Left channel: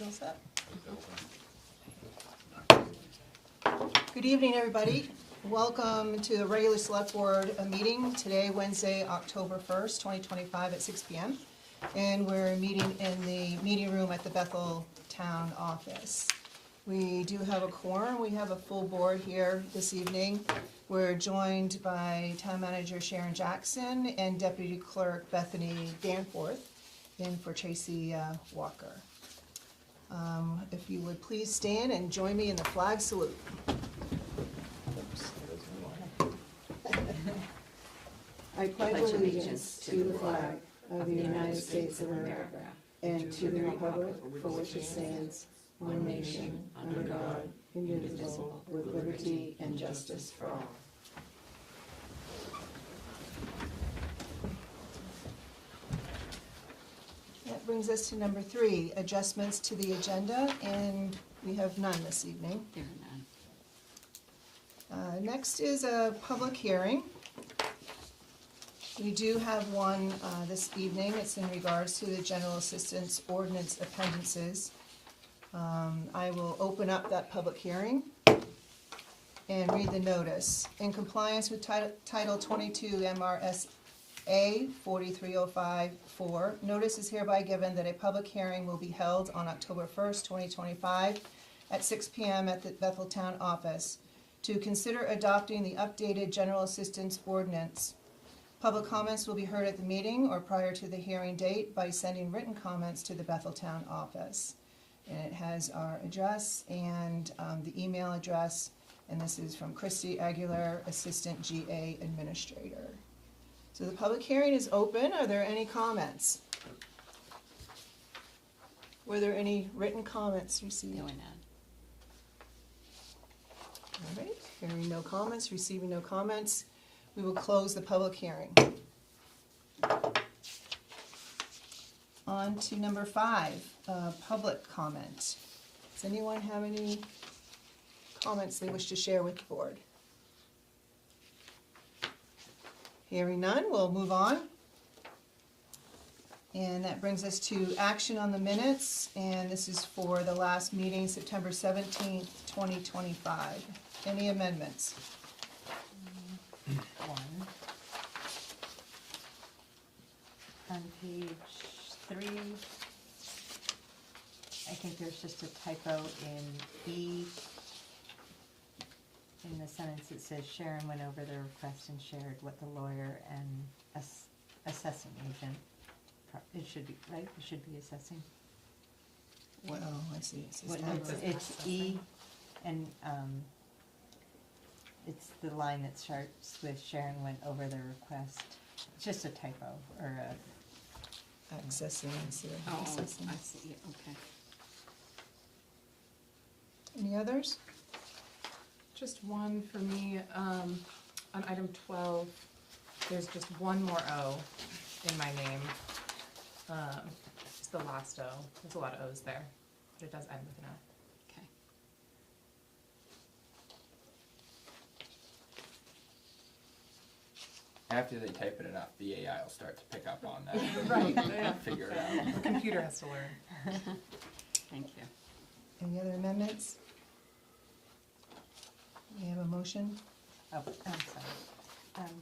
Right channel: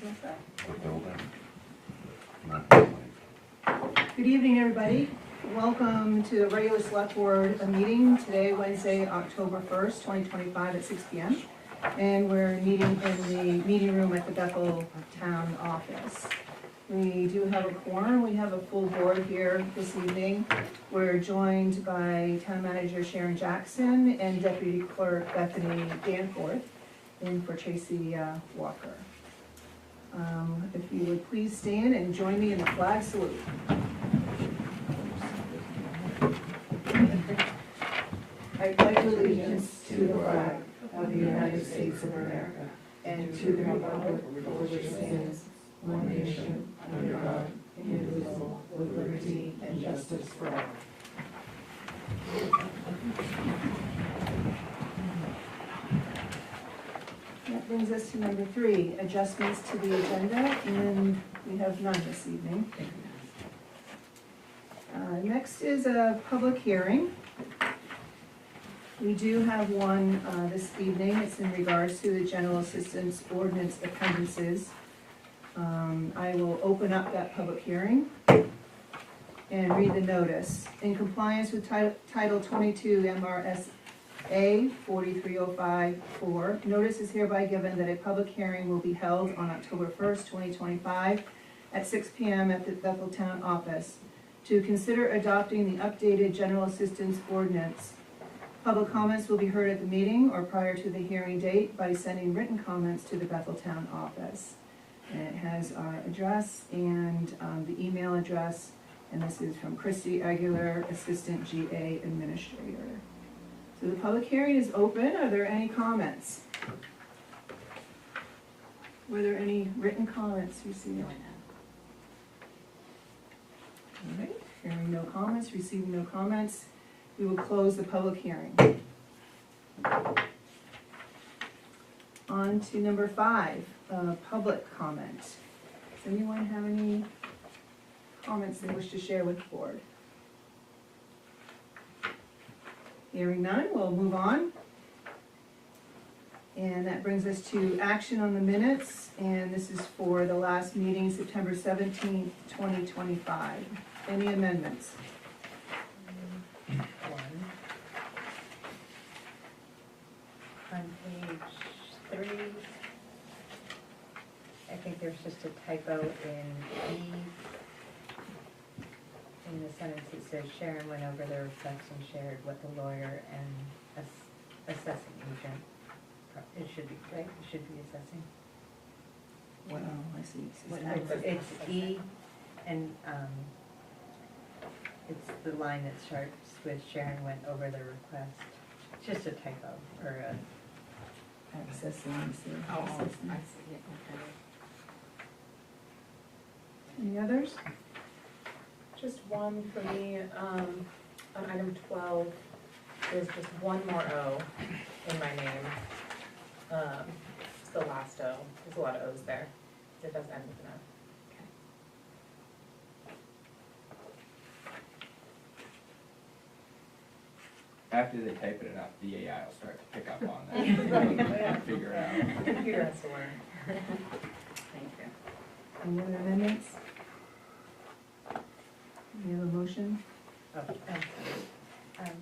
Everybody's all set? Good evening, everybody. Welcome to the regular select board meeting today, Wednesday, October 1st, 2025 at 6 p.m. And we're meeting in the meeting room at the Bethel Town Office. We do have a quorum. We have a full board here this evening. We're joined by Town Manager Sharon Jackson and Deputy Clerk Bethany Danforth, in for Tracy Walker. If you would please stand and join me in the flag salute. I pledge allegiance to the flag of the United States of America and to the republic for which it stands, one nation, under God, indivisible, with liberty and justice for all. That brings us to number 3, adjustments to the agenda, and we have none this evening. Next is a public hearing. We do have one this evening. It's in regards to the general assistance ordinance appendices. I will open up that public hearing and read the notice. In compliance with Title 22 MRSA 43054, notice is hereby given that a public hearing will be held on October 1st, 2025 at 6 p.m. at the Bethel Town Office to consider adopting the updated general assistance ordinance. Public comments will be heard at the meeting or prior to the hearing date by sending written comments to the Bethel Town Office. And it has our address and the email address, and this is from Christy Aguilar, Assistant GA Administrator. So the public hearing is open. Are there any comments? Were there any written comments received? All right, hearing no comments, receiving no comments, we will close the public hearing. On to number 5, public comment. Does anyone have any comments they wish to share with the board? Hearing none, we'll move on. And that brings us to action on the minutes, and this is for the last meeting, September 17th, 2025. Any amendments? On page 3, I think there's just a typo in E. In the sentence it says Sharon went over the request and shared what the lawyer and assessing agent. It should be, right? It should be assessing. Well, I see. It's E, and it's the line that starts with Sharon went over the request. It's just a typo, or a... Accessing, I see it, okay. Any others? Just one for me, on item 12, there's just one more O in my name. It's the last O, there's a lot of O's there, but it does end with an O. After they type it up, the AI will start to pick up on that. Right. Figure it out. The computer has to learn. Thank you. Any other amendments? We have a motion? Oh, I'm sorry.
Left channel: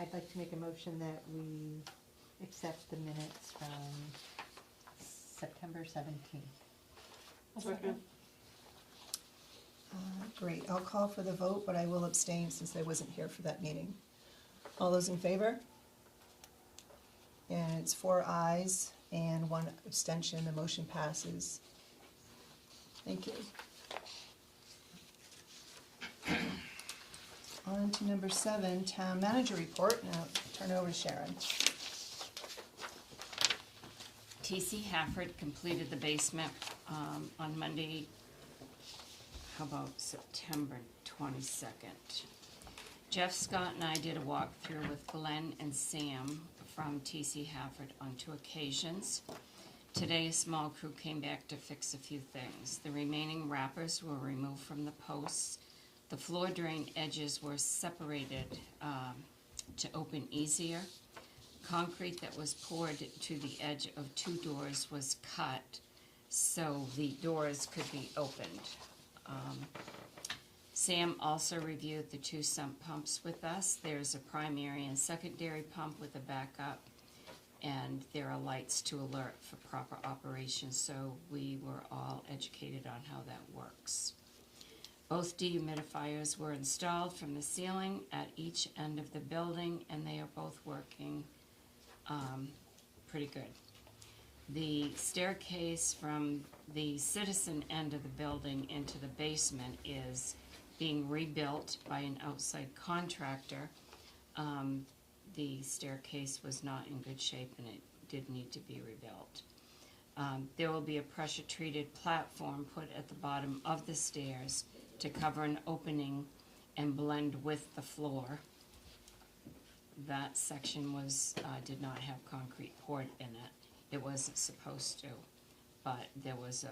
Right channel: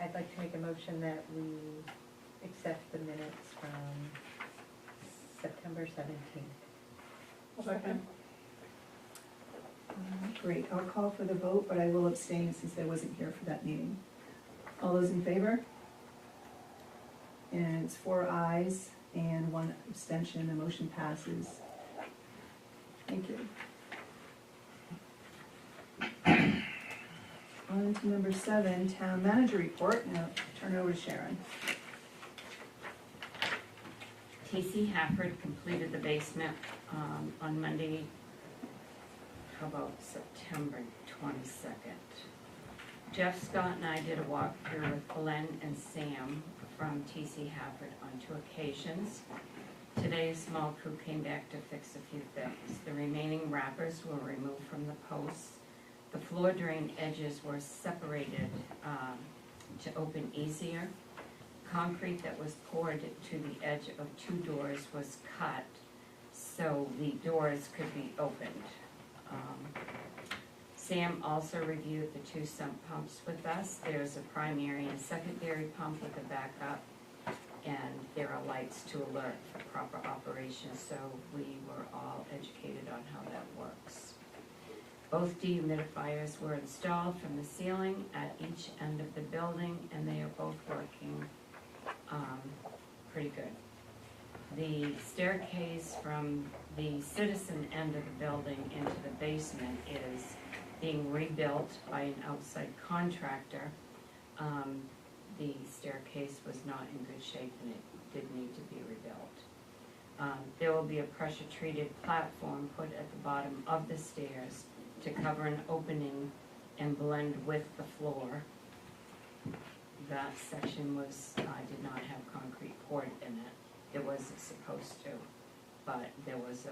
I'd like to make a motion that we accept the minutes from September 17th. Second. Great, I'll call for the vote, but I will abstain since I wasn't here for that meeting. All those in favor? And it's 4 ayes and 1 abstention, the motion passes. Thank you. On to number 7, Town Manager Report. Now turn over to Sharon. T.C. Hafford completed the basement on Monday, how about September 22nd. Jeff Scott and I did a walkthrough with Glenn and Sam from T.C. Hafford on 2 occasions. Today, a small crew came back to fix a few things. The remaining wrappers were removed from the posts. The floor drain edges were separated to open easier. Concrete that was poured to the edge of 2 doors was cut so the doors could be opened. Sam also reviewed the 2 sump pumps with us. There's a primary and secondary pump with a backup, and there are lights to alert for proper operation, so we were all educated on how that works. Both dehumidifiers were installed from the ceiling at each end of the building, and they are both working pretty good. The staircase from the citizen end of the building into the basement is being rebuilt by an outside contractor. The staircase was not in good shape and it did need to be rebuilt. There will be a pressure-treated platform put at the bottom of the stairs to cover an opening and blend with the floor. That section did not have concrete poured in it. It wasn't supposed to, but there was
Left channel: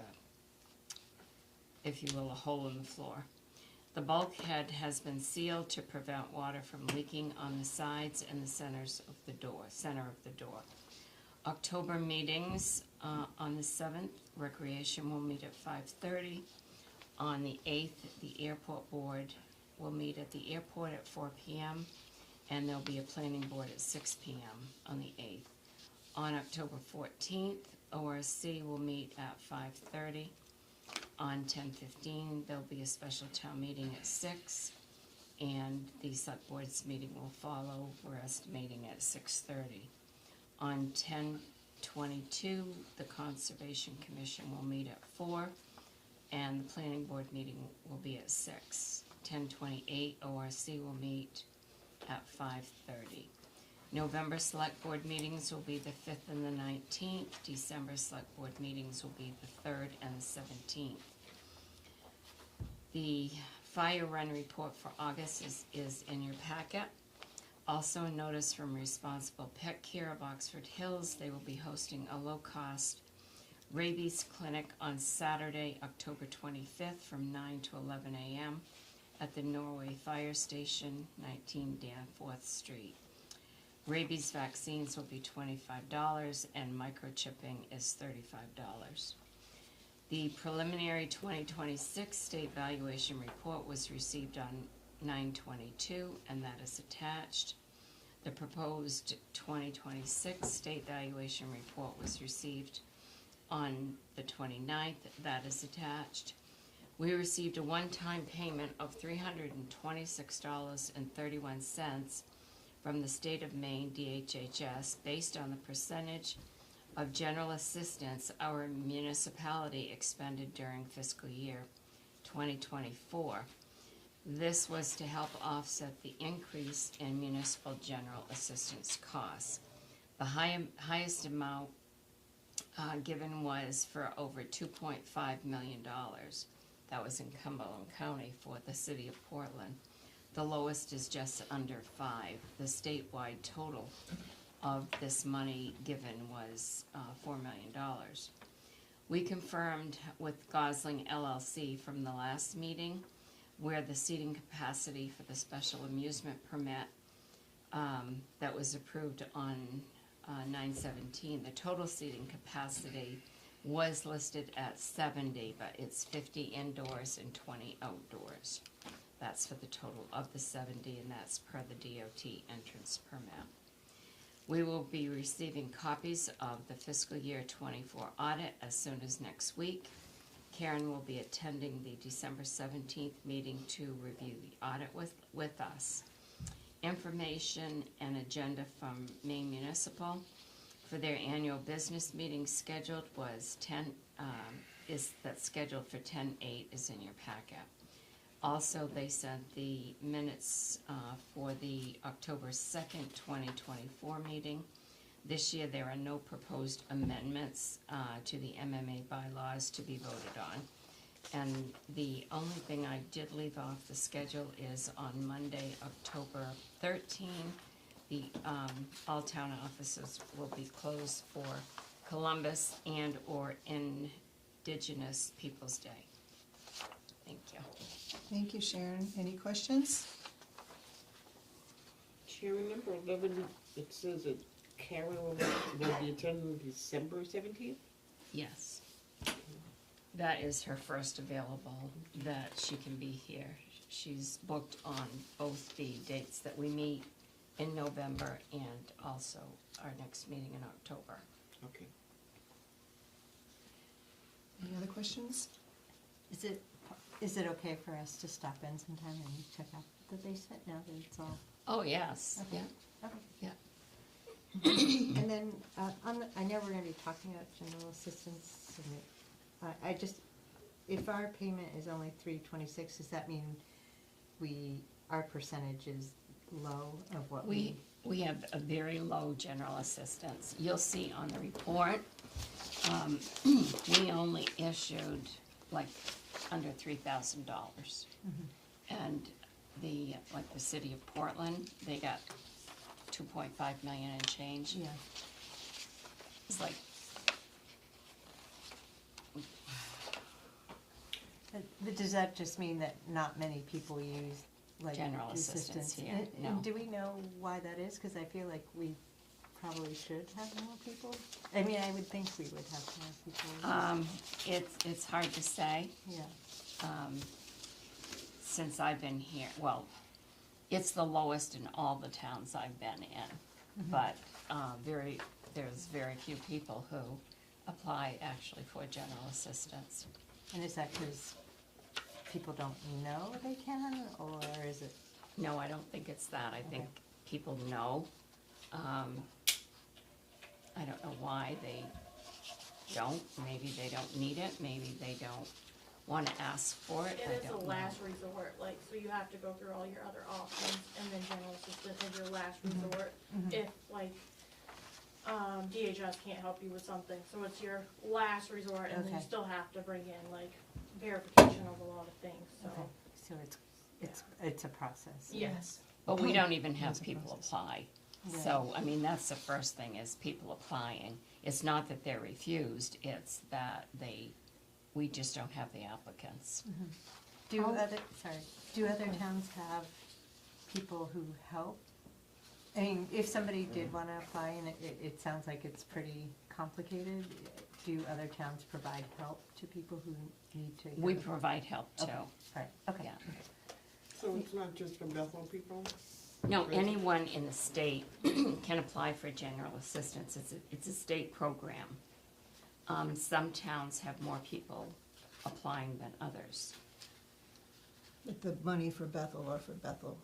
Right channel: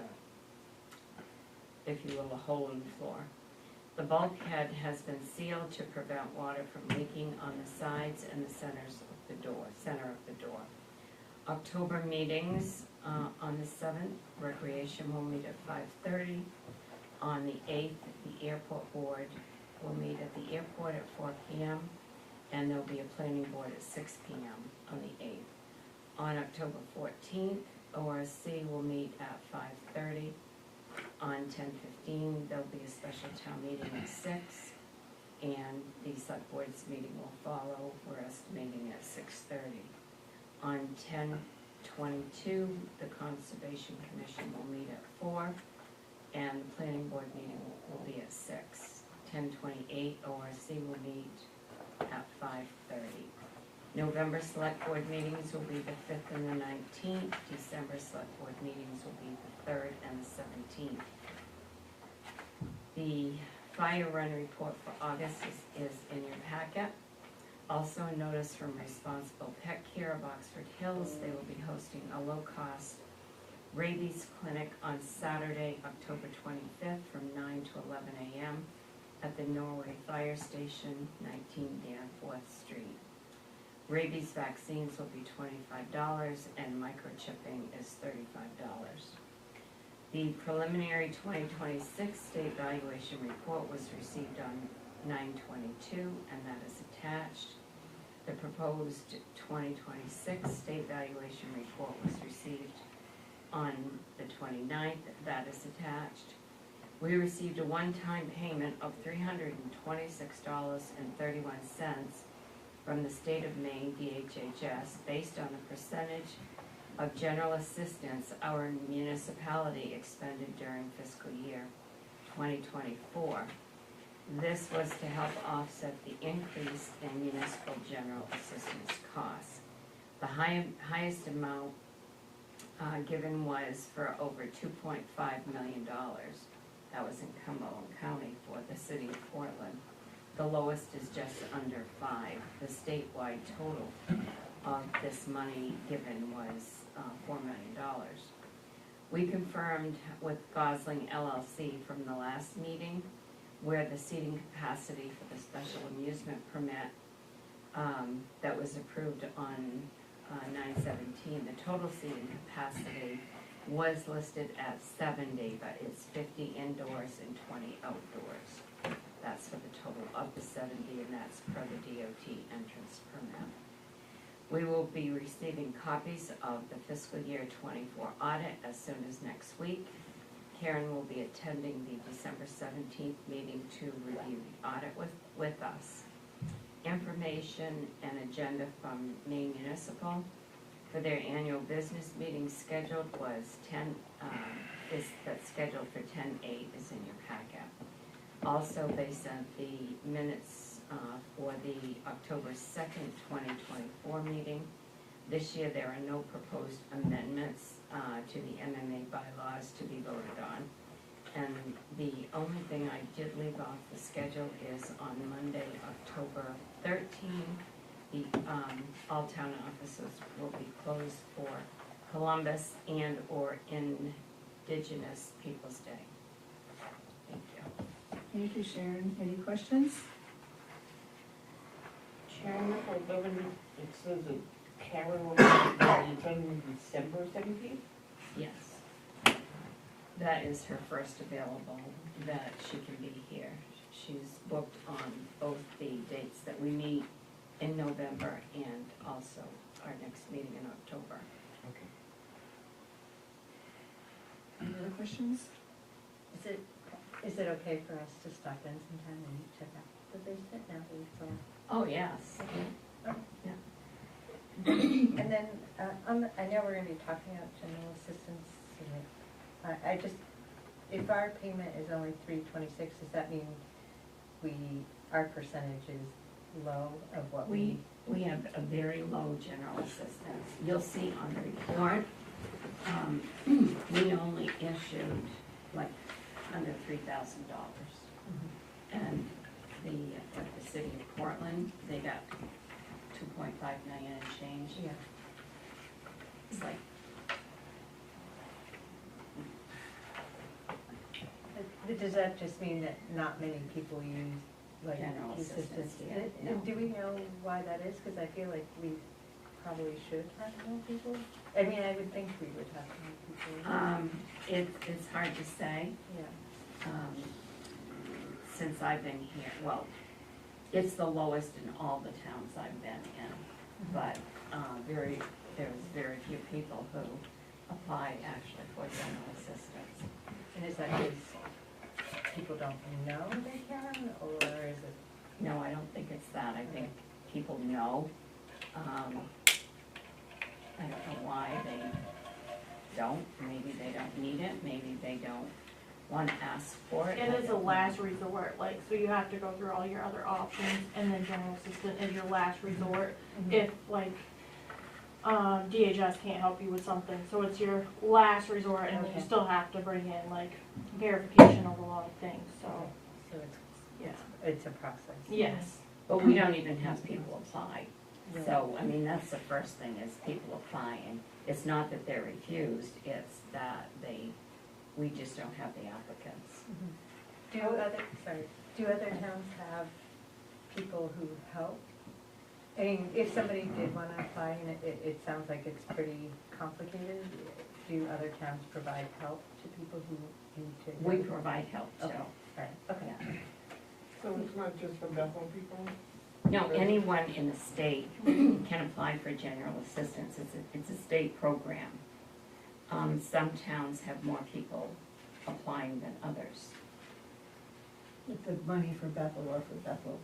if you will, a hole in the floor. The bulkhead has been sealed to prevent water from leaking on the sides and the center of the door. October meetings, on the 7th, recreation will meet at 5:30. On the 8th, the airport board will meet at the airport at 4 p.m. and there'll be a planning board at 6 p.m. on the 8th. On October 14th, ORC will meet at 5:30. On 10/15, there'll be a special town meeting at 6, and the select board's meeting will follow. We're estimating at 6:30. On 10/22, the Conservation Commission will meet at 4, and the planning board meeting will be at 6. 10/28, ORC will meet at 5:30. November select board meetings will be the 5th and the 19th. December select board meetings will be the 3rd and the 17th. The fire run report for August is in your packet. Also a notice from Responsible Pet Care of Oxford Hills. They will be hosting a low-cost rabies clinic on Saturday, October 25th from 9 to 11 a.m. at the Norway Fire Station, 19 Danforth Street. Rabies vaccines will be $25 and microchipping is $35. The preliminary 2026 state valuation report was received on 9/22 and that is attached. The proposed 2026 state valuation report was received on the 29th, that is attached. We received a one-time payment of $326.31 from the state of Maine DHHS based on the percentage of general assistance our municipality expended during fiscal year 2024. This was to help offset the increase in municipal general assistance costs. The highest amount given was for over $2.5 million. That was in Cumberland County for the city of Portland. The lowest is just under 5. The statewide total of this money given was $4 million. We confirmed with Gosling LLC from the last meeting where the seating capacity for the special amusement permit that was approved on 9/17, the total seating capacity was listed at 70, but it's 50 indoors and 20 outdoors. That's for the total of the 70, and that's per the DOT entrance permit. We will be receiving copies of the fiscal year 24 audit as soon as next week. Karen will be attending the December 17th meeting to review the audit with us. Information and agenda from Maine Municipal for their annual business meeting scheduled was that's scheduled for 10/8 is in your packet. Also, they sent the minutes for the October 2nd, 2024 meeting. This year, there are no proposed amendments to the MMA bylaws to be voted on. And the only thing I did leave off the schedule is on Monday, October 13th, the all town offices will be closed for Columbus and or Indigenous Peoples' Day. Thank you. Thank you, Sharon. Any questions? Chairman, for government, it says that Karen will be attending December 17th? Yes. that is her first available, that she can be here. She's booked on both the dates that we meet in November and also our next meeting in October. Okay. Any other questions? Is it okay for us to stop in sometime and check out the basement now that it's all? Oh, yes, yeah. And then, I know we're gonna be talking about general assistance, I just, if our payment is only $326, does that mean our percentage is low of what we? We have a very low general assistance. You'll see on the report, we only issued like under $3,000. And the city of Portland, they got 2.5 million and change. Yeah. It's like, Does that just mean that not many people use, like, General assistance here, no. And do we know why that is? Because I feel like we probably should have more people. I mean, I would think we would have more people. it's hard to say. Yeah. Since I've been here, well, it's the lowest in all the towns I've been in, but there's very few people who apply actually for general assistance. And is that because people don't know they can, or is it? No, I don't think it's that, I think people know. I don't know why they don't, maybe they don't need it, maybe they don't wanna ask for it. It is a last resort, like, so you have to go through all your other options, and then general assistant is your last resort. If, like, DHS can't help you with something, so it's your last resort, and then Okay. you still have to bring in, like, verification of a lot of things, so, So it's, yeah. it's a process. Yes. But we don't even have people apply, so, I mean, that's the first thing, is people apply, and it's not that they're refused, it's that we just don't have the applicants. Do other towns have people who help? I mean, if somebody did wanna apply, and it sounds like it's pretty complicated, do other towns provide help to people who need to? We provide help too. Okay, right, okay. Yeah. So it's not just for Bethel people? No, anyone in the state can apply for general assistance, it's a state program. Some towns have more people applying than others. The money for Bethel or for Bethel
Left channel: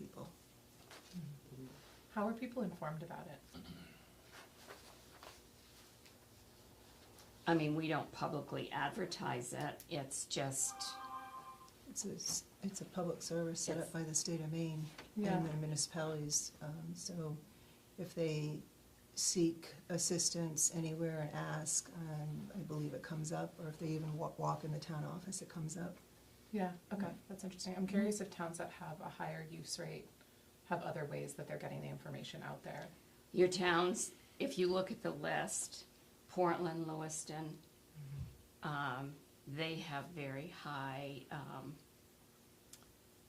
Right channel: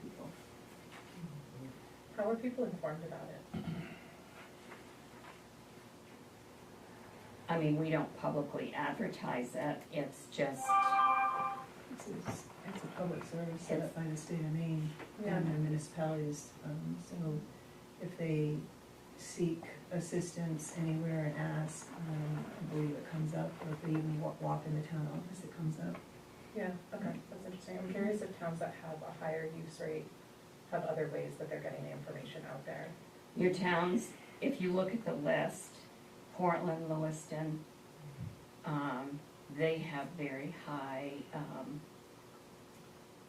people? How are people informed about it? I mean, we don't publicly advertise it, it's just, It's a public service set up by the state of Maine and their municipalities, so if they seek assistance anywhere and ask, I believe it comes up, or if they even walk in the town office, it comes up. Yeah, okay, that's interesting. I'm curious if towns that have a higher use rate have other ways that they're getting the information out there. your towns, if you look at the list, Portland, Lewiston, they have very high,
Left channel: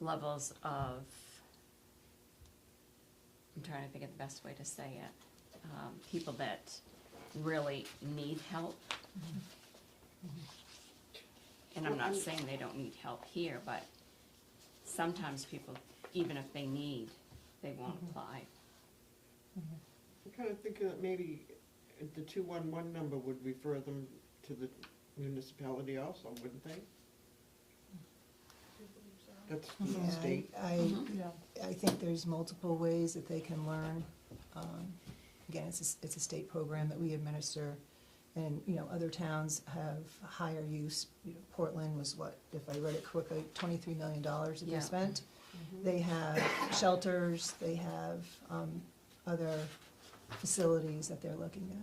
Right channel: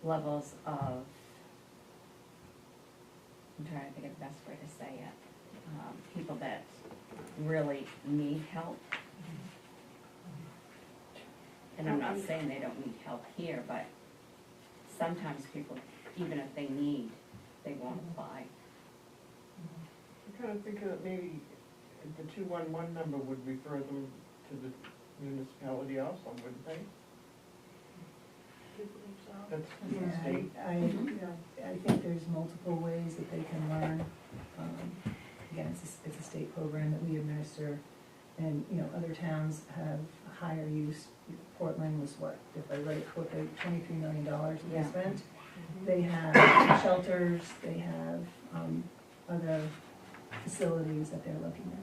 levels of, I'm trying to think of the best way to say it, people that really need help. And I'm not saying they don't need help here, but sometimes people, even if they need, they won't apply. I'm kind of thinking that maybe the 211 number would refer them to the municipality also, wouldn't they? That's the Yeah, state. I think there's multiple ways that they can learn. Again, it's a state program that we administer, and, other towns have higher use. Portland was what, if I read it correctly, $23 million that they Yeah. spent. They have shelters, they have, other facilities that they're looking at.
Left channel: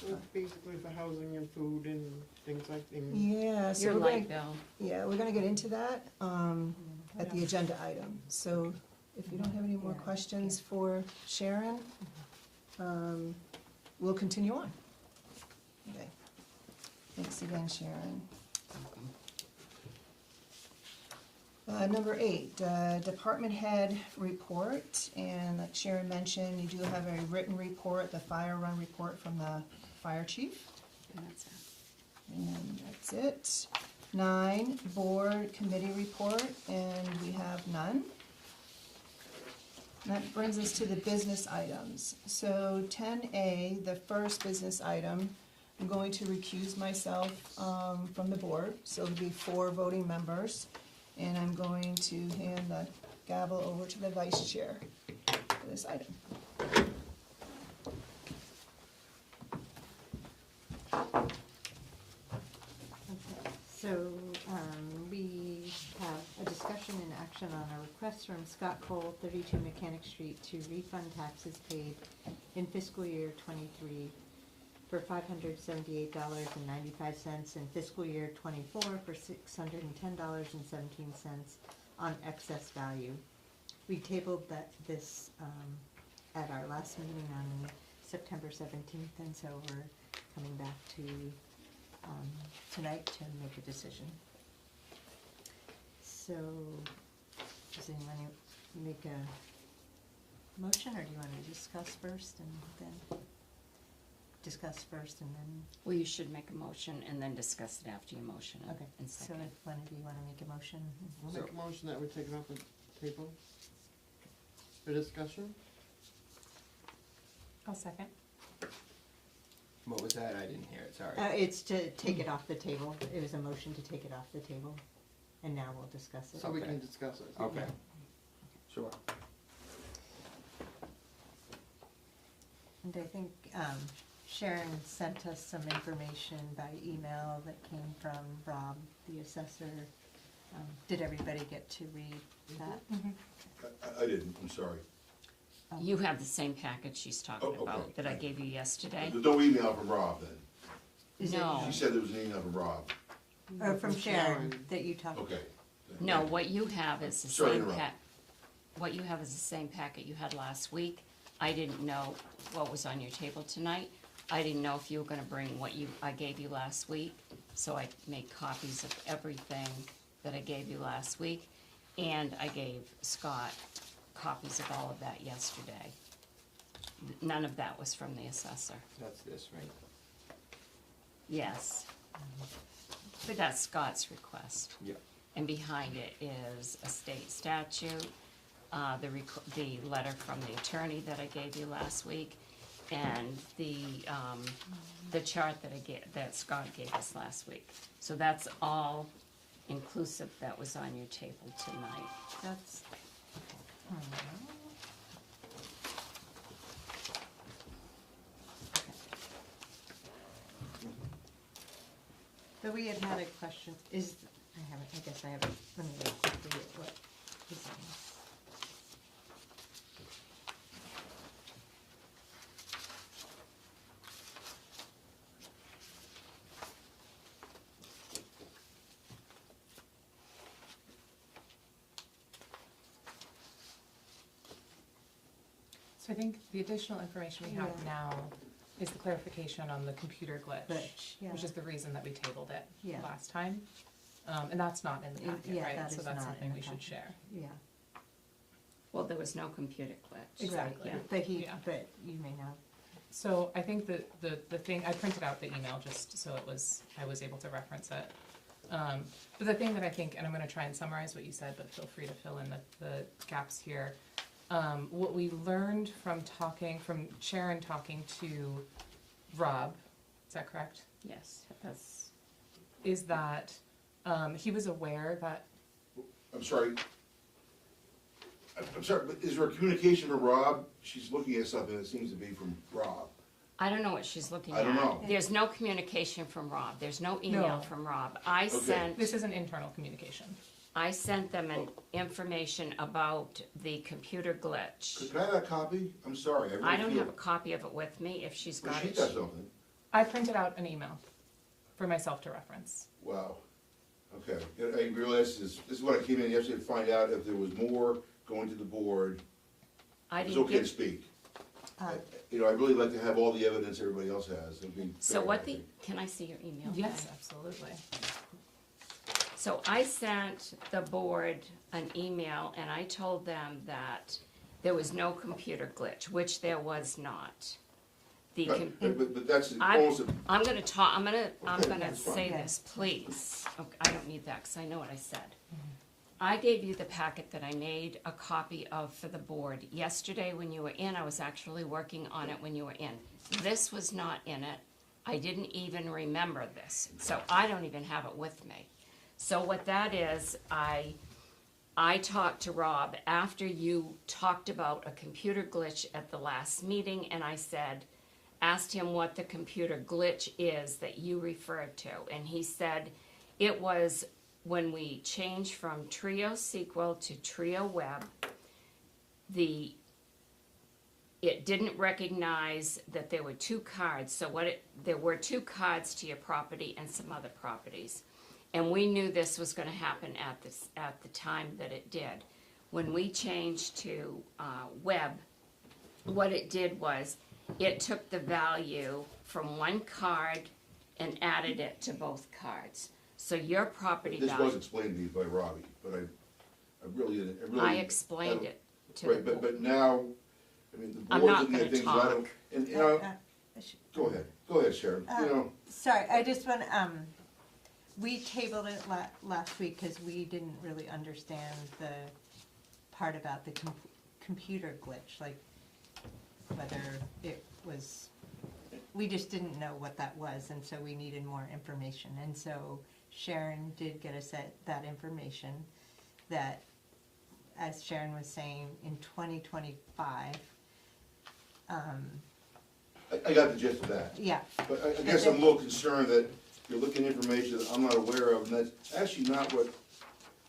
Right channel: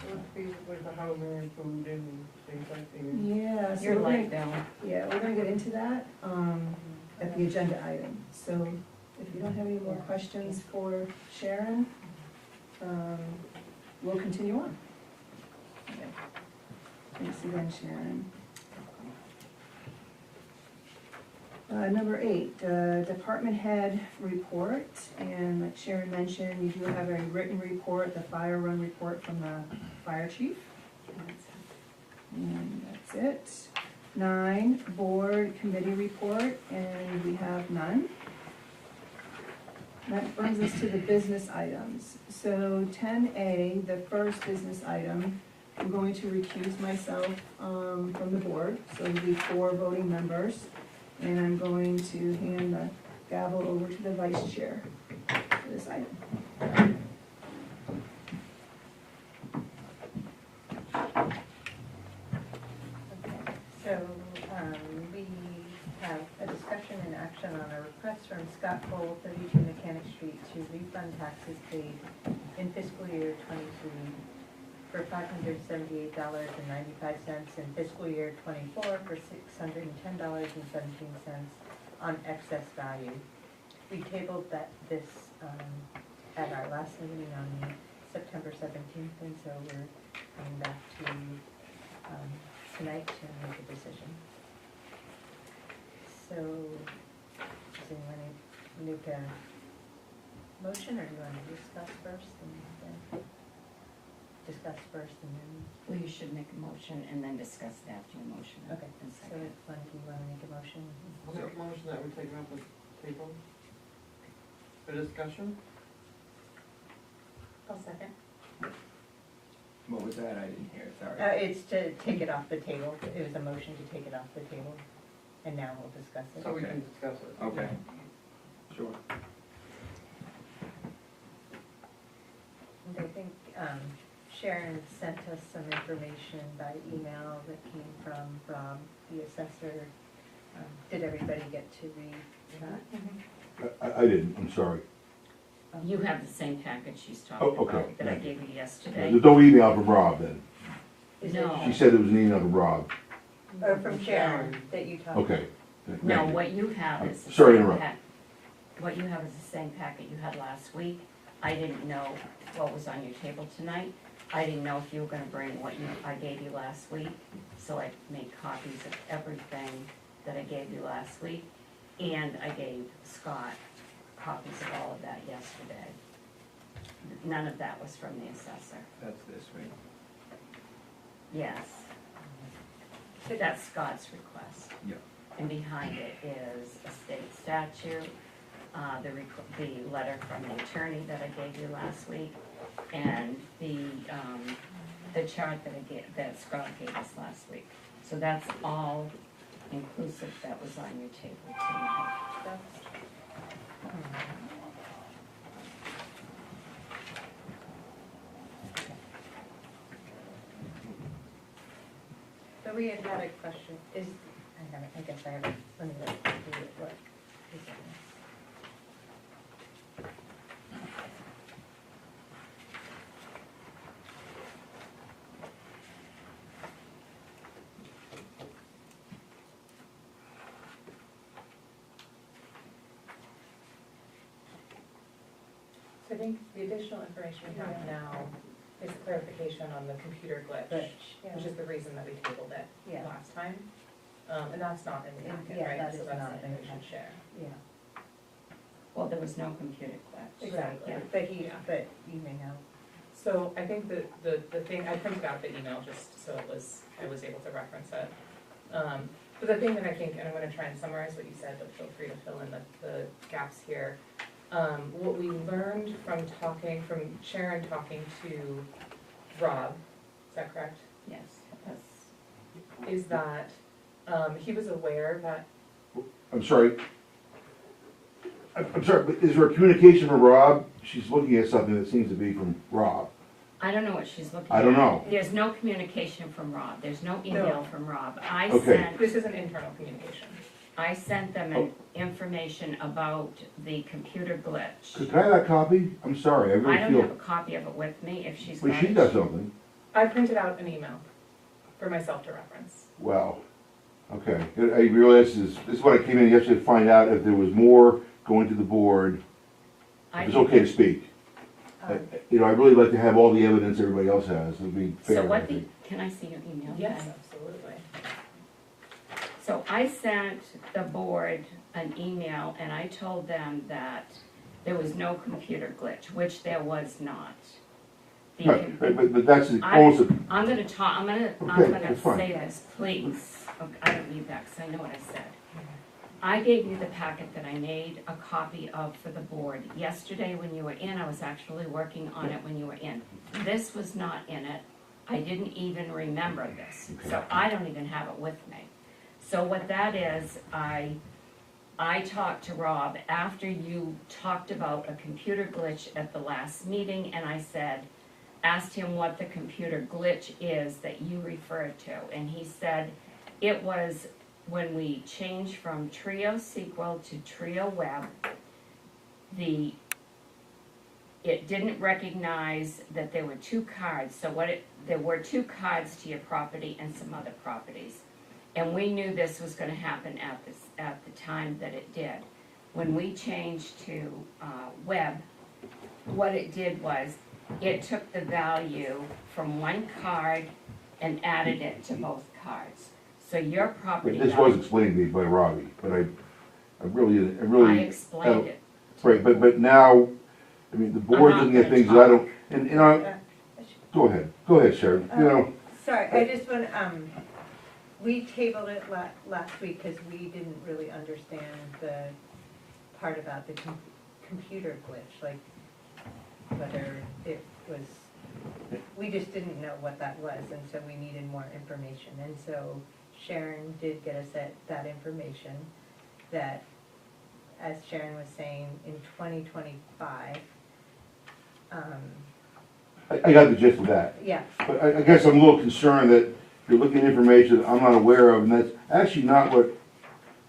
So it's basically for housing and food and things like that. Yeah, so Your we're light gonna, bill, we're gonna get into that, at the agenda item. So if you don't have any more questions for Sharon, we'll continue on. Okay. Thanks again, Sharon. Number 8, department head report, and like Sharon mentioned, you do have a written report, the fire run report from the fire chief. And that's it. 9, board committee report, and we have none. That brings us to the business items. So 10A, the first business item, I'm going to recuse myself from the board, so it'll be 4 voting members. And I'm going to hand the gavel over to the vice chair for this item. Okay, so, we have a discussion and action on a request from Scott Cole, 32 Mechanic Street, to refund taxes paid in fiscal year '23 for $578.95, in fiscal year '24 for $610.17 on excess value. We tabled this at our last meeting on September 17th, and so we're coming back to tonight to make a decision. So, does anyone make a motion, or do you want to discuss first and then? Discuss first and then, Well, you should make a motion and then discuss it after your motion. okay, And so second. if one of you want to make a motion? I'll make a motion that we take it off the table for discussion. I'll second. What was that? I didn't hear it, sorry. It's to take it off the table, it was a motion to take it off the table, and now we'll discuss it. So we Okay. can discuss it. Okay. Sure. And I think Sharon sent us some information by email that came from Rob, the assessor. Did everybody get to read that? I didn't, I'm sorry. You have the same package she's Oh, talking okay. about that I gave you yesterday. There's no email from Rob then? Is it- No. She said there was an email from Rob. Or from Sharon that you talked. Okay. No, what you have is the Sorry to same interrupt. what you have is the same packet you had last week. I didn't know what was on your table tonight. I didn't know if you were gonna bring what I gave you last week, so I made copies of everything that I gave you last week. And I gave Scott copies of all of that yesterday. None of that was from the assessor. That's this week. Yes. But that's Scott's request. Yep. And behind it is a state statute, the letter from the attorney that I gave you last week, and the chart that Scott gave us last week. So that's all inclusive that was on your table tonight. That's. So we had a question, I guess I have it, let me go through it, what is it? So I think the additional information we have Yeah. now is the clarification on the computer glitch, Yeah. which is the reason that we tabled it Yeah. last time. And that's not in the Yeah, packet, that right? is So that's not something in we the should packet. share. Yeah, Well, there was no computer glitch. exactly, Yeah. Yeah. but you may know. So I think that the thing, I printed out the email just so I was able to reference it. But the thing that I think, and I'm gonna try and summarize what you said, but feel free to fill in the gaps here. What we learned from Sharon talking to Rob, is that correct? Yes, that's, Is that, he was aware that, I'm sorry. I'm sorry, but is there a communication from Rob? She's looking at something that seems to be from Rob. I don't know what she's looking at. I don't know. There's no communication fromB, there's no email from Rob. Okay. this is an internal communication. I sent them information about the computer glitch. Could I have that copy? I'm sorry, I I really don't have a feel, copy of it with me, if she's got but it. she does something. I printed out an email for myself to reference. Wow. Okay, I realize this is what I came in yesterday to find out if there was more going to the board. I It's didn't okay to get- speak. You know, I really like to have all the evidence everybody else has, it'd be fair, So I what think. can I see your email? Yes, absolutely. So I sent the board an email and I told them that there was no computer glitch, which there was not. The Right, con- but that's I- almost a, I'm gonna talk, I'm Okay, gonna that's fine. say this, please. Okay, I don't need that, because I know what I said. I gave you the packet that I made a copy of for the board. Yesterday, when you were in, I was actually working on it when you were in. This was not in it. I didn't even remember this, so I don't even have it with me. So what that is, I talked to Rob after you talked about a computer glitch at the last meeting, and I said, asked him what the computer glitch is that you referred to, and he said it was when we changed from Trio SQL to Trio Web, it didn't recognize that there were two cards, so there were two cards to your property and some other properties. And we knew this was gonna happen at the time that it did. When we changed to web, what it did was, it took the value from one card and added it to both cards. So your property this was value, explained to me by Robbie, but I really, I explained it to right, the but now, I mean, the board's not looking at gonna things that I talk. don't, and go ahead, Sharon, you know, Sorry, I just want, we tabled it last week because we didn't really understand the part about the computer glitch, like whether it was, we just didn't know what that was, and so we needed more information. And so Sharon did get us that information, that, as Sharon was saying, in 2025, I got the gist of that. yeah, But I guess I'm a little concerned that you're looking at information that I'm not aware of, and that's actually not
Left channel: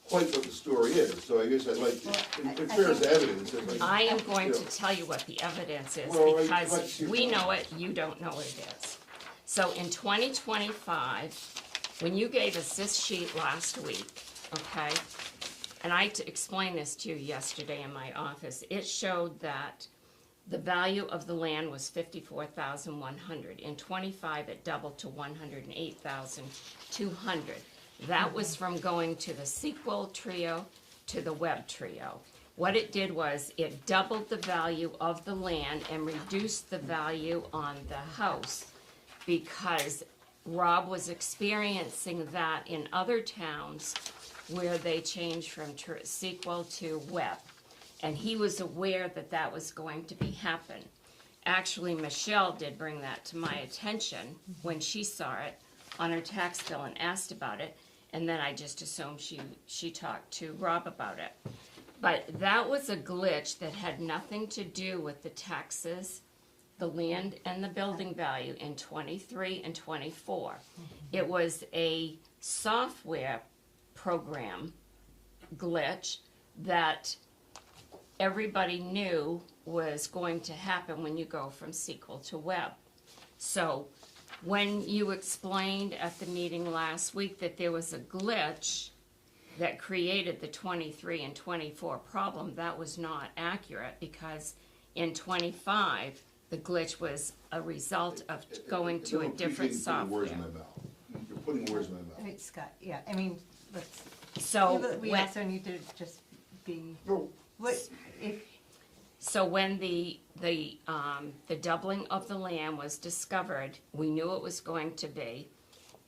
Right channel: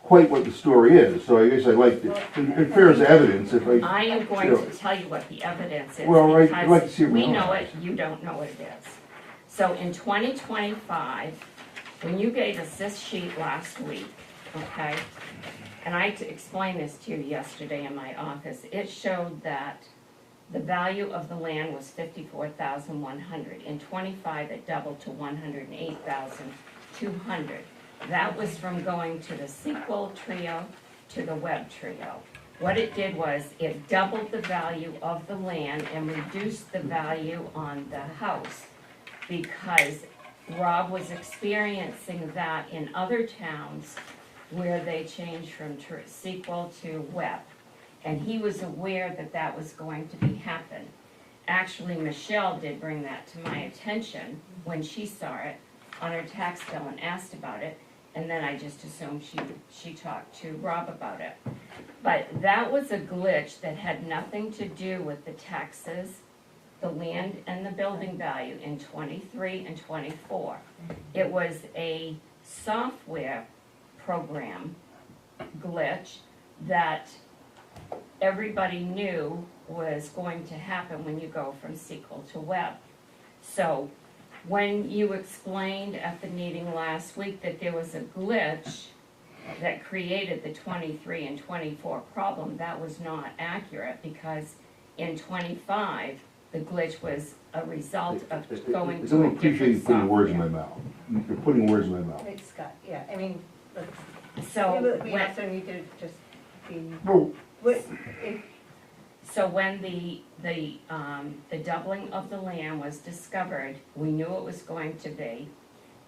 quite what the story is, so I guess I'd like to, in fairness to evidence, if I, I am going to tell you what the evidence is, Well, I'd like to see because what we else. know it, you don't know what it is. So in 2025, when you gave us this sheet last week, okay, and I explained this to you yesterday in my office, it showed that the value of the land was $54,100. In 25, it doubled to $108,200. That was from going to the SQL Trio to the Web Trio. What it did was, it doubled the value of the land and reduced the value on the house, because Rob was experiencing that in other towns where they changed from SQL to Web. And he was aware that that was going to be happen. Actually, Michelle did bring that to my attention when she saw it on her tax bill and asked about it, and then I just assumed she talked to Rob about it. But that was a glitch that had nothing to do with the taxes, the land, and the building value in 23 and 24. It was a software program glitch that everybody knew was going to happen when you go from SQL to Web. So when you explained at the meeting last week that there was a glitch that created the 23 and 24 problem, that was not accurate, because in 25, the glitch was a result of going I to don't a appreciate different you putting words in my software. mouth. You're putting words in my mouth. it's got, yeah, I mean, let's, So we when, also need to just be, No, what, if, so when the doubling of the land was discovered, we knew it was going to be.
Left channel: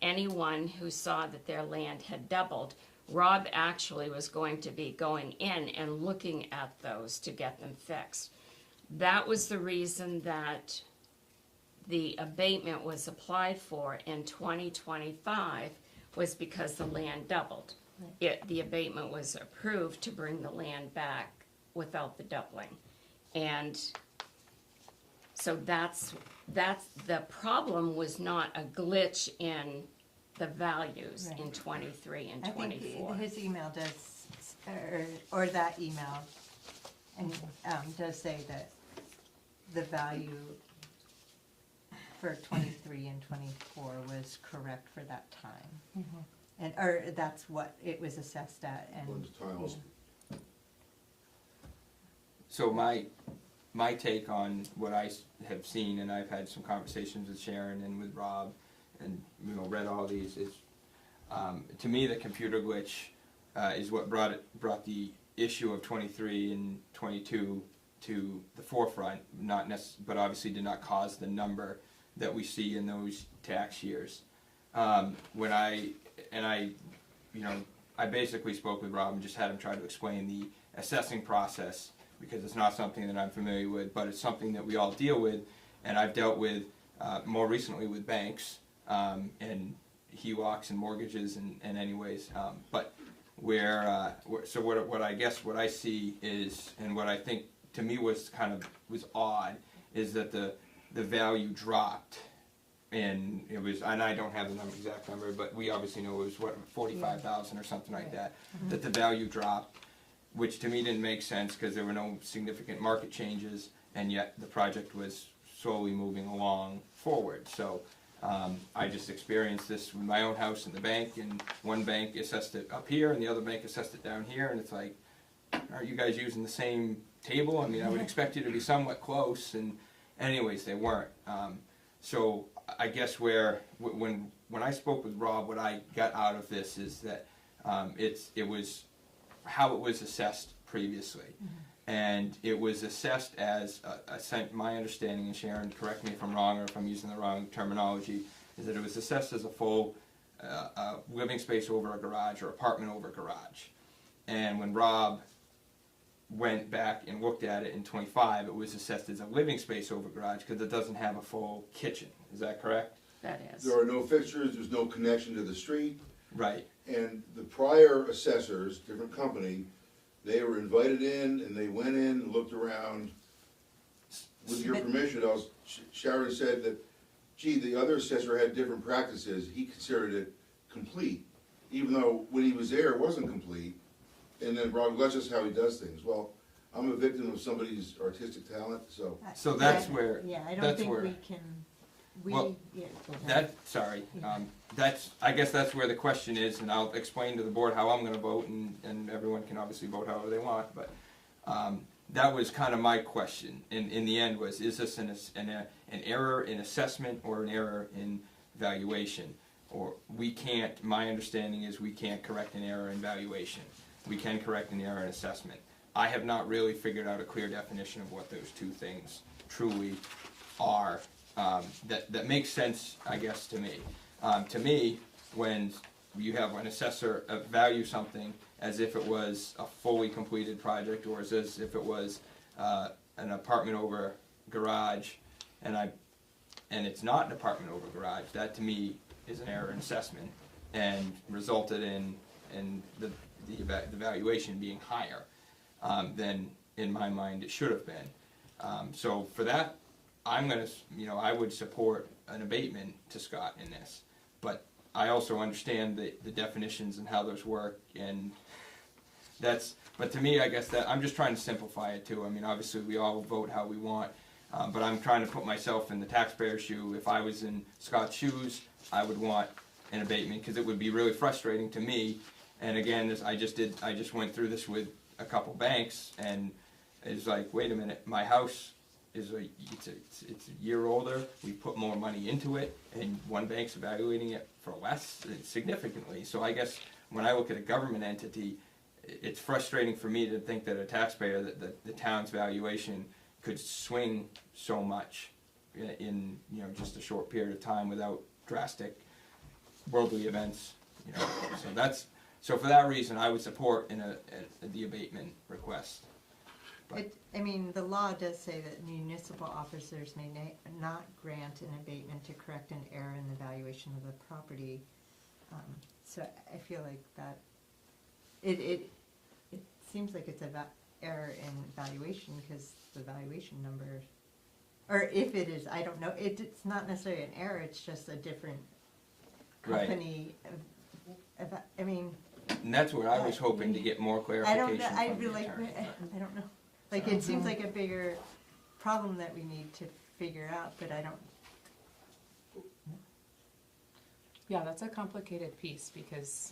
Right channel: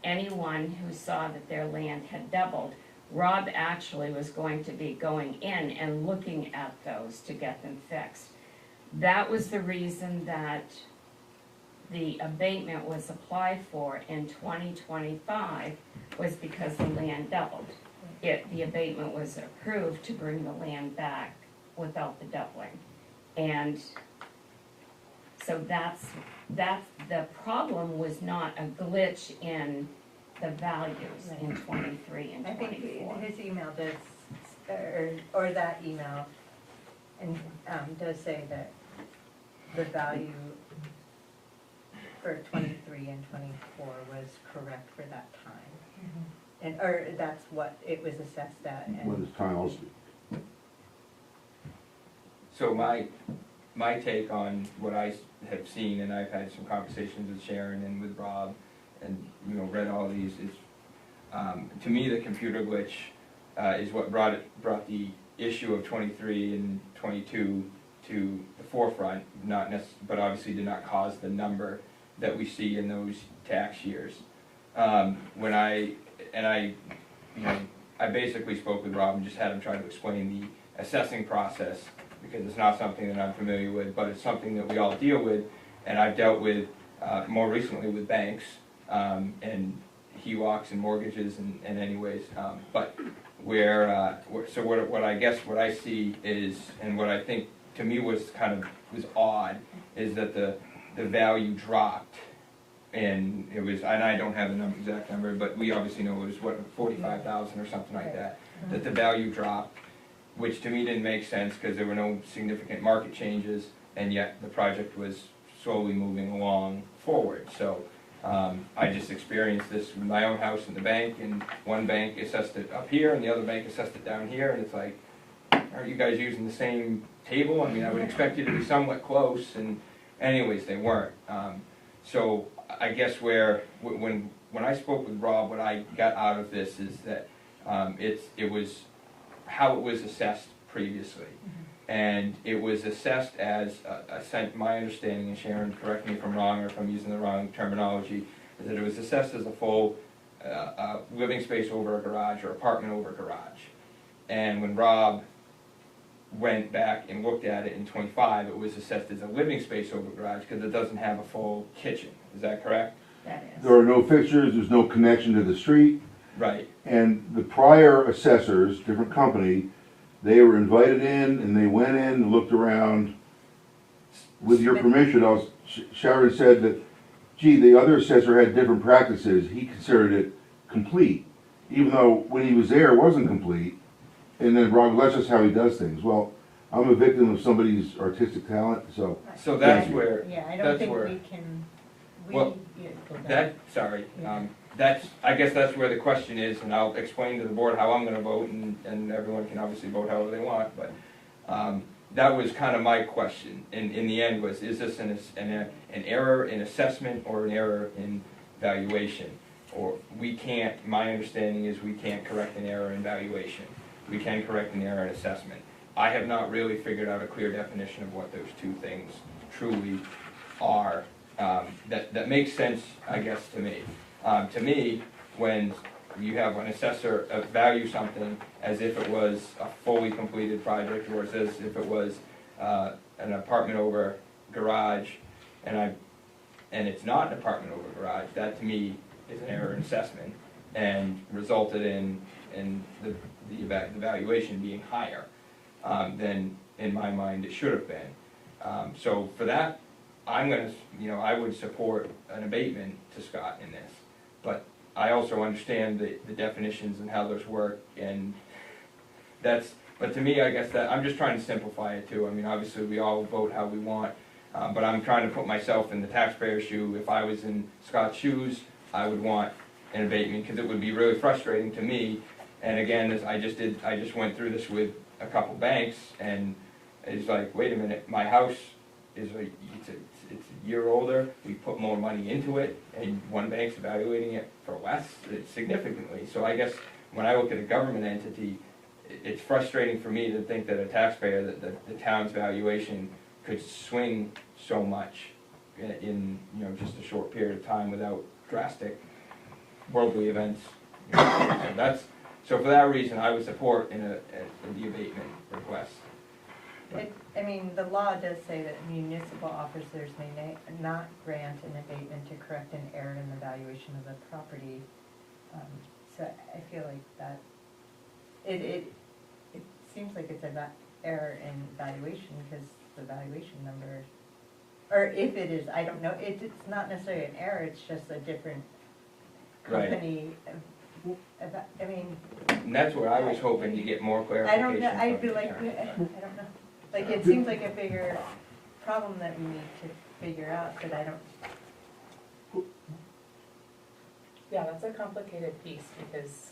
Anyone who saw that their land had doubled, Rob actually was going to be going in and looking at those to get them fixed. That was the reason that the abatement was applied for in 2025, was because the land doubled. The abatement was approved to bring the land back without the doubling. And so that's, the problem was not a glitch in the values in 23 and I think 24. his email does, or that email, and, does say that the value for 23 and 24 was correct for that time. And, or that's what it was assessed at, when and, it's time, I'll speak. So my take on what I have seen, and I've had some conversations with Sharon and with Rob, and, you know, read all these, is, to me, the computer glitch is what brought the issue of 23 and 22 to the forefront, but obviously did not cause the number that we see in those tax years. I basically spoke with Rob and just had him try to explain the assessing process, because it's not something that I'm familiar with, but it's something that we all deal with, and I've dealt with more recently with banks, and HELOCs and mortgages and anyways, but what I see is, and what I think to me was odd, is that the value dropped, and it was, and I don't have the exact number, but we obviously know it was 45,000 or something like that, that the value dropped, which to me didn't make sense because there were no significant market changes, and yet the project was slowly moving along forward. So I just experienced this with my own house and the bank, and one bank assessed it up here and the other bank assessed it down here, and it's like, are you guys using the same table? I mean, I would expect you to be somewhat close, and anyways, they weren't. So I guess when I spoke with Rob, what I got out of this is that it was how it was assessed previously. And it was assessed as, my understanding, and Sharon, correct me if I'm wrong or if I'm using the wrong terminology, is that it was assessed as a full living space over a garage or apartment over a garage. And when Rob went back and looked at it in '25, it was assessed as a living space over a garage because it doesn't have a full kitchen. Is that correct? That is. There are no fixtures, there's no connection to the street, Right. and the prior assessors, different company, they were invited in and they went in and looked around. With your permission, Sharon said that, gee, the other assessor had different practices, he considered it complete, even though when he was there, it wasn't complete. And then Rob, that's just how he does things. Well, I'm a victim of somebody's artistic talent, so. So that's where, Yeah, I don't that's think where, we can, Well, I guess that's where the question is, and I'll explain to the board how I'm gonna vote, and everyone can obviously vote however they want, but, that was kind of my question, in the end was, is this an error in assessment or an error in valuation? Or my understanding is we can't correct an error in valuation. We can correct an error in assessment. I have not really figured out a clear definition of what those two things truly are. That makes sense, I guess, to me. To me, when you have an assessor value something as if it was a fully completed project, or as if it was an apartment over garage, and it's not an apartment over garage, that to me is an error in assessment, and resulted in the valuation being higher than, in my mind, it should have been. So for that, I would support an abatement to Scott in this, but I also understand the definitions and how those work, and but to me, I guess that, I'm just trying to simplify it too. I mean, obviously, we all vote how we want, but I'm trying to put myself in the taxpayer's shoe. If I was in Scott's shoes, I would want an abatement, because it would be really frustrating to me. And again, I just went through this with a couple banks, and it's like, wait a minute, my house is it's a year older, we put more money into it, and one bank's evaluating it for less, significantly. So I guess when I look at a government entity, it's frustrating for me to think that a taxpayer, that the town's valuation could swing so much in just a short period of time without drastic worldly events. So for that reason, I would support the abatement request. I mean, the law does say that municipal officers may not grant an abatement to correct an error in the valuation of the property. So I feel like that, it seems like it's an error in valuation, because the valuation number, or if it is, I don't know, it's not necessarily an error, it's just a different company. I mean. And that's where I was hoping to get more I clarification. don't know, I from feel the like, attorney. I don't know. Like, it seems like a bigger problem that we need to figure out, but I don't. Yeah, that's a complicated piece, because,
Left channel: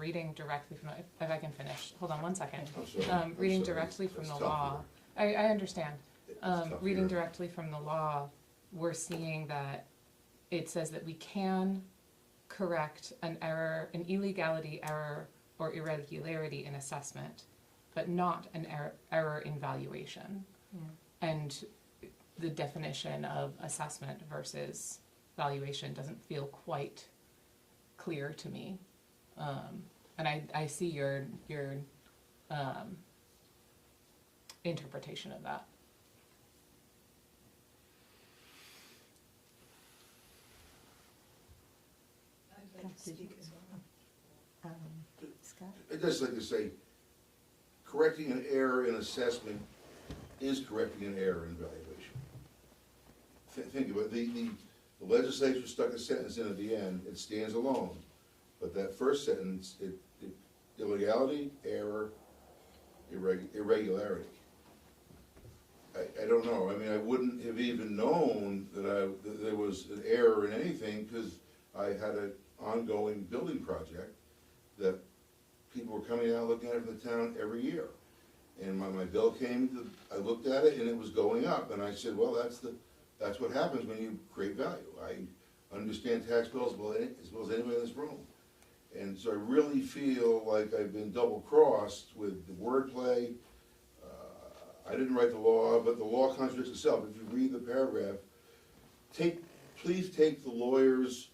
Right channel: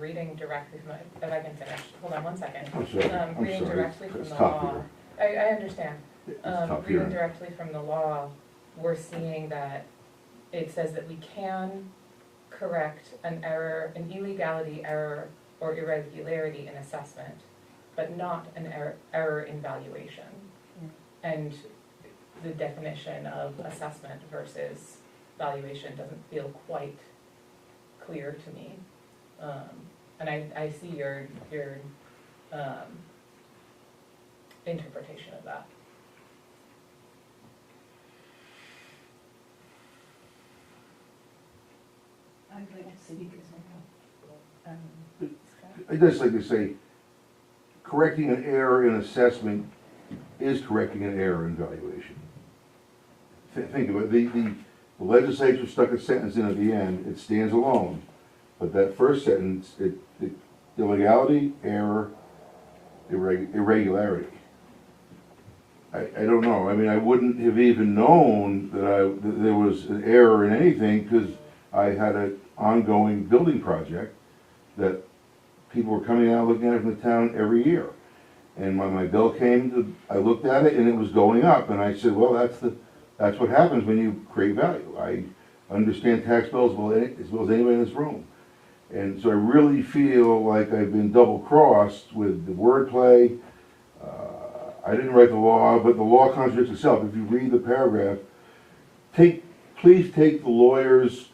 reading directly from, if I can finish, hold on one second. I'm sorry, Reading directly from It's the tough law, here. I understand. It's tough Reading here. directly from the law, we're seeing that it says that we can correct an error, an illegality, error, or irregularity in assessment, but not an error in valuation. And the definition of assessment versus valuation doesn't feel quite clear to me. And I see your interpretation of that. I'd like to speak as well. Scott? I'd just like to say, correcting an error in assessment is correcting an error in valuation. Think of it, the legislature stuck a sentence in at the end, it stands alone, but that first sentence, illegality, error, irregularity. I don't know, I mean, I wouldn't have even known that there was an error in anything, because I had an ongoing building project that people were coming out looking at it from the town every year. And when my bill came, I looked at it and it was going up, and I said, well, that's what happens when you create value. I understand tax bills as well as anybody in this room. And so I really feel like I've been double-crossed with the wordplay. I didn't write the law, but the law contradicts itself. If you read the paragraph, please take the lawyer's,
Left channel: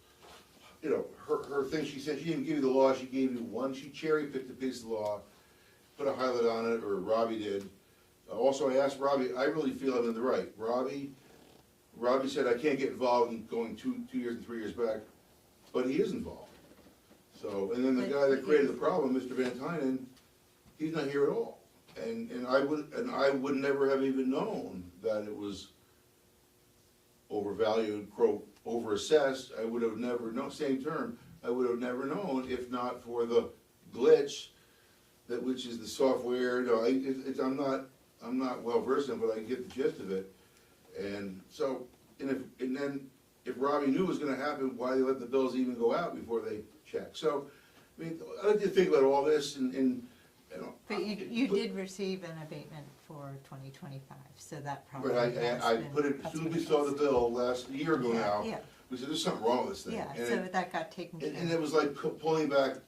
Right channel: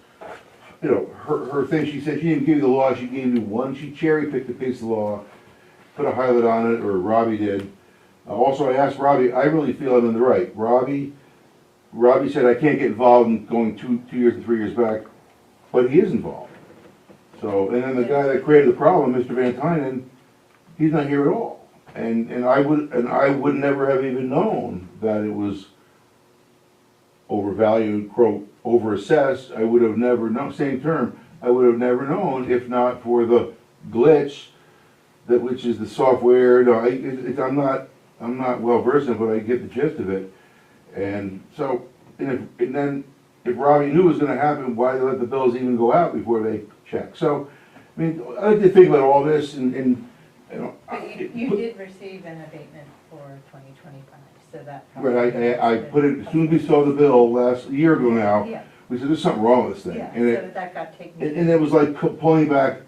her thing, she said she didn't give you the law, she gave you one, she cherry-picked a piece of law, put a highlight on it, or Robbie did. Also, I asked Robbie, I really feel I'm in the right. Robbie said I can't get involved in going 2 years and 3 years back, but he is involved. So, and then the guy that created the problem, Mr. Van Tynen, he's not here at all. And I would never have even known that it was overvalued, quote, overassessed. I would have never known, same term, I would have never known if not for the glitch, which is the software. I'm not well versed in it, but I get the gist of it. And so, and then if Robbie knew it was gonna happen, why they let the bills even go out before they check? So, I mean, I like to think about all this and But you did receive an abatement for 2025, so that Right, probably. I put it, as soon as we saw the bill last year ago now, Yeah, we said, there's something wrong with this thing. yeah, And so that got taken. and it was like pulling back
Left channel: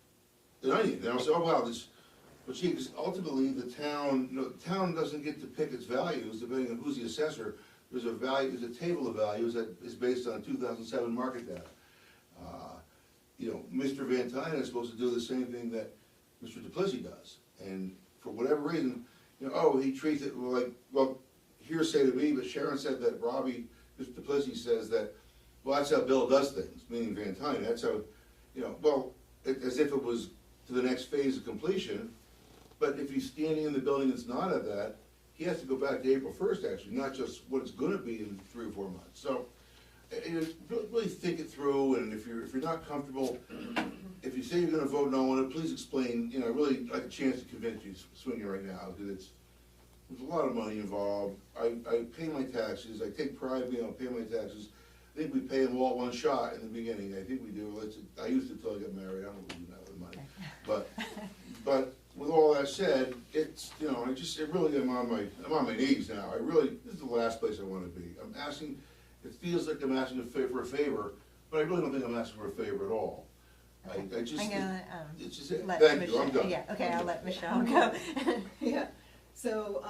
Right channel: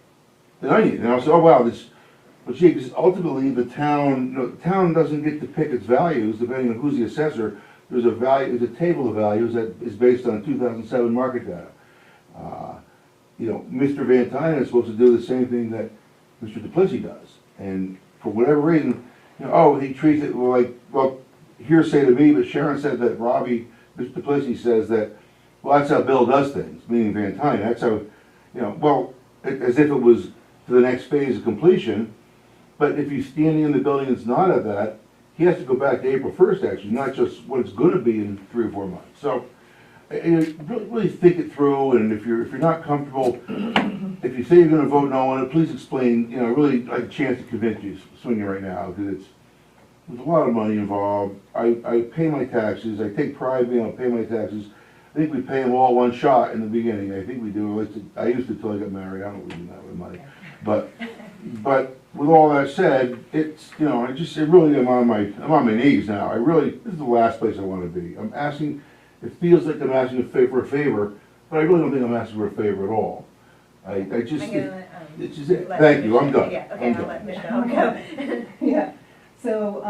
the onion, and I said, oh wow, but gee, because ultimately the town doesn't get to pick its values depending on who's the assessor. There's a table of values that is based on 2007 market data. Mr. Van Tynen is supposed to do the same thing that Mr. Duplessis does. And for whatever reason, he treats it like, well, hearsay to me, but Sharon said that Mr. Duplessis says that, well, that's how Bill does things, meaning Van Tynen, that's how, as if it was to the next phase of completion. But if he's standing in the building that's not at that, he has to go back to April 1st, actually, not just what it's gonna be in 3 or 4 months. So, really think it through, and if you're not comfortable, if you say you're gonna vote no on it, please explain, really like a chance to convince you, swinging right now, because there's a lot of money involved. I pay my taxes, I take pride in being able to pay my taxes. I think we pay them all one shot in the beginning, I think we do, at least I used to till I got married, I don't really do that with money. But with all that said, it's, it really, I'm on my knees now. This is the last place I wanna be. It feels like I'm asking for a favor, but I really don't think I'm asking for a favor at all. It's just, thank you, I'm done. Yeah, okay, I'm I'll done. let Michelle go. Yeah, so,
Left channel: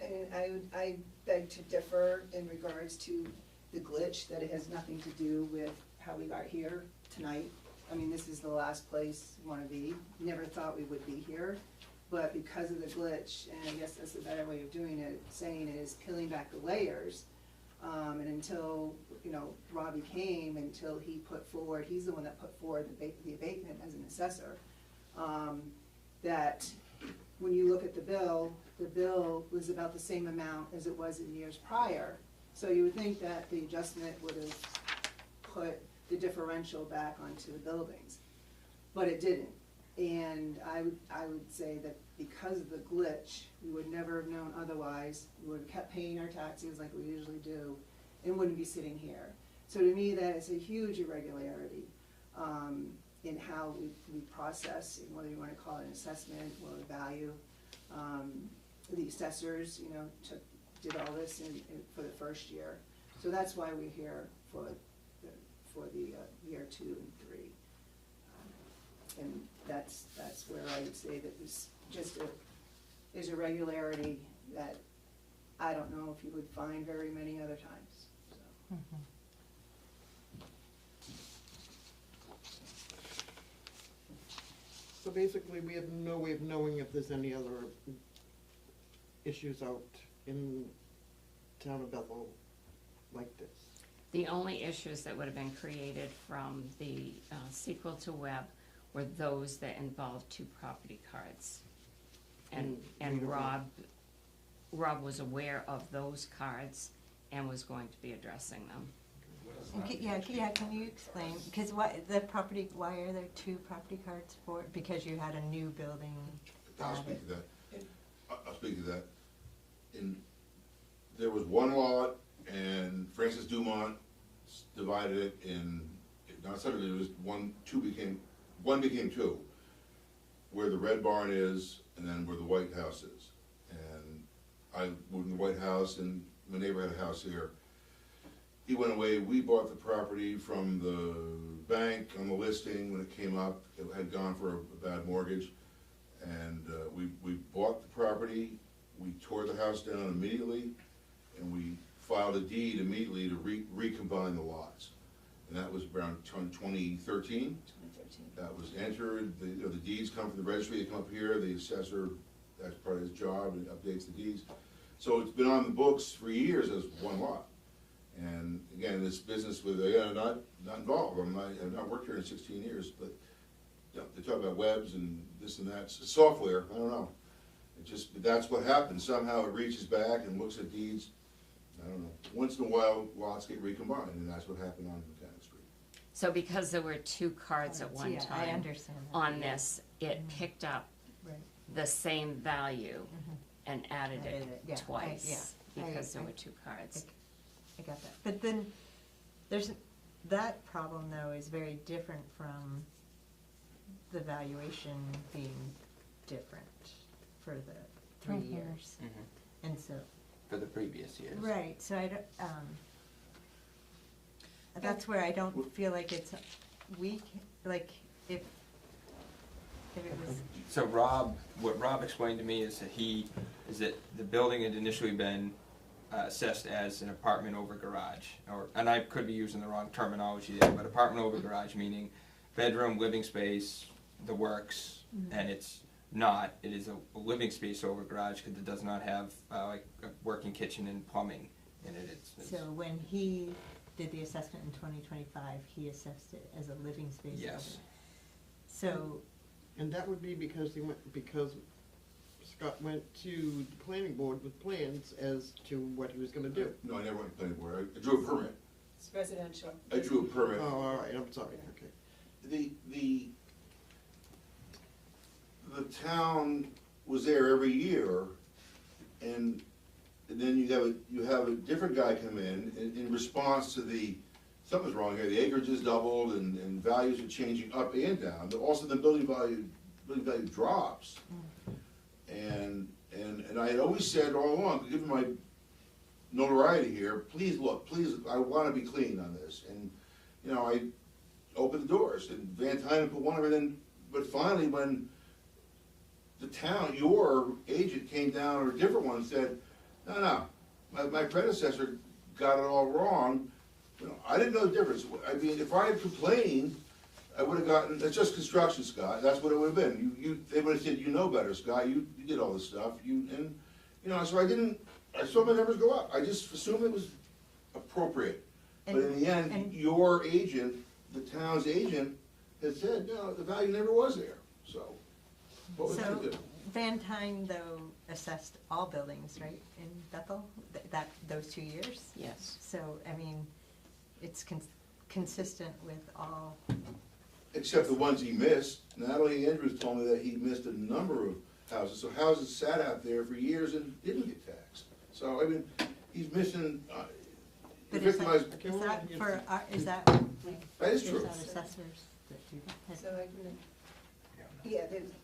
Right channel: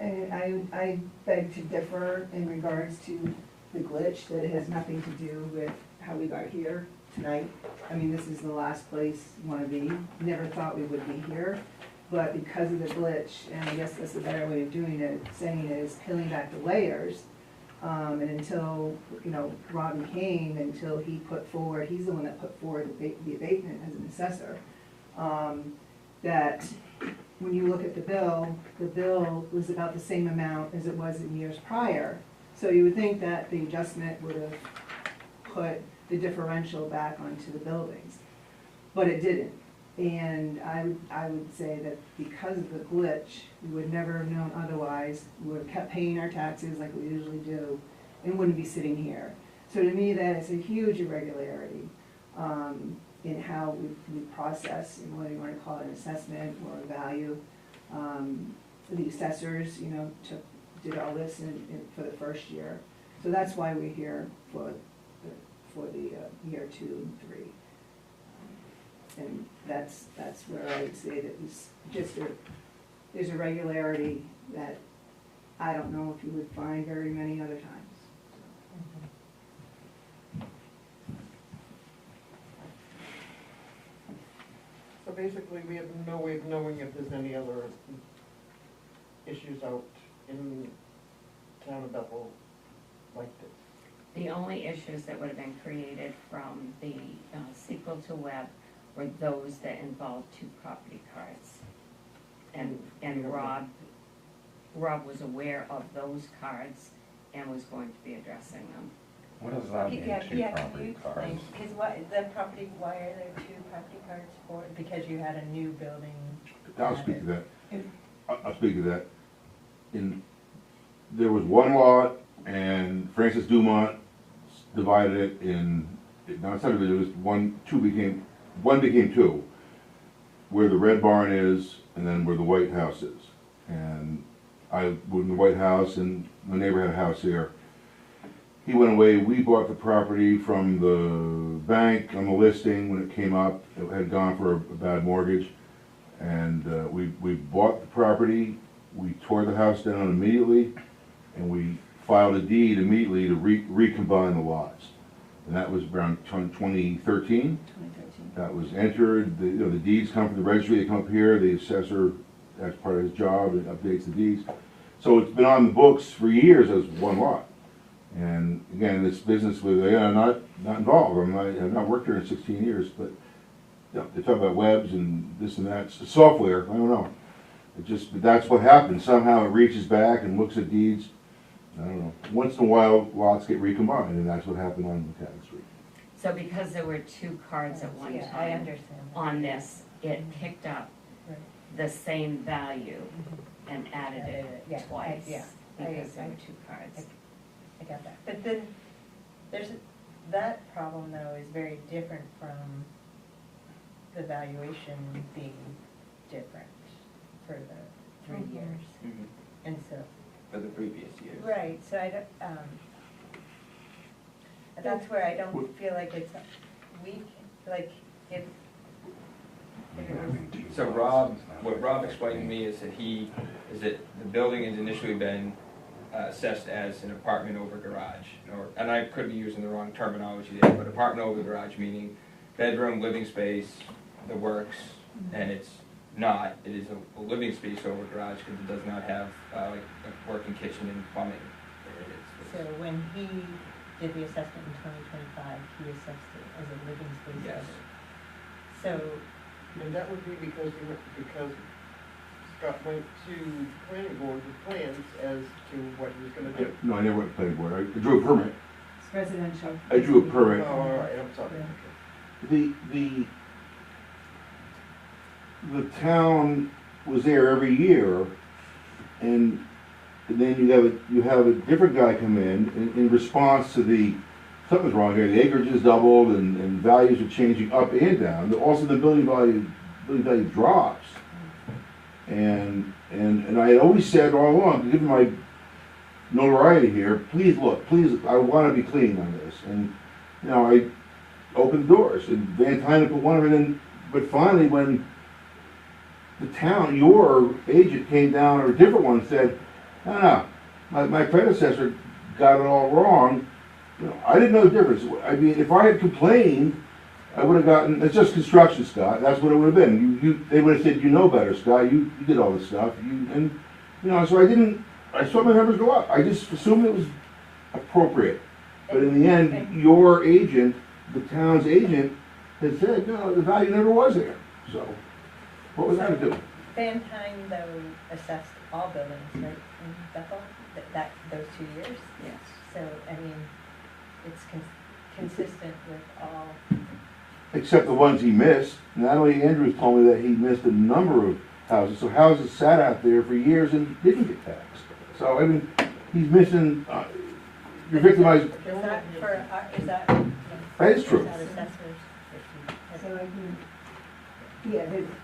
I beg to differ in regards to the glitch, that it has nothing to do with how we got here tonight. I mean, this is the last place we wanna be, never thought we would be here, but because of the glitch, and I guess that's a better way of doing it, saying it is peeling back the layers. And until, Robbie came, until he put forward, he's the one that put forward the abatement as an assessor, that when you look at the bill was about the same amount as it was in years prior. So you would think that the adjustment would have put the differential back onto the buildings, but it didn't. And I would say that because of the glitch, we would never have known otherwise. We would have kept paying our taxes like we usually do and wouldn't be sitting here. So to me, that is a huge irregularity in how we process, and whether you want to call it an assessment or a value. The assessors, did all this for the first year. So that's why we're here for the year 2 and 3. And that's where I would say that it's just there's a regularity that I don't know if you would find very many other times. So basically, we have no way of knowing if there's any other issues out in town of Bethel like this. The only issues that would have been created from the sequel to Webb were those that involved two property cards. And Rob was aware of those cards and was going to be addressing them. What does that mean, Yeah, two can you property explain, cards? because why are there two property cards for, because you had a new building? I'll speak to that. I'll speak to that. There was one lot, and Francis Dumont divided it in, now it's not, it was one became two, where the red barn is, and then where the White House is. And I lived in the White House, and my neighbor had a house here. He went away, we bought the property from the bank on the listing when it came up. It had gone for a bad mortgage. And we bought the property, we tore the house down immediately, and we filed a deed immediately to recombine the lots. And that was around 2013. 2013. That was entered, the deeds come from the registry, they come up here, the assessor, that's part of his job, and updates the deeds. So it's been on the books for years as one lot. And again, this business with, not involved, I've not worked here in 16 years, but they talk about webs and this and that, it's software, I don't know. That's what happens, somehow it reaches back and looks at deeds, I don't know. Once in a while, lots get recombined, and that's what happened on McCadden Street. So because there were two cards at one Yeah, I time understand. on this, it picked up Right. the same value and added Yeah, it twice, I- because there I- were two cards. I got that. But then, that problem though is very different from the valuation being different for the 3 years. Mhm. And so, For the previous years. right, so I don't, that's where I don't feel like it's weak, like if there was. So what Rob explained to me is that the building had initially been assessed as an apartment over garage, and I could be using the wrong terminology there, but apartment over garage meaning bedroom, living space, the works, and it's not, it is a living space over garage because it does not have like a working kitchen and plumbing. So when he did the assessment in 2025, he assessed it as a living space. Yes. So, And that would be because Scott went to planning board with plans as to what he was gonna do. No, I never went to planning board, I drew a permit. It's residential. I drew a Oh, permit. all right, I'm sorry, okay. The town was there every year, and then you have a different guy come in response to something's wrong here, the acreage is doubled and values are changing up and down, also the building value drops. And I had always said all along, given my notoriety here, please, I wanna be clean on this, and, I opened the doors, and Van Tyne put one of them in, but finally when the town, your agent came down, or a different one, said, no, my predecessor got it all wrong. I didn't know the difference. I mean, if I had complained, I would have gotten, it's just construction, Scott, that's what it would have been. They would have said, you know better, Scott, you did all this stuff, so I saw my numbers go up. I just assumed it was appropriate. But in the end, your agent, the town's agent, had said, no, the value never was there, so. What was I gonna do? Van Tyne though assessed all buildings, right, in Bethel, those 2 years? Yes. So, I mean, it's consistent with all, Except the ones he missed. Natalie Andrews told me that he missed a number of houses, so houses sat out there for years and didn't get taxed. So, I mean, he's missing, you're victimized, is that for, is that? That is true. Is that assessors? So I can,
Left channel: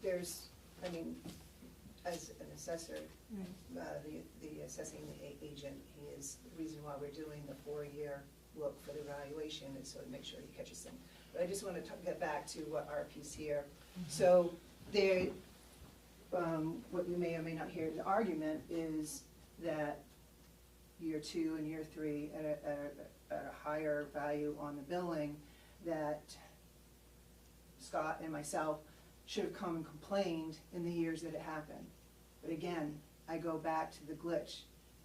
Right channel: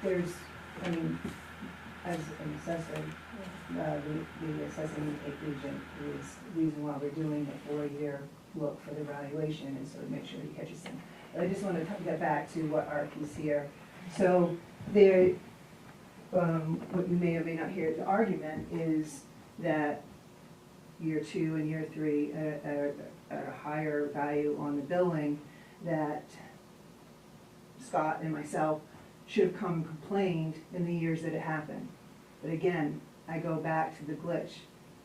there's, I mean, as an assessor, the assessing agent is the reason why we're doing a 4-year look for the valuation, and so to make sure he catches them. But I just want to get back to what RP's here. So there, what you may or may not hear, the argument is that year 2 and year 3 a higher value on the building, that Scott and myself should have come and complained in the years that it happened. But again, I go back to the glitch.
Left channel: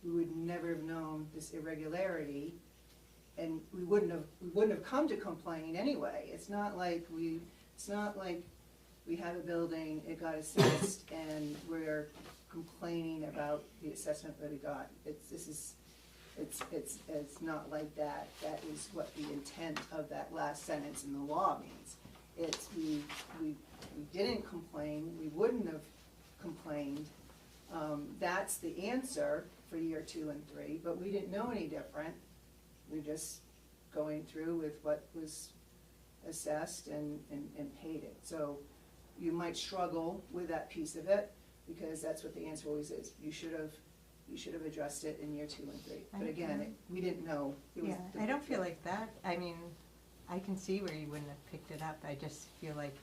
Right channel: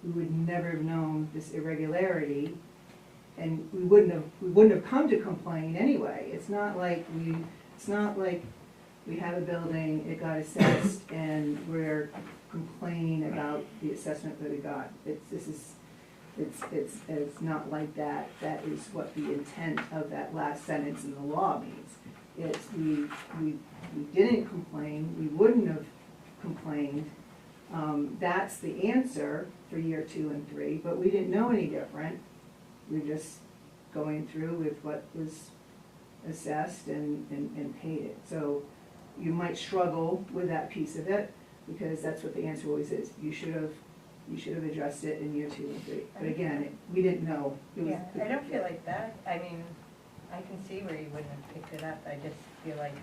We would never have known this irregularity, and we wouldn't have come to complain anyway. It's not like we have a building, it got assessed, and we're complaining about the assessment that we got. It's not like that. That is what the intent of that last sentence in the law means. It's, we didn't complain, we wouldn't have complained. That's the answer for year 2 and 3, but we didn't know any different. We're just going through with what was assessed and paid it. So you might struggle with that piece of it, because that's what the answer always is. You should have addressed it in year 2 and 3. But again, we didn't know. It was Yeah, I don't feel like that. I mean, I can see where you wouldn't have picked it up. I just feel like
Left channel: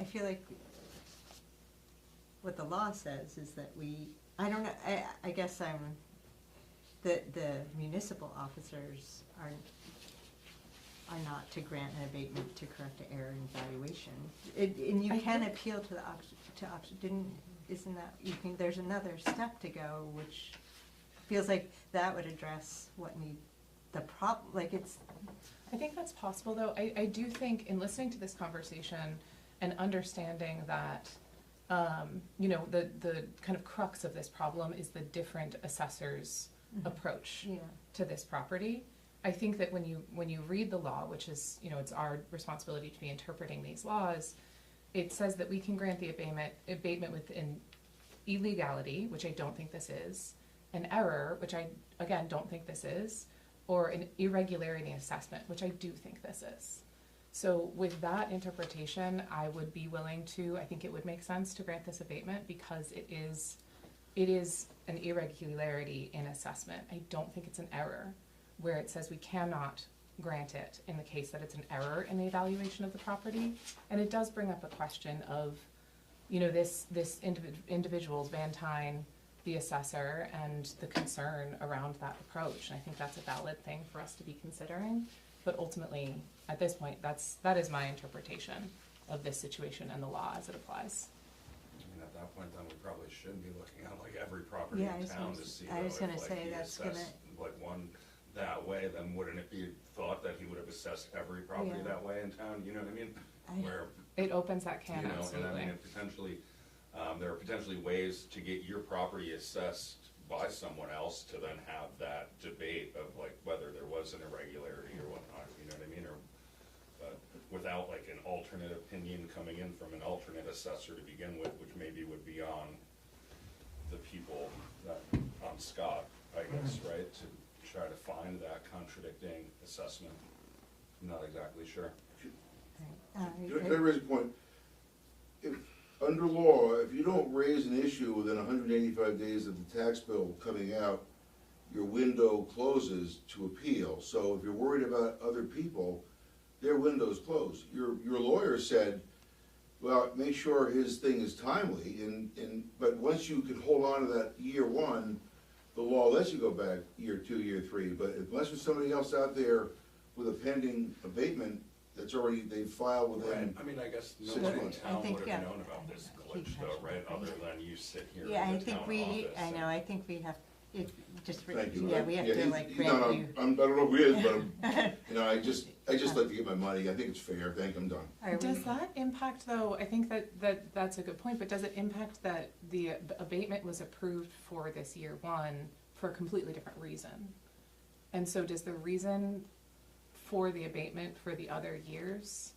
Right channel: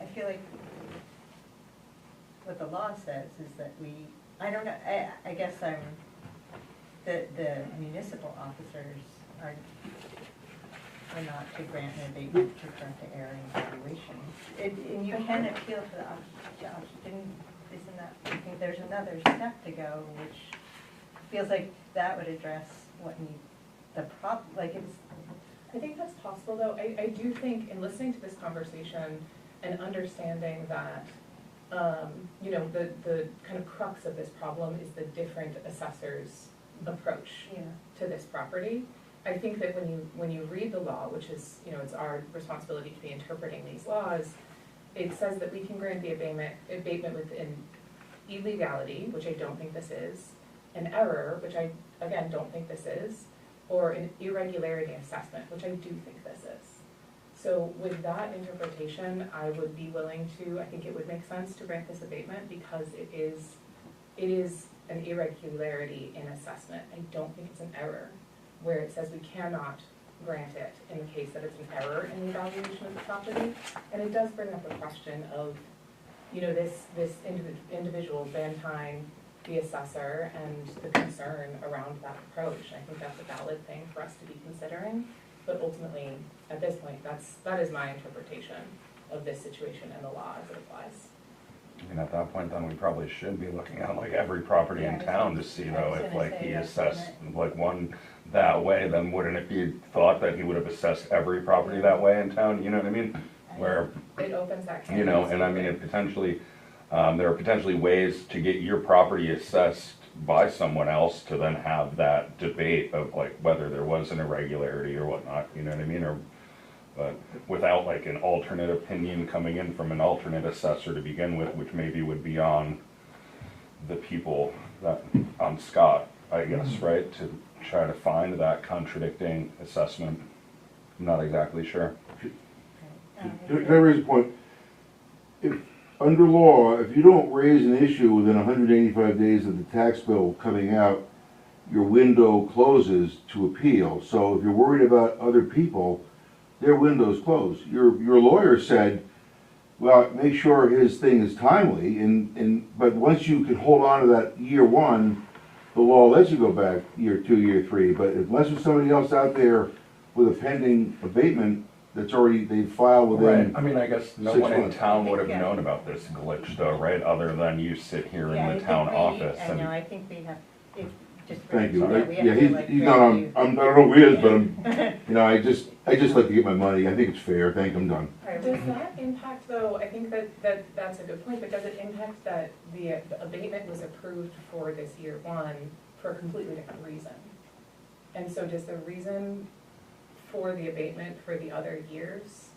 I feel like what the law says is that I don't know, I guess the municipal officers are not to grant an abatement to current error and valuation. And you can appeal to isn't that, I think there's another step to go, which feels like that would address what I think that's possible, though. I do think, in listening to this conversation and understanding that, you know, the kind of crux of this problem is the different assessors' approach to this property. I think that when you read the law, which is, you know, it's our responsibility to be interpreting these laws, it says that we can grant the abatement with an illegality, which I don't think this is, an error, which I, again, don't think this is, or an irregularity assessment, which I do think this is. So with that interpretation, I would be willing to, I think it would make sense to grant this abatement, because it is an irregularity in assessment. I don't think it's an error, where it says we cannot grant it in the case that it's an error in the evaluation of the property. And it does bring up a question of, you know, this individual's Van Tyne, the assessor, and the concern around that approach. And I think that's a valid thing for us to be considering. But ultimately, at this point, that is my interpretation of this situation and the law as it applies. And at that point, then we probably should be looking at like every property Yeah, in town to see I though, was if gonna like say, he that's assessed what like one that way, then wouldn't it be thought that he would have assessed every property that way in town, you know what I mean? Where, It opens that can. you know, and I mean, it potentially, there are potentially ways to get your property assessed by someone else to then have that debate of like whether there was an irregularity or whatnot, you know what I mean? Or, but without like an alternate opinion coming in from an alternate assessor to begin with, which maybe would be on the people that, on Scott, I guess, right? To try to find that contradicting assessment. I'm not exactly sure. Can I raise a point? If, under law, if you don't raise an issue within 185 days of the tax bill coming out, your window closes to appeal. So if you're worried about other people, their window's closed. Your lawyer said, well, make sure his thing is timely, but once you can hold on to that year 1, the law lets you go back year 2, year 3. But unless there's somebody else out there with a pending abatement that's already, they've filed within. Right, I mean, I guess no 6 one in months. town would have known about this glitch though, right? Other than you sit here in the town office I and. know, I think we have, just. Thank you. Yeah, we have Yeah, to, he's like, not grant on, you- I don't know who he is, but you know, I just like to get my money. I think it's fair. Thank you, I'm done. Does that impact, though, I think that's a good point, but does it impact that the abatement was approved for this year 1 for a completely different reason? And so does the reason for the abatement for the other years,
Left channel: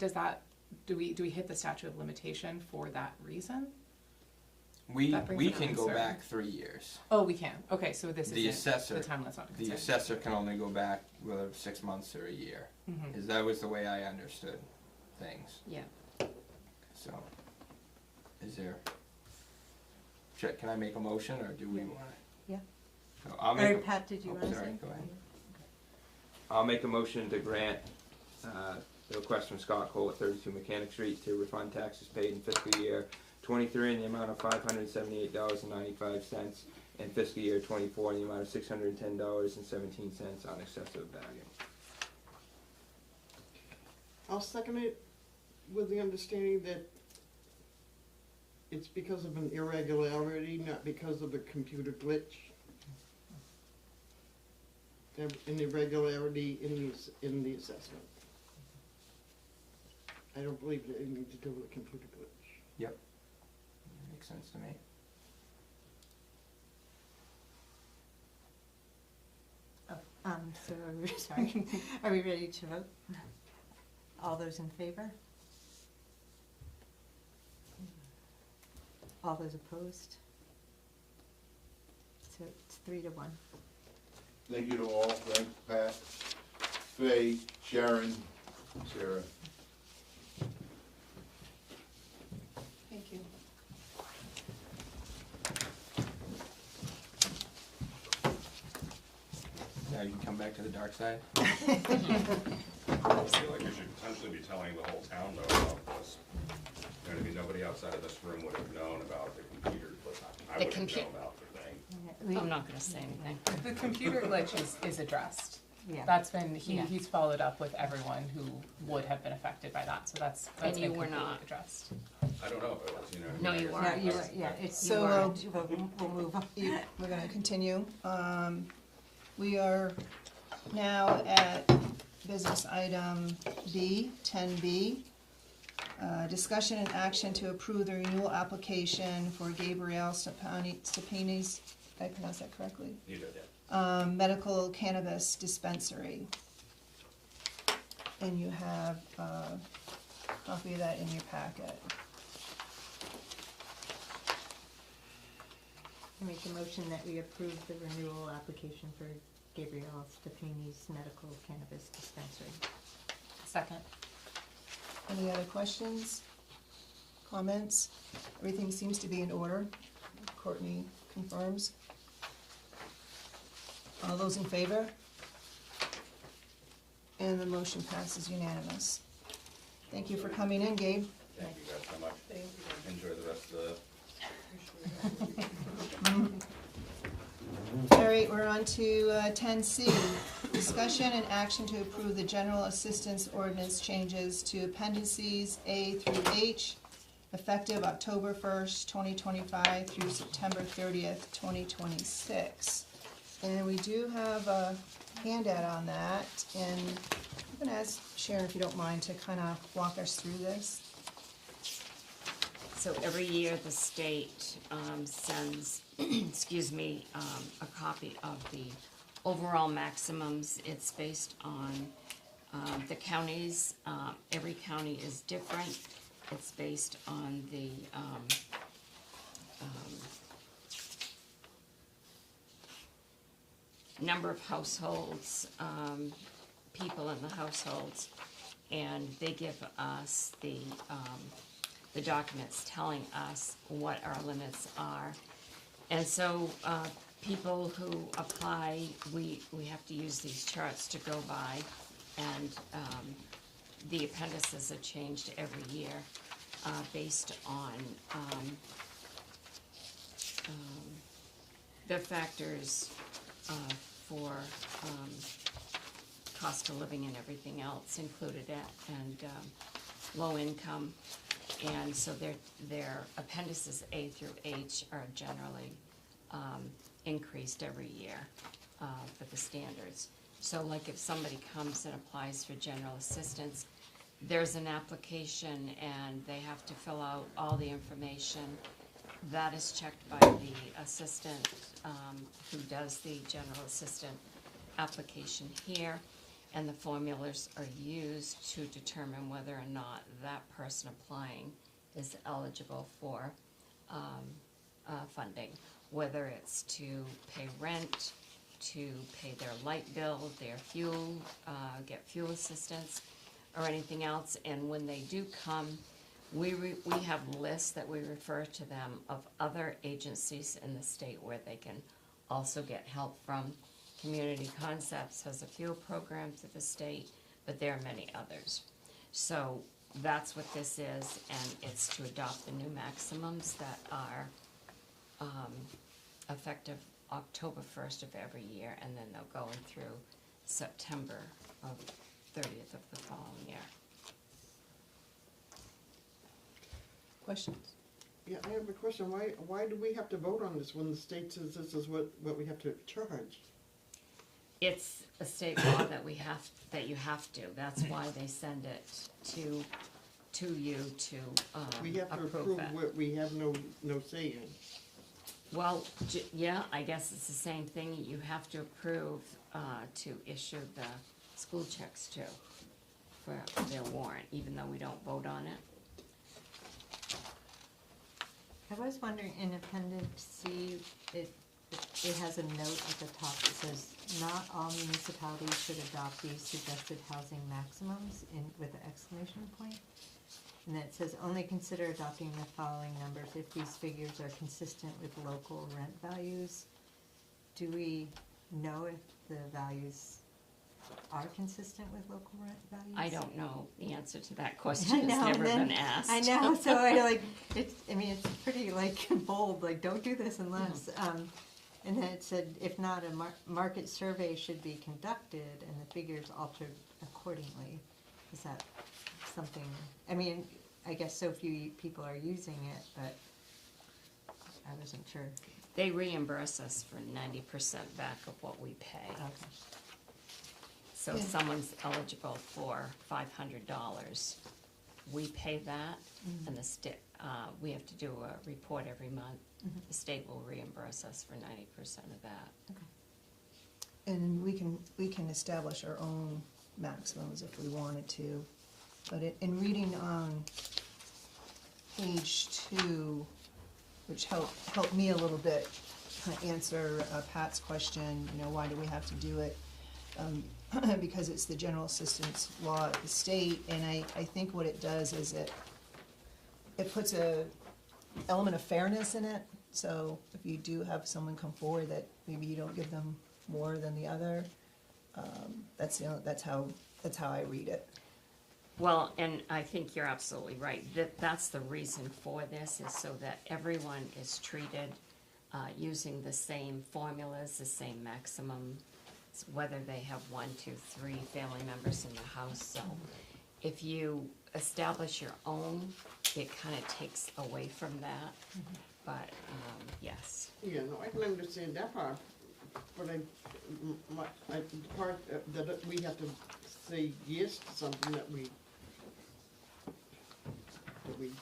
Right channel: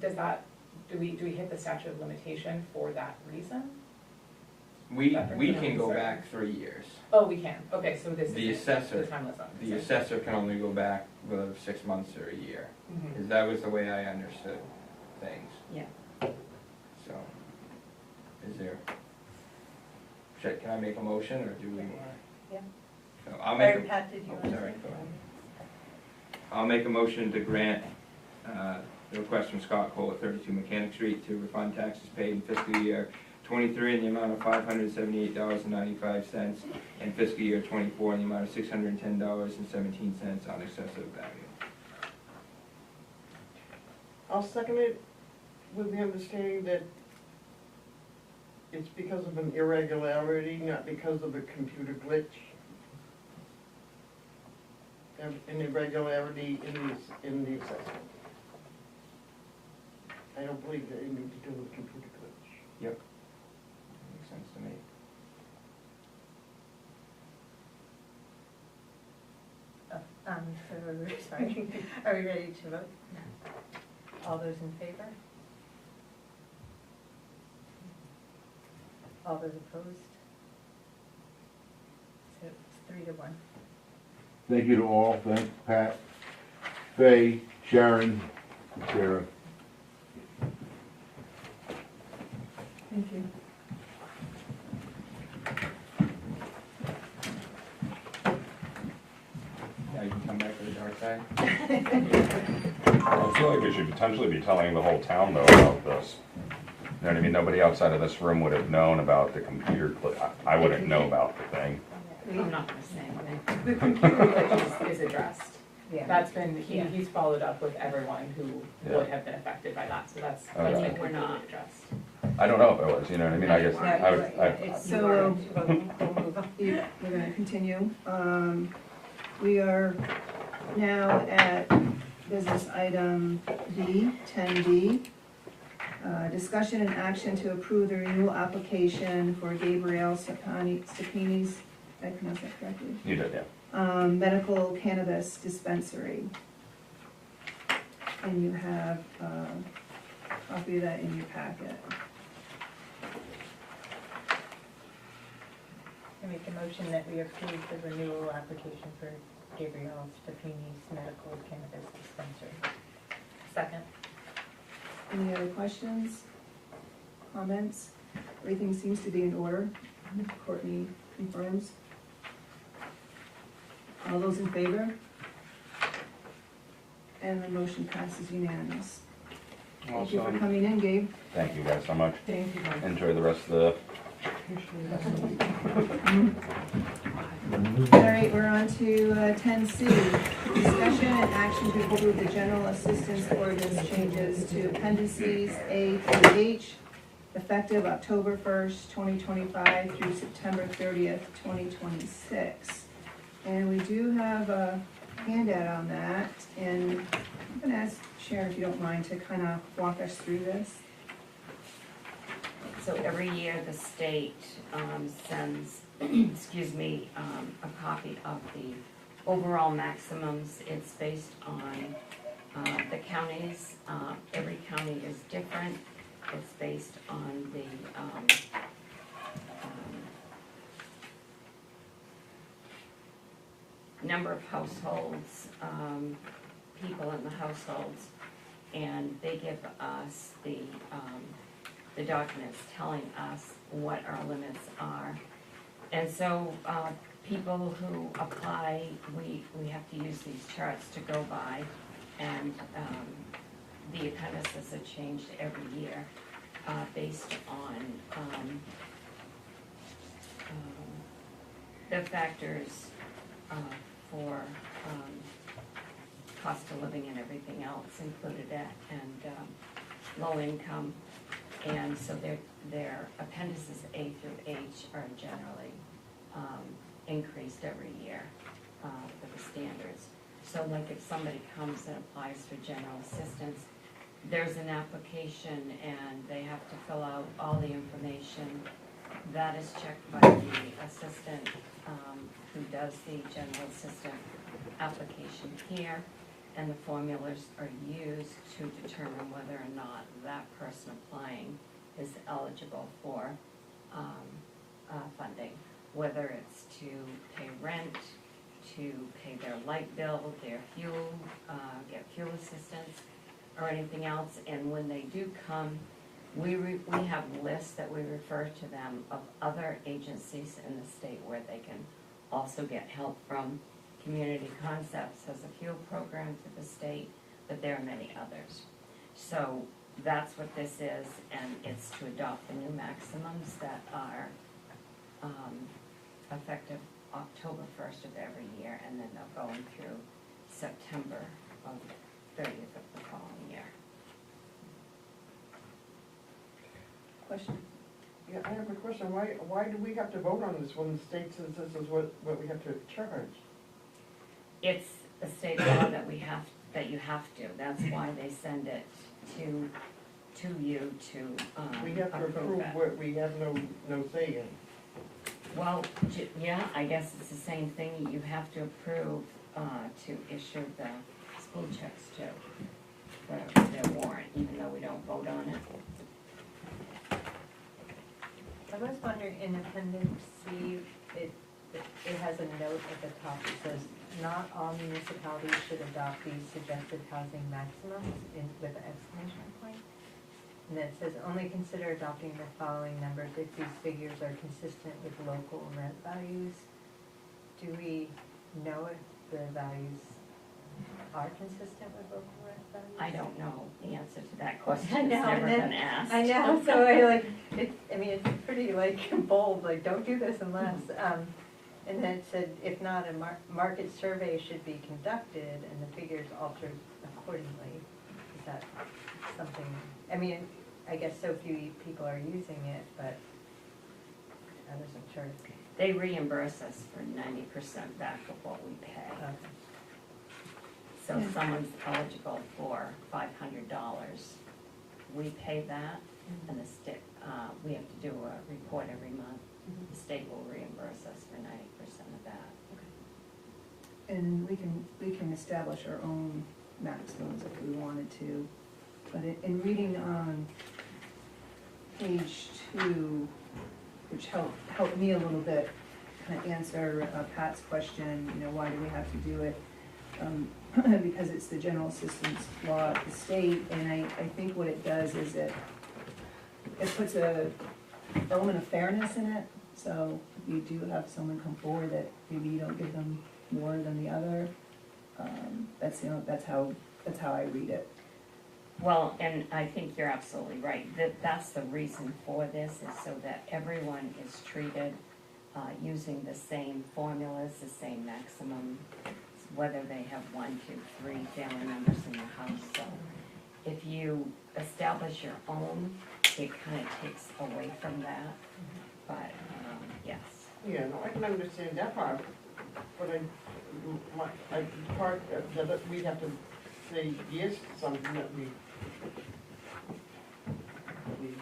do we hit the statute of limitation for that reason? We That brings we it up, can go sir. back 3 years. Oh, we can, okay, so this is The assessor, the time limit. the assessor can only go back whether 6 months or a year. Mhm. Because that was the way I understood things. Yeah. So, is there, can I make a motion, or do we want to? Yeah. No, I'll Or make, Pat, did you oh, want to say? sorry, go ahead. I'll make a motion to grant, the request from Scott Cole at 32 Mechanic Street to refund taxes paid in fiscal year 23 in the amount of $578.95, and fiscal year 24 in the amount of $610.17 on excessive value. I'll second it with the understanding that it's because of an irregularity, not because of a computer glitch. An irregularity in the assessment. I don't believe that anything to do with computer glitch. Yep. Makes sense to me. So, sorry, are we ready to vote? All those in favor? All those opposed? So it's 3-1. Thank you to all, thank Pat, Faye, Sharon, Sarah. Thank you. Now you can come back to the dark side. I feel like we should potentially be telling the whole town though about this. You know what I mean? Nobody outside of this room would have known about the computer glitch. I wouldn't know about the thing. I'm not gonna say anything. The computer glitch is addressed. Yeah. That's been, Yeah. he's followed up with everyone who would have been affected by that, so that's Okay. been You were completely not. addressed. I don't know if it was, you know what I mean? No, I you guess, weren't. I was, So, We'll move on. We're gonna continue. We are now at business item B, 10B. Discussion and action to approve the renewal application for Gabriel Stepani's, did I pronounce that correctly? you did, yeah. Medical cannabis dispensary. And you have a copy of that in your packet. I make a motion that we approve the renewal application for Gabriel Stepani's medical cannabis dispensary. Second. Any other questions, comments? Everything seems to be in order. Courtney confirms. All those in favor? And the motion passes unanimous. Thank you for coming in, Gabe. Thank you guys so much. Thank you. Enjoy the rest of the, All right, we're on to 10C. Discussion and action to approve the general assistance ordinance changes to appendices A through H, effective October 1st, 2025 through September 30th, 2026. And we do have a handout on that, and I'm gonna ask Sharon, if you don't mind, to kind of walk us through this. So every year, the state sends, excuse me, a copy of the overall maximums. It's based on the counties. Every county is different. It's based on the number of households, people in the households, and they give us the documents telling us what our limits are. And so, people who apply, we have to use these charts to go by, and, the appendices are changed every year, based on, the factors, for, cost of living and everything else included it, and, low income. And so their appendices A through H are generally increased every year for the standards. So like if somebody comes and applies for general assistance, there's an application and they have to fill out all the information. That is checked by the assistant who does the general assistant application here. And the formulas are used to determine whether or not that person applying is eligible for funding, whether it's to pay rent, to pay their light bill, their fuel, get fuel assistance, or anything else. And when they do come, we have lists that we refer to them of other agencies in the state where they can also get help from. Community Concepts has a fuel program through the state, but there are many others. So that's what this is, and it's to adopt the new maximums that are, effective October first of every year, and then they'll go in through September of 30th of the following year. Questions? Yeah, I have a question, why do we have to vote on this when the state says this is what we have to charge? It's a state law that you have to, that's why they send it to you to, We have to approve approve it. what we have no say in. Well, yeah, I guess it's the same thing, you have to approve, to issue the school checks too, for their warrant, even though we don't vote on it. I was wondering, in Appendix C, it has a note at the top that says, not all municipalities should adopt these suggested housing maximums with an exclamation point. And it says, only consider adopting the following numbers if these figures are consistent with local rent values. Do we know if the values are consistent with local rent values? I don't know the answer to that question, it's know, never then- been asked. I know, so I like, it's pretty like bold, like, don't do this unless, and then it said, if not, a market survey should be conducted and the figures altered accordingly. Is that something, I guess so few people are using it, but I wasn't sure. They reimburse us for 90% back of what we pay. So if someone's eligible for $500, we pay that, and the state, we have to do a report every month. The state will reimburse us for 90% of that. And we can establish our own maximums if we wanted to. But in reading on page 2, which helped me a little bit kind of answer Pat's question, why do we have to do it? Because it's the general assistance law at the state, and I think what it does is it puts a element of fairness in it. So if you do have someone come forward that maybe you don't give them more than the other, that's how I read it. Well, and I think you're absolutely right. That's the reason for this, is so that everyone is treated using the same formulas, the same maximum, whether they have 1, 2, 3 family members in the house. So if you establish your own, it kind of takes away from that. But yes. Yeah, no, I can understand that part, but part that we have to say yes to something that we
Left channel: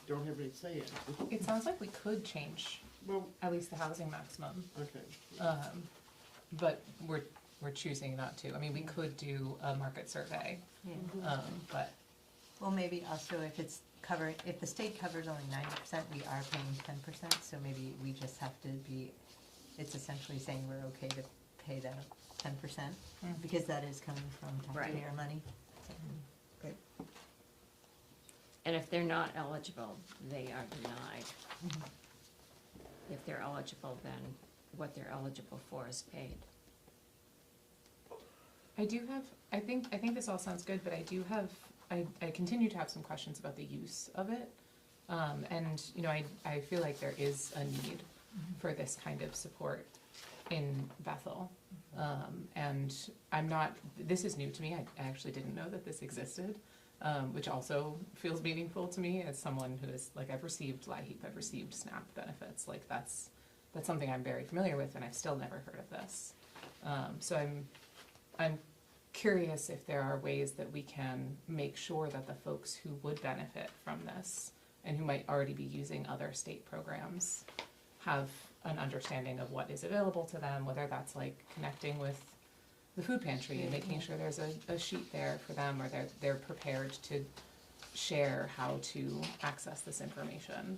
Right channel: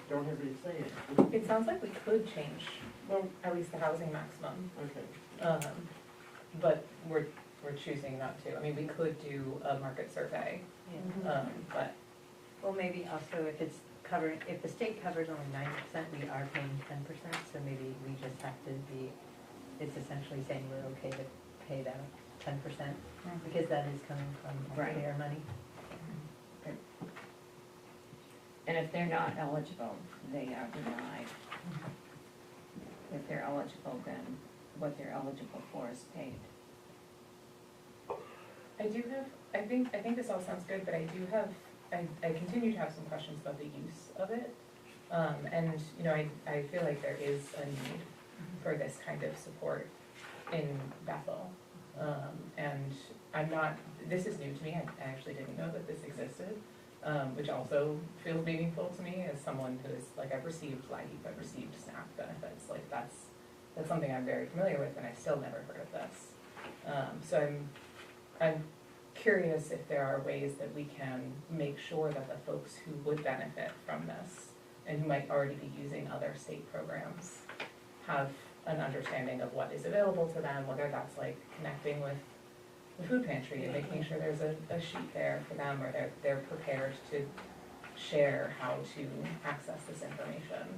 don't have any say in. It sounds like we could change Well, at least the housing maximum, okay. but we're choosing not to. I mean, we could do a market survey, but Well, maybe also if it's covered, if the state covers only 90%, we are paying 10%, so maybe we just have to be, it's essentially saying we're okay to pay the 10%, because that is coming from taxpayer money. And if they're not eligible, they are denied. If they're eligible, then what they're eligible for is paid. I do have, I think this all sounds good, but I do have, I continue to have some questions about the use of it. And, I feel like there is a need for this kind of support in Bethel. And this is new to me, I actually didn't know that this existed, which also feels meaningful to me as someone who is, I've received LIHEAP, I've received SNAP benefits, that's something I'm very familiar with, and I've still never heard of this. So I'm curious if there are ways that we can make sure that the folks who would benefit from this and who might already be using other state programs have an understanding of what is available to them, whether that's connecting with the food pantry and making sure there's a sheet there for them, or they're prepared to share how to access this information.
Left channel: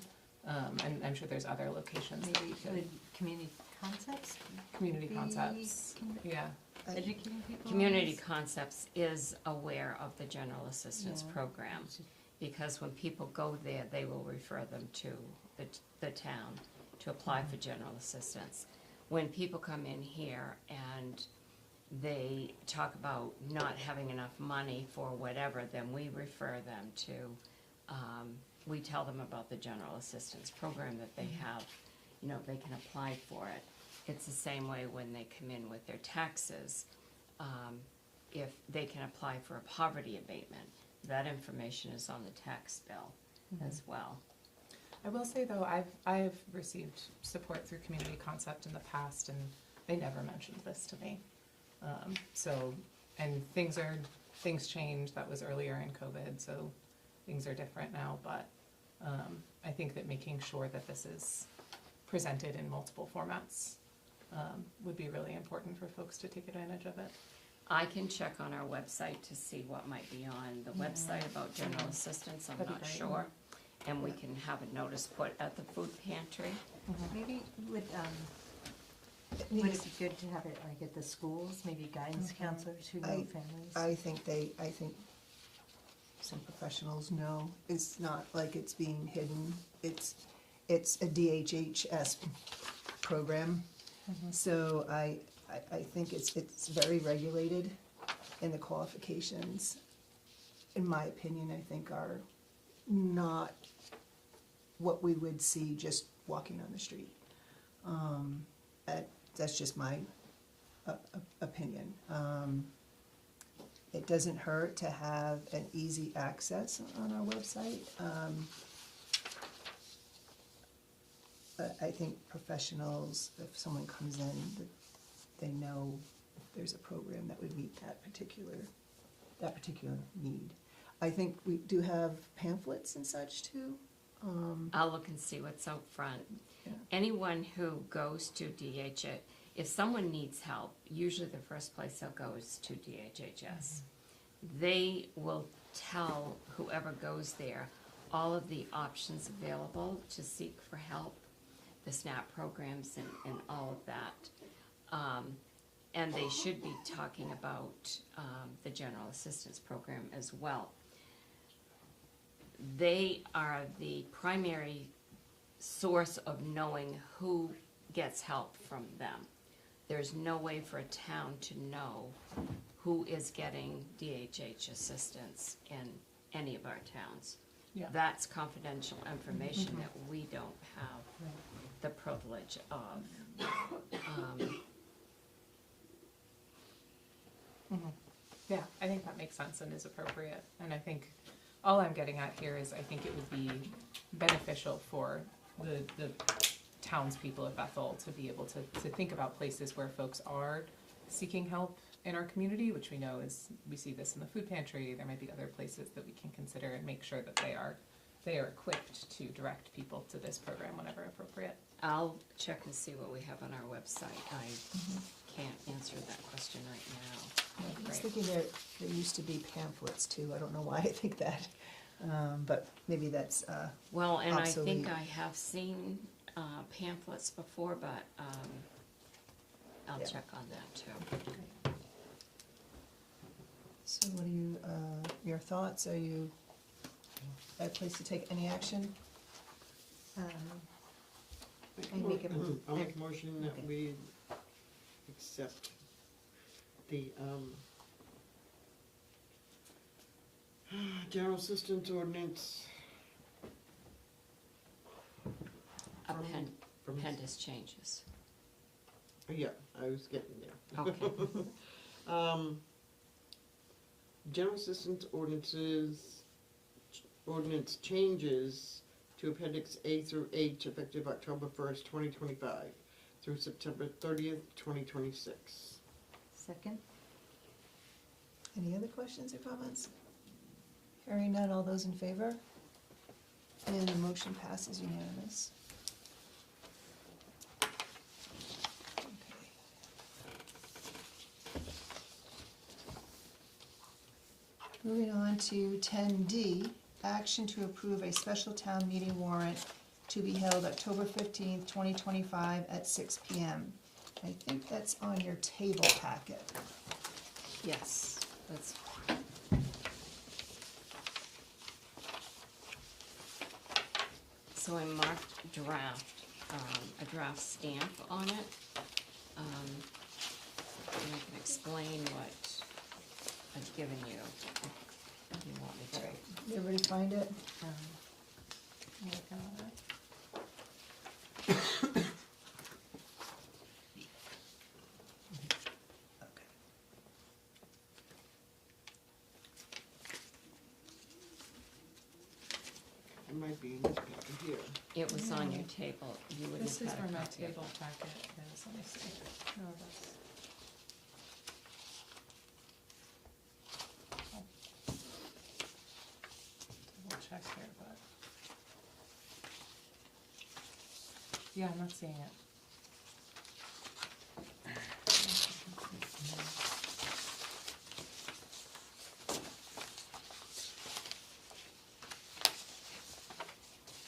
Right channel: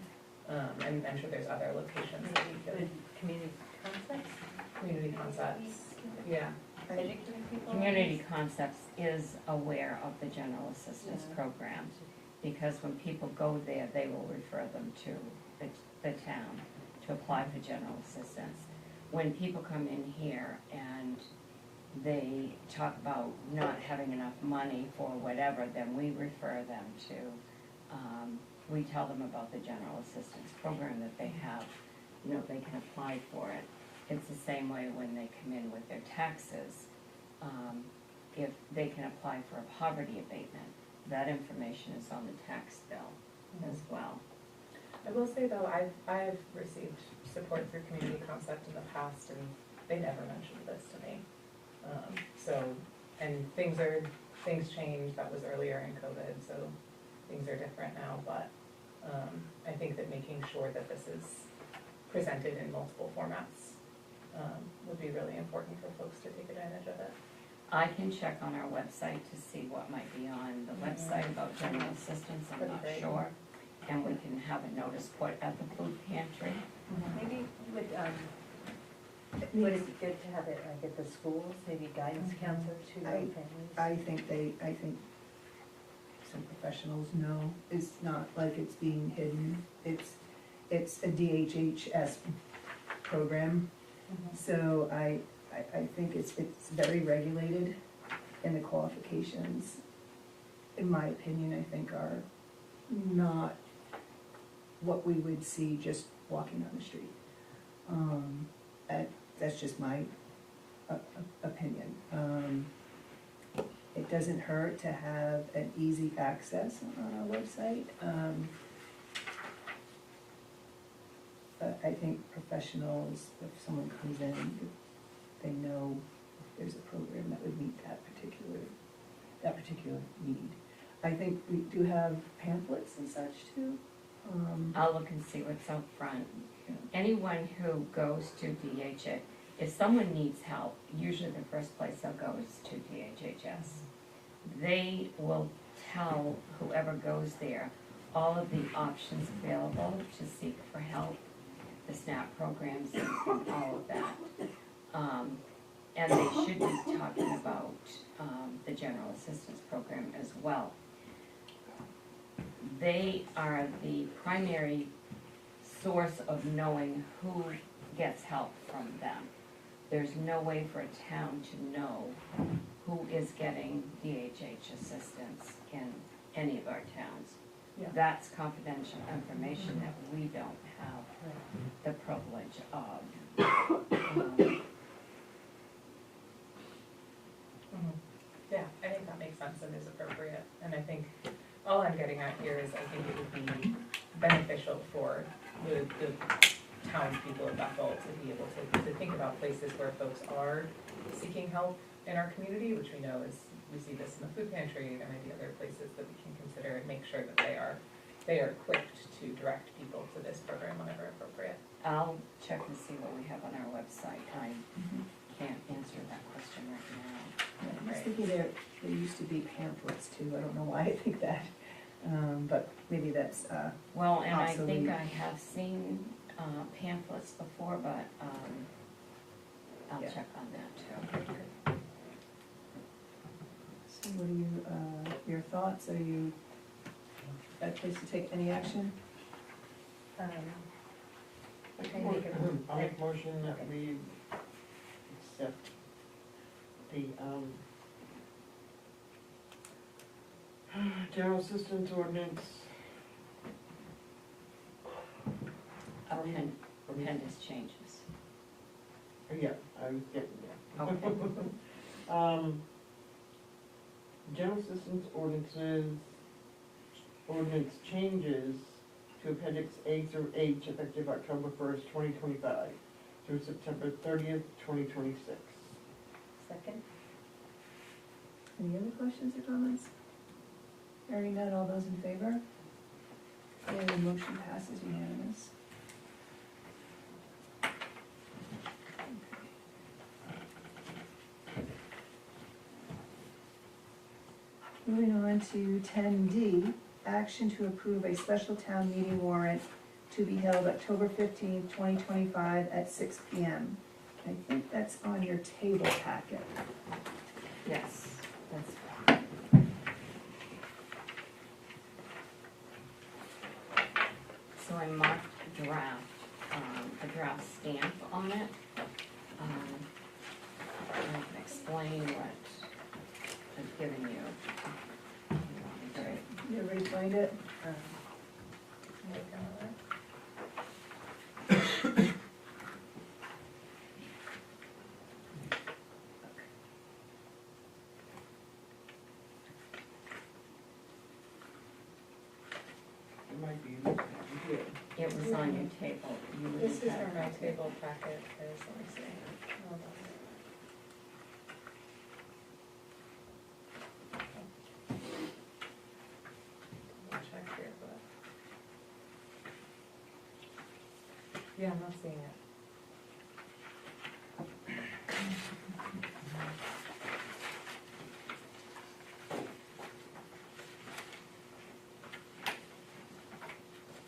And I'm sure there's other locations that we could. Community concepts? Community concepts, yeah. Educating people? Community Concepts is aware of the general assistance program, because when people go there, they will refer them to the town to apply for general assistance. When people come in here and they talk about not having enough money for whatever, then we refer them to we tell them about the general assistance program that they have, you know, they can apply for it. It's the same way when they come in with their taxes, if they can apply for a poverty abatement, that information is on the tax bill as well. I will say though, I've received support through Community Concept in the past, and they never mentioned this to me. So, and things changed, that was earlier in COVID, so things are different now, but I think that making sure that this is presented in multiple formats would be really important for folks to take advantage of it. I can check on our website to see what might be on the website about general assistance, I'm not sure. And we can have a notice put at the food pantry. Maybe would it be good to have it like at the schools, maybe guidance counselors who know families? I think some professionals know, it's not like it's being hidden, it's a DHHS program. So I think it's very regulated, and the qualifications, in my opinion, I think are not what we would see just walking on the street. That's just my opinion. It doesn't hurt to have an easy access on our website. I think professionals, if someone comes in, they know there's a program that would meet that particular need. I think we do have pamphlets and such too. I'll look and see what's out front. Yeah. Anyone who goes to DHS, if someone needs help, usually the first place they'll go is to DHHS. They will tell whoever goes there all of the options available to seek for help, the SNAP programs and all of that. And they should be talking about the general assistance program as well. They are the primary source of knowing who gets help from them. There's no way for a town to know who is getting DHH assistance in any of our towns. Yeah. That's confidential information that we don't have the privilege of. Yeah, I think that makes sense and is appropriate, and I think all I'm getting at here is I think it would be beneficial for the townspeople of Bethel to be able to think about places where folks are seeking help in our community, which we know is, we see this in the food pantry, there might be other places that we can consider and make sure that they are equipped to direct people to this program whenever appropriate. I'll check and see what we have on our website. I can't answer that question right now. I was thinking there used to be pamphlets too, I don't know why I think that, but maybe that's, Well, and I think obsolete. I have seen pamphlets before, but I'll Yeah. check on that too. so what are you, your thoughts, are you at a place to take any action? I'll make a motion that we accept the, general assistance ordinance. Appendix changes. Yeah, I was getting there. Okay. General assistance ordinance changes to appendix A through H effective October 1st, 2025 through September 30th, 2026. Second? Any other questions or comments? Hearing none, all those in favor? And the motion passes unanimous. Moving on to 10D, action to approve a special town meeting warrant to be held October 15th, 2025 at 6 p.m. I think that's on your table packet. Yes, that's so I marked draft, a draft stamp on it. And I can explain what I've given you. You want me to? You're right find it? I'm looking at it. It might be this one here. It was on your table. You would This have is had from a my copy. table packet, is, let me see. Oh, that's- I'll check here, but. Yeah, I'm not seeing it.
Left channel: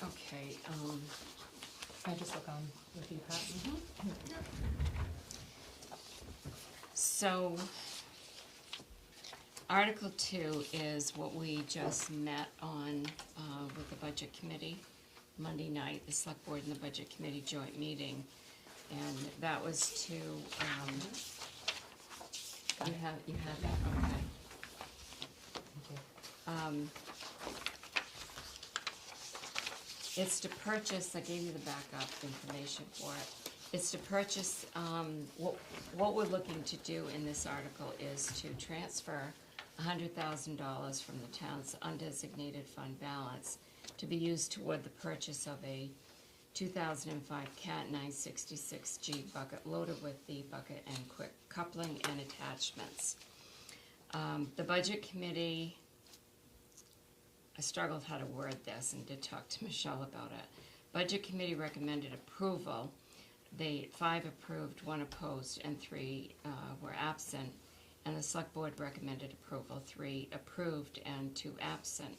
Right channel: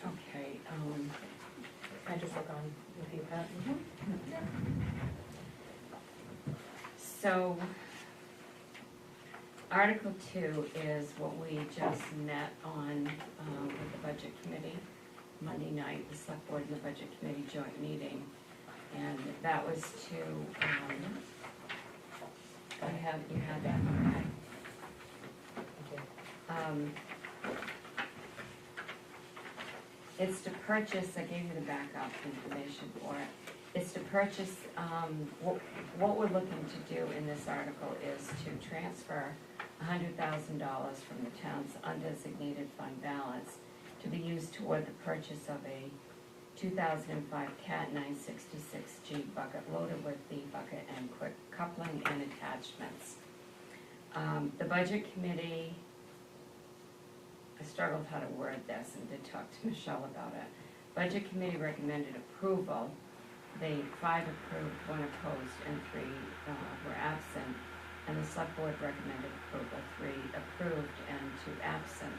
Okay, I just look on the view pass. so Article 2 is what we just met on with the Budget Committee Monday night, the Select Board and the Budget Committee joint meeting. And that was to, you have that, okay. It's to purchase, I gave you the backup information for it. It's to purchase, what we're looking to do in this article is to transfer $100,000 from the town's undesignated fund balance to be used toward the purchase of a 2005 CAT 966G bucket loaded with the bucket and quick coupling and attachments. The Budget Committee, I struggled how to word this and did talk to Michelle about it. Budget Committee recommended approval. They 5 approved, 1 opposed, and 3 were absent. And the Select Board recommended approval, 3 approved and 2 absent.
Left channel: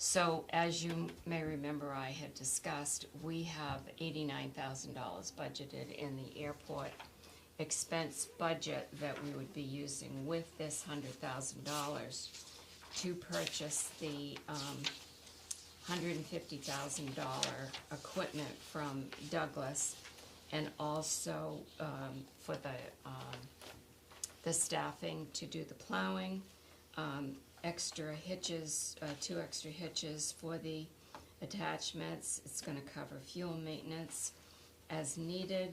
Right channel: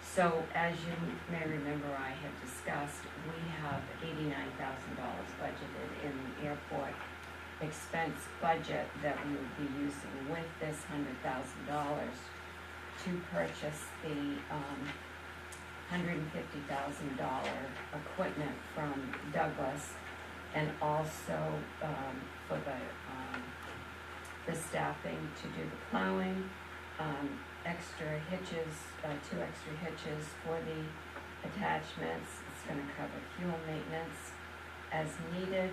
So as you may remember, I had discussed, we have $89,000 budgeted in the airport expense budget that we would be using with this $100,000 to purchase the $150,000 equipment from Douglas, and also for the staffing to do the plowing, extra hitches, 2 extra hitches for the attachments. It's gonna cover fuel maintenance as needed.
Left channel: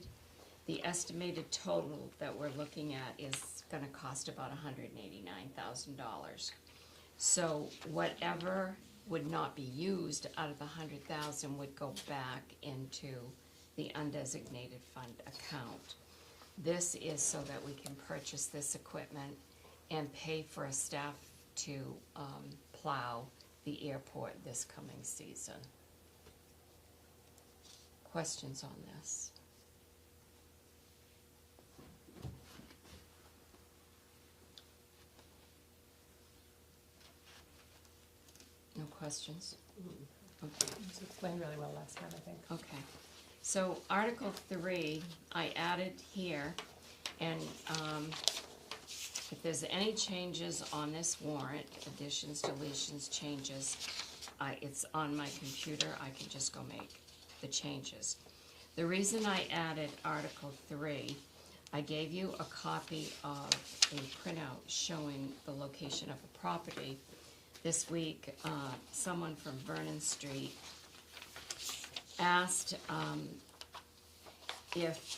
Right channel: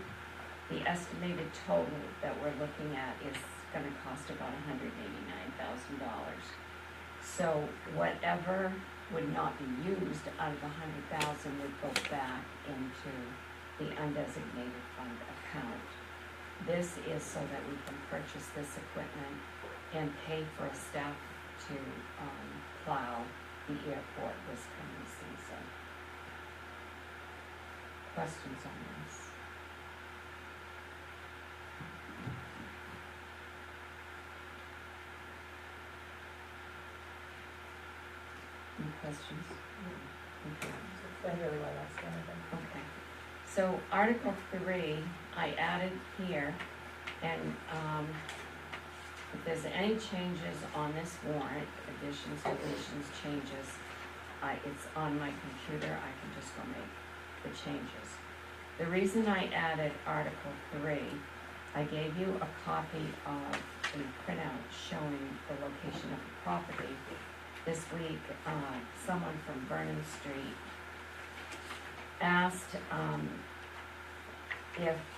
The estimated total that we're looking at is gonna cost about $189,000. So whatever would not be used out of the $100,000 would go back into the undesignated fund account. This is so that we can purchase this equipment and pay for a staff to plow the airport this coming season. Questions on this? Any questions? Okay. So it's been really my last one, I think. Okay, so Article 3, I added here, and if there's any changes on this warrant, additions, deletions, changes, it's on my computer, I can just go make the changes. The reason I added Article 3, I gave you a copy of a printout showing the location of the property. This week, someone from Vernon Street asked if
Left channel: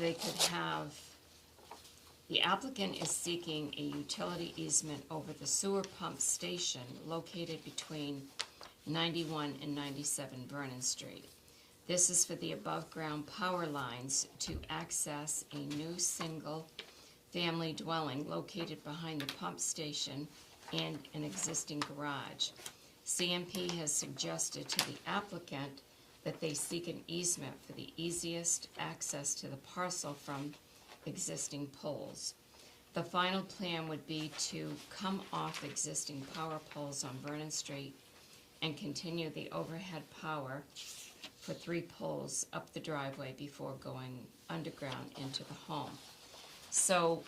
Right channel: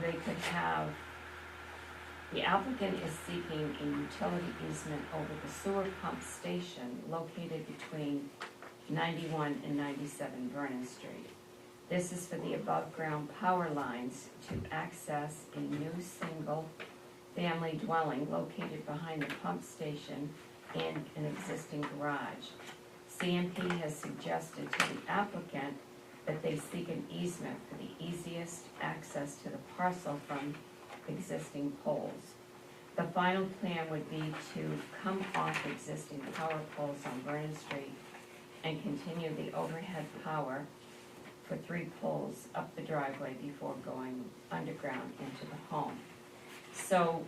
they could have, the applicant is seeking a utility easement over the sewer pump station located between 91 and 97 Vernon Street. This is for the above-ground power lines to access a new single-family dwelling located behind the pump station and an existing garage. CMP has suggested to the applicant that they seek an easement for the easiest access to the parcel from existing poles. The final plan would be to come off existing power poles on Vernon Street and continue the overhead power for 3 poles up the driveway before going underground into the home. So,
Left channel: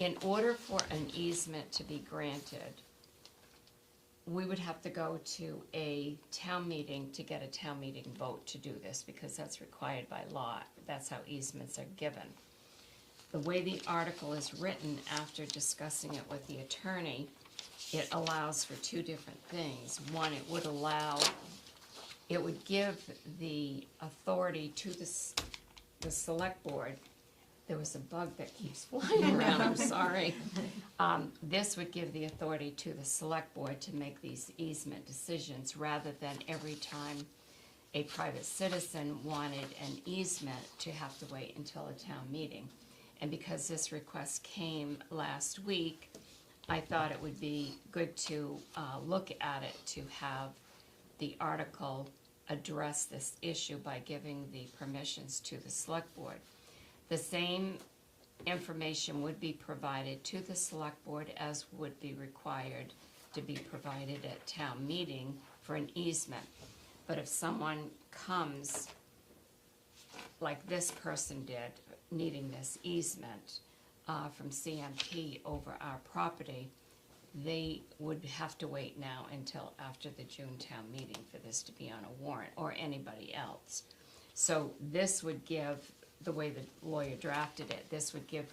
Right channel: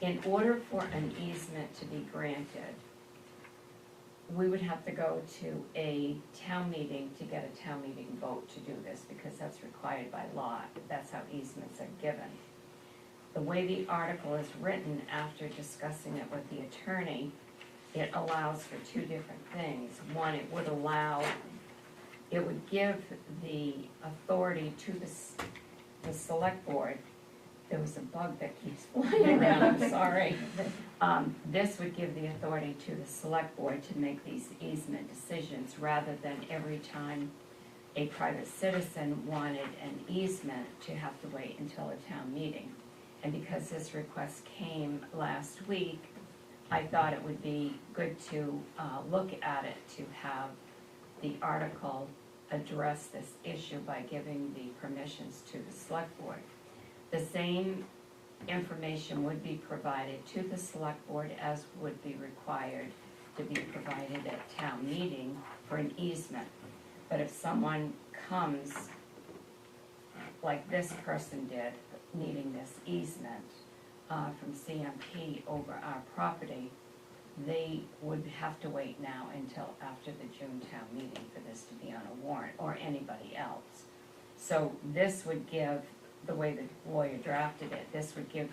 in order for an easement to be granted, we would have to go to a town meeting to get a town meeting vote to do this, because that's required by law. That's how easements are given. The way the article is written, after discussing it with the attorney, it allows for two different things. One, it would give the authority to the select board. There was a bug that keeps flying around, I'm sorry. This would give the authority to the select board to make these easement decisions, rather than every time a private citizen wanted an easement to have to wait until a town meeting. And because this request came last week, I thought it would be good to look at it, to have the article address this issue by giving the permissions to the select board. The same information would be provided to the select board as would be required to be provided at town meeting for an easement. But if someone comes, like this person did, needing this easement from CMP over our property, they would have to wait now until after the June town meeting for this to be on a warrant, or anybody else. So this would give, the way the lawyer drafted it, this would give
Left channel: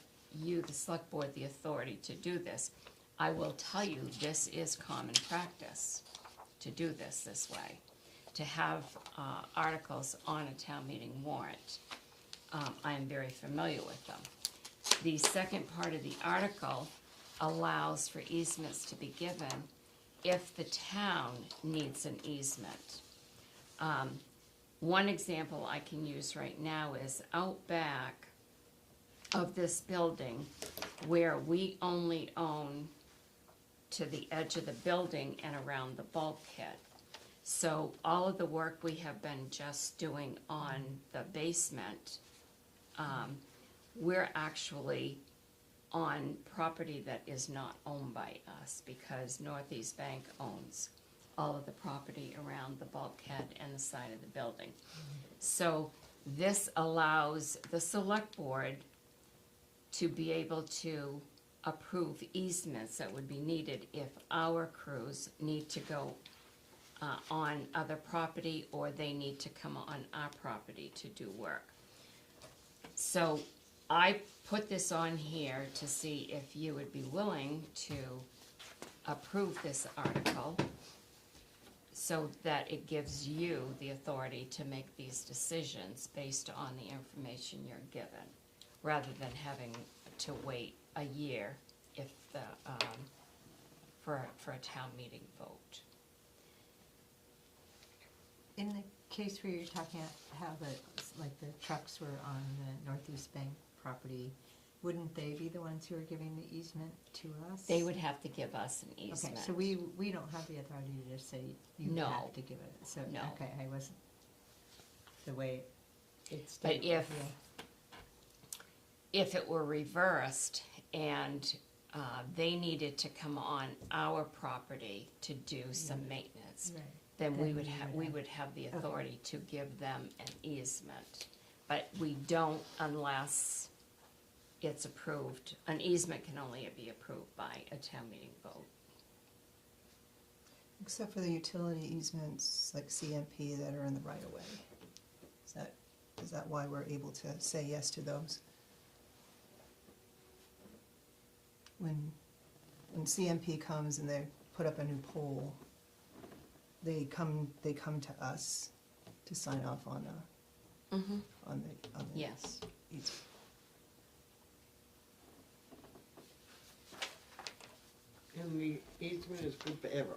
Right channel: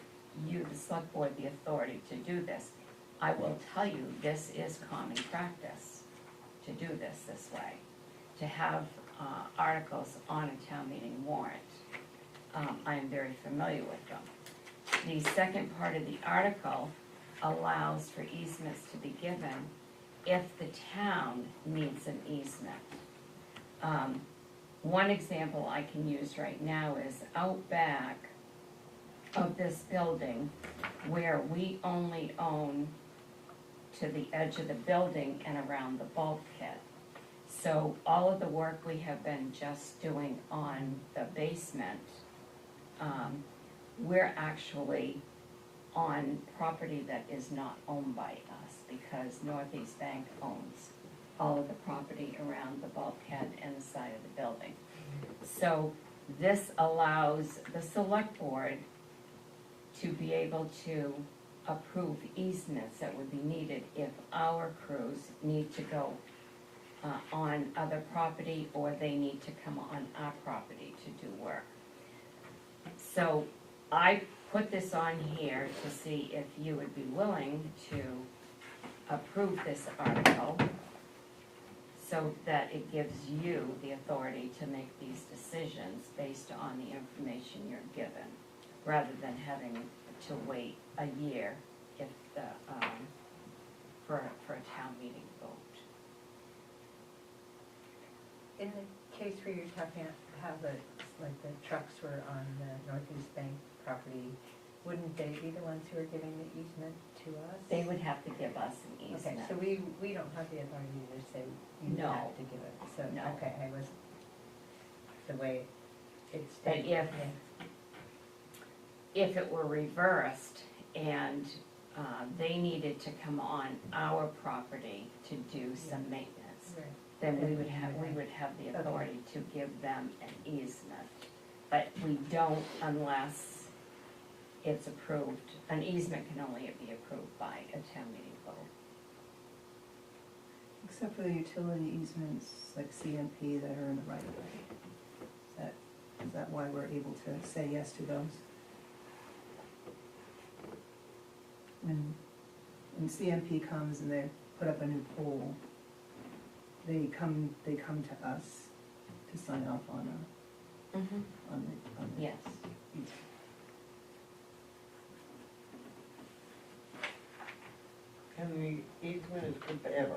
you, the select board, the authority to do this. I will tell you, this is common practice to do this way, to have articles on a town meeting warrant. I am very familiar with them. The second part of the article allows for easements to be given if the town needs an easement. One example I can use right now is out back of this building, where we only own to the edge of the building and around the bulkhead. So all of the work we have been just doing on the basement, we're actually on property that is not owned by us, because Northeast Bank owns all of the property around the bulkhead and the side of the building. So this allows the select board to be able to approve easements that would be needed if our crews need to go on other property, or they need to come on our property to do work. So I put this on here to see if you would be willing to approve this article, so that it gives you the authority to make these decisions based on the information you're given, rather than having to wait a year if the, for a town meeting vote. In the case where you're talking about how the trucks were on the Northeast Bank property, wouldn't they be the ones who are giving the easement to us? They would have to give us an easement. Okay, so we don't have the authority to say you No. have to do it, so, No. okay, I was, the way it's But stated. if it were reversed and they needed to come on our property to do some maintenance, Right. then we would have the authority to give them an easement. But we don't unless it's approved. An easement can only be approved by a town meeting vote. Except for the utility easements like CMP that are in the right of way. Is that why we're able to say yes to those? When CMP comes and they put up a new pole, they come to us to sign off on the Yes. easement. And the easement is good forever.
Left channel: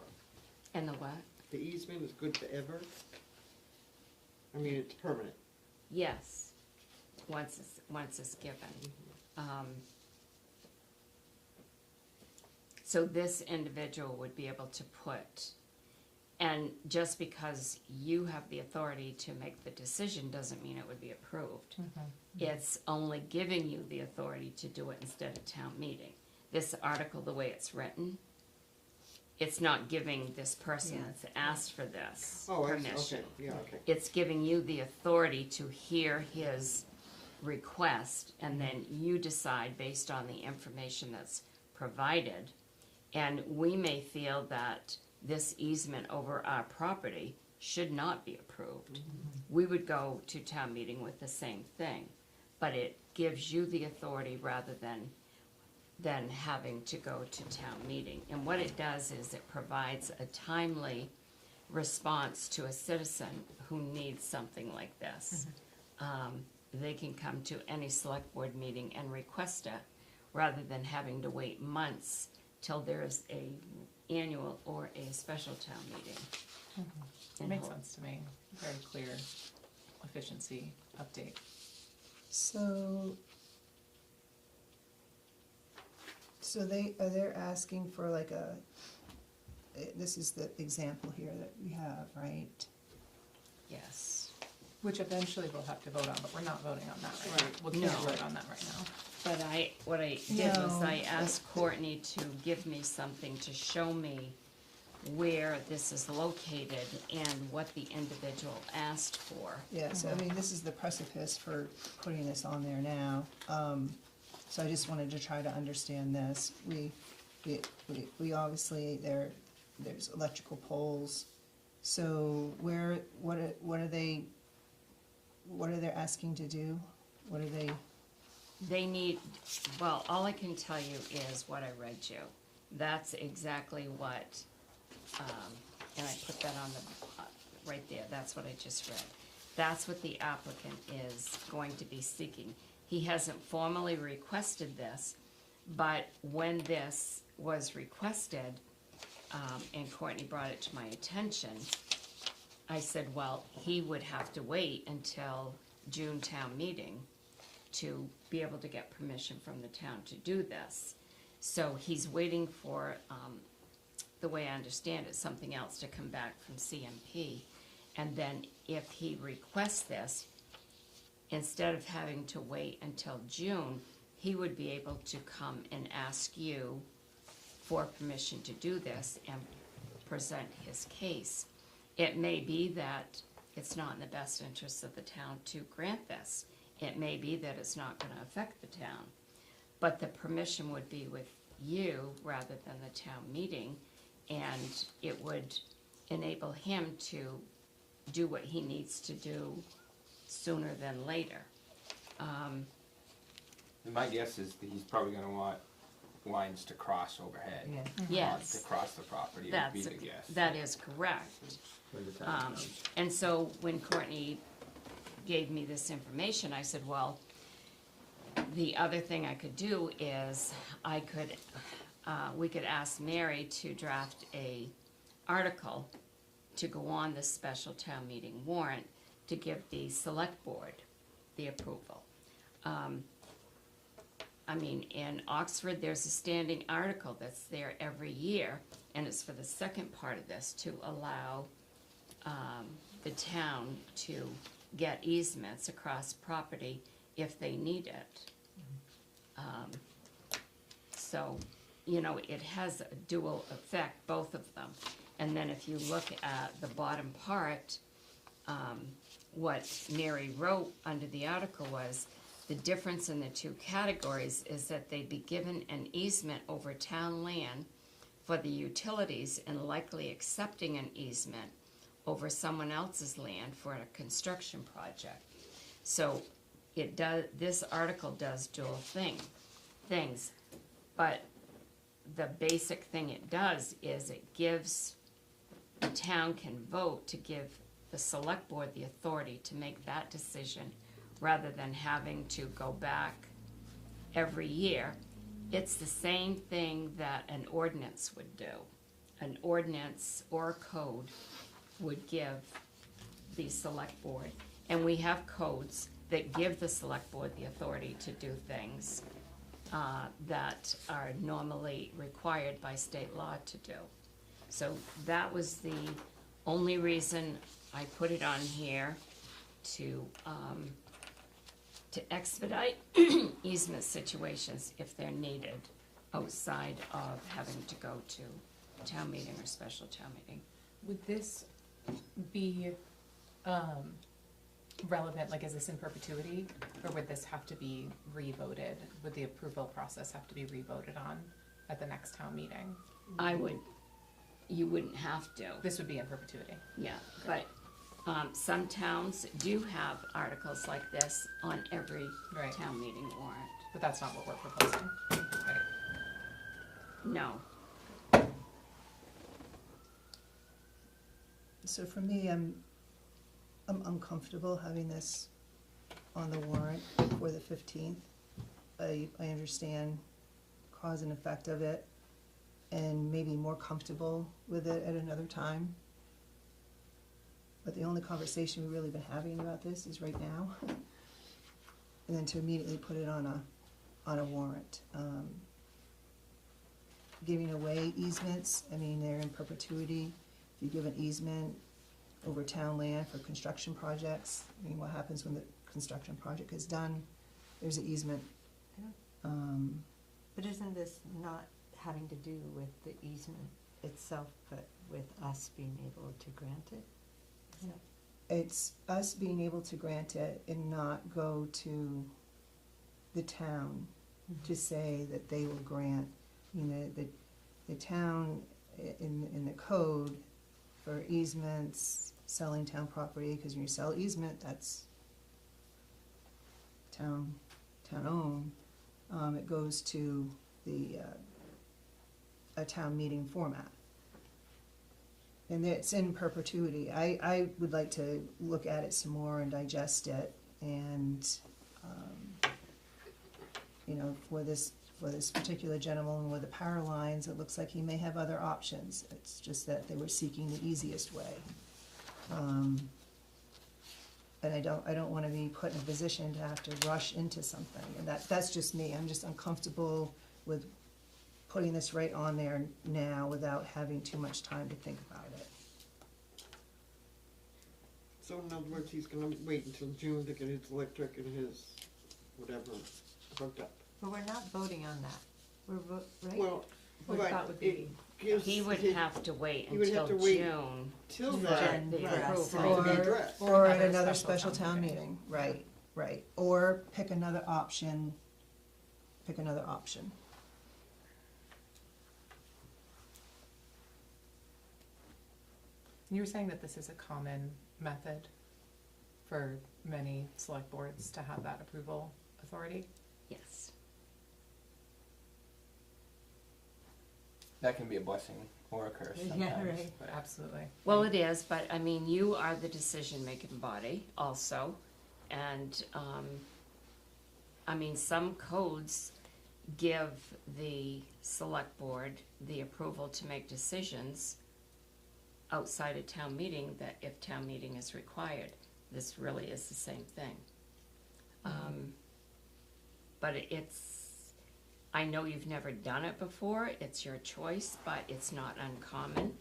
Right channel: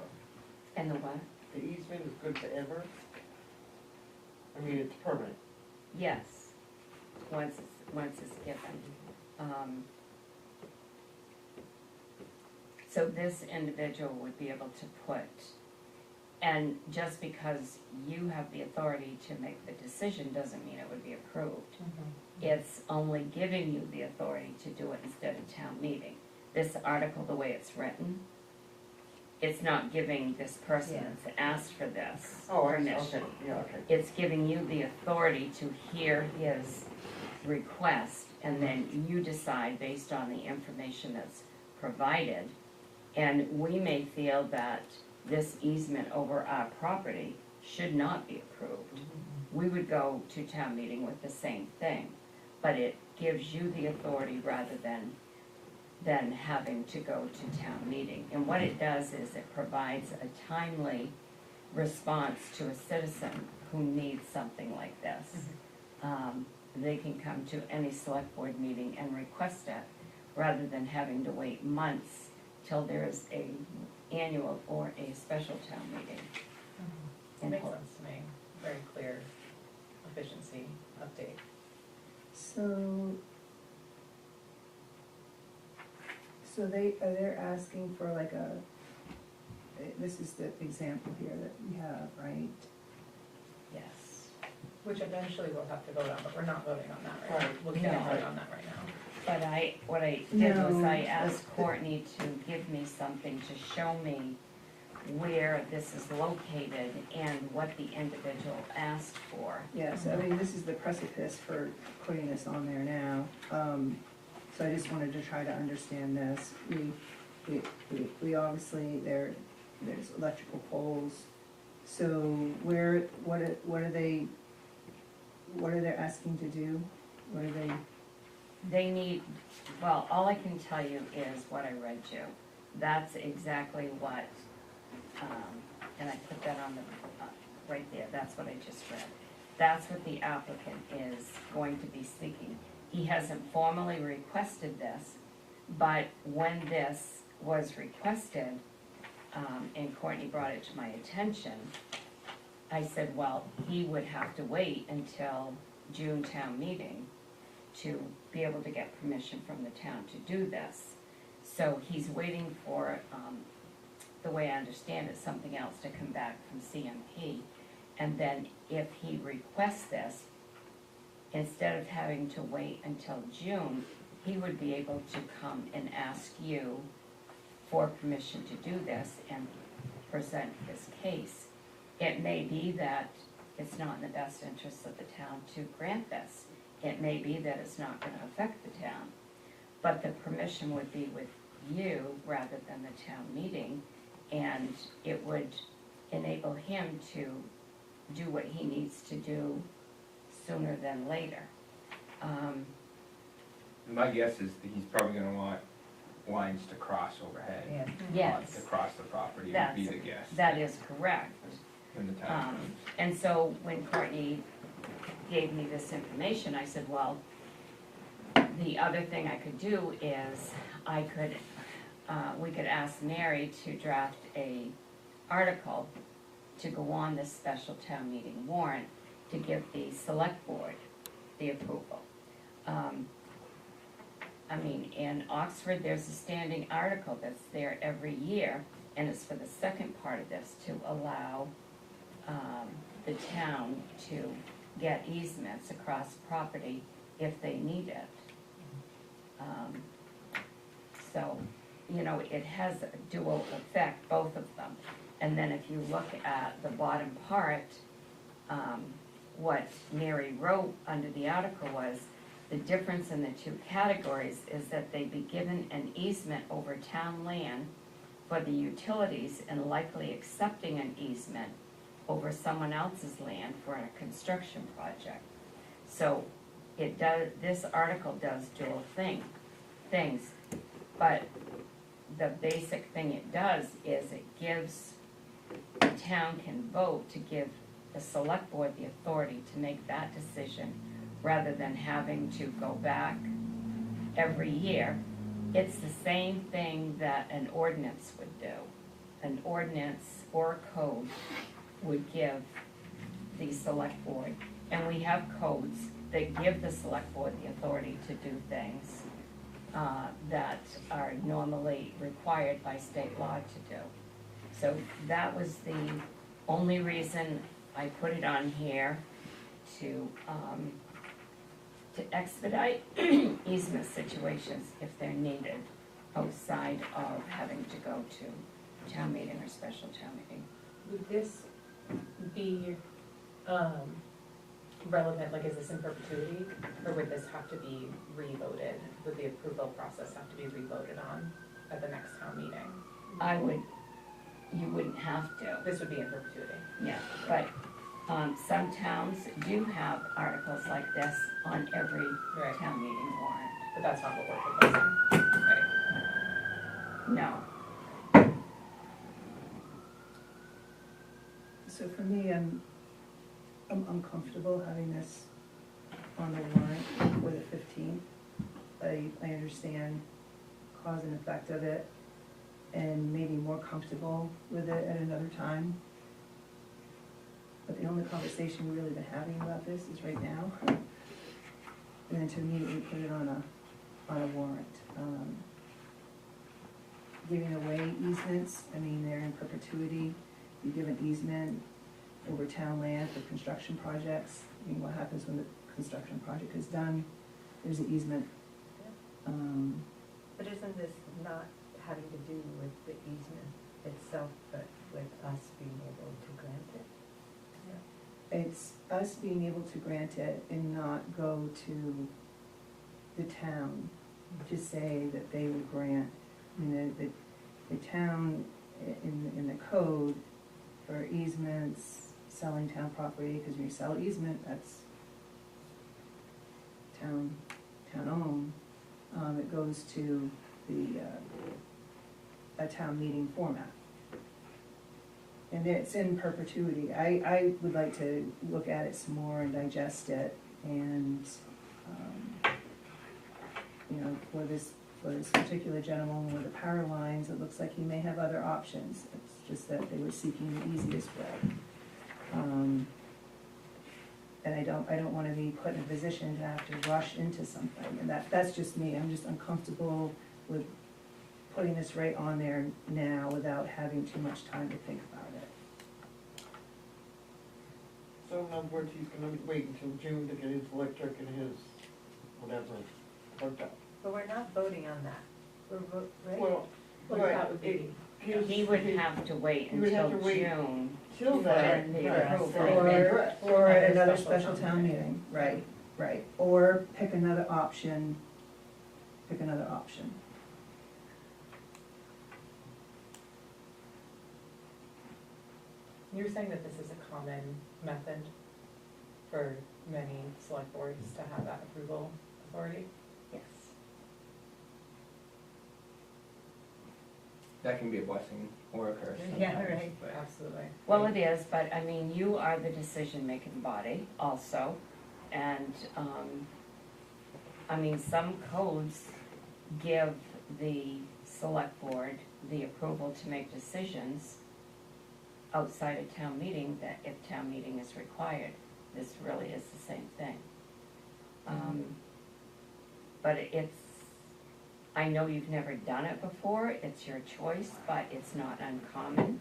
And the what? The easement is good forever. I mean, it's permanent. Yes, once it's given. So this individual would be able to put, and just because you have the authority to make the decision doesn't mean it would be approved. It's only giving you the authority to do it instead of town meeting. This article, the way it's written, it's not giving this person that's asked for this Oh, I see, permission. okay, yeah, okay. It's giving you the authority to hear his request, and then you decide based on the information that's provided. And we may feel that this easement over our property should not be approved. We would go to town meeting with the same thing, but it gives you the authority rather than than having to go to town meeting. And what it does is it provides a timely response to a citizen who needs something like this. They can come to any select board meeting and request it, rather than having to wait months till there's a annual or a special town meeting. It makes sense to me, very clear efficiency update. So they're asking for like this is the example here that we have, right? Yes. Which eventually we'll have to vote on, but we're not voting on that right now. Right. We'll can't No. vote on that right now. But what I did was No. I asked Courtney to give me something to show me where this is located and what the individual asked for. Yeah, so I mean, this is the precipice for putting this on there now. So I just wanted to try to understand this. We obviously, there's electrical poles. So what are they asking to do? What are they? They need, well, all I can tell you is what I read you. That's exactly what, and I put that on the, right there, that's what I just read. That's what the applicant is going to be seeking. He hasn't formally requested this, but when this was requested, and Courtney brought it to my attention, I said, well, he would have to wait until June town meeting to be able to get permission from the town to do this. So he's waiting for, the way I understand it, something else to come back from CMP. And then if he requests this, instead of having to wait until June, he would be able to come and ask you for permission to do this and present his case. It may be that it's not in the best interest of the town to grant this. It may be that it's not gonna affect the town, but the permission would be with you rather than the town meeting, and it would enable him to do what he needs to do sooner than later. My guess is that he's probably gonna want lines to cross overhead. Yes, To cross the property would That's be it. the guess. that is correct. When the time comes. And so when Courtney gave me this information, I said, well, the other thing I could do is we could ask Mary to draft a article to go on this special town meeting warrant to give the select board the approval. I mean, in Oxford, there's a standing article that's there every year, and it's for the second part of this, to allow the town to get easements across property if they need it. So, you know, it has a dual effect, both of them. And then if you look at the bottom part, what Mary wrote under the article was, the difference in the two categories is that they be given an easement over town land for the utilities and likely accepting an easement over someone else's land for a construction project. So it does, this article does dual things, but the basic thing it does is it gives, the town can vote to give the select board the authority to make that decision rather than having to go back every year. It's the same thing that an ordinance would do. An ordinance or a code would give the select board. And we have codes that give the select board the authority to do things that are normally required by state law to do. So that was the only reason I put it on here, to expedite easement situations if they're needed outside of having to go to town meeting or special town meeting. Would this be relevant, like is this in perpetuity, or would this have to be re-voted? Would the approval process have to be re-voted on at the next town meeting? You wouldn't have to, This would be in perpetuity. yeah, but some towns do have articles like this on every Right. town meeting warrant. But that's not what we're proposing. Right. No. So for me, I'm comfortable having this on the warrant for the 15th. I understand cause and effect of it, and maybe more comfortable with it at another time. But the only conversation we've really been having about this is right now. And then to immediately put it on a warrant. Giving away easements, I mean, they're in perpetuity. You give an easement over town land for construction projects. I mean, what happens when the construction project is done? There's an easement. But isn't this not having to do with the easement itself, but with us being able to grant it? It's us being able to grant it and not go to the town to say that they will grant. You know, the town in the code for easements, selling town property, because when you sell easement, that's town-owned. It goes to a town meeting format. And it's in perpetuity. I would like to look at it some more and digest it, and, you know, for this particular gentleman with the power lines, it looks like he may have other options. It's just that they were seeking the easiest way. And I don't wanna be put in a position to have to rush into something, and that's just me. I'm just uncomfortable with putting this right on there now without having too much time to think about it. So in other words, he's gonna wait until June to get his electric and his whatever hooked up. But we're not voting on that. We're right? Well, Well, right, that would it be, gives He would him have to wait he would have until to wait June. till for then, the right, approval. Or at another special town meeting, right, or pick another option. you're saying that this is a common method for many select boards to have that approval authority? Yes. That can be a blessing or a curse. Yeah, sometimes. right. Absolutely. Well, it is, but I mean, you are the decision-making body also, and, I mean, some codes give the select board the approval to make decisions outside of town meeting, that if town meeting is required. This really is the same thing. But it's, I know you've never done it before, it's your choice, but it's not uncommon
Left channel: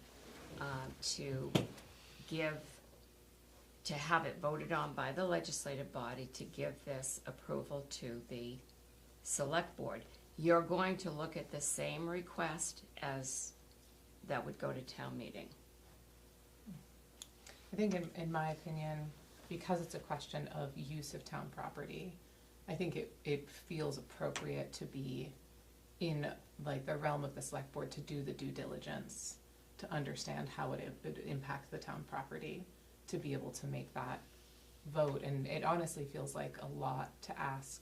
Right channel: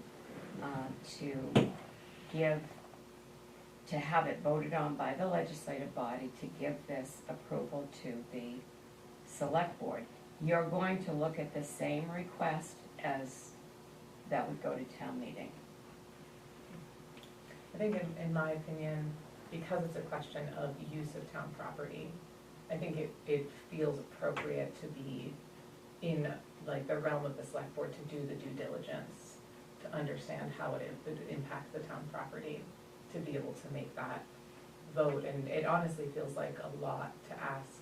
to have it voted on by the legislative body to give this approval to the select board. You're going to look at the same request as that would go to town meeting. I think in my opinion, because it's a question of use of town property, I think it feels appropriate to be in like the realm of the select board to do the due diligence, to understand how it would impact the town property, to be able to make that vote. And it honestly feels like a lot to ask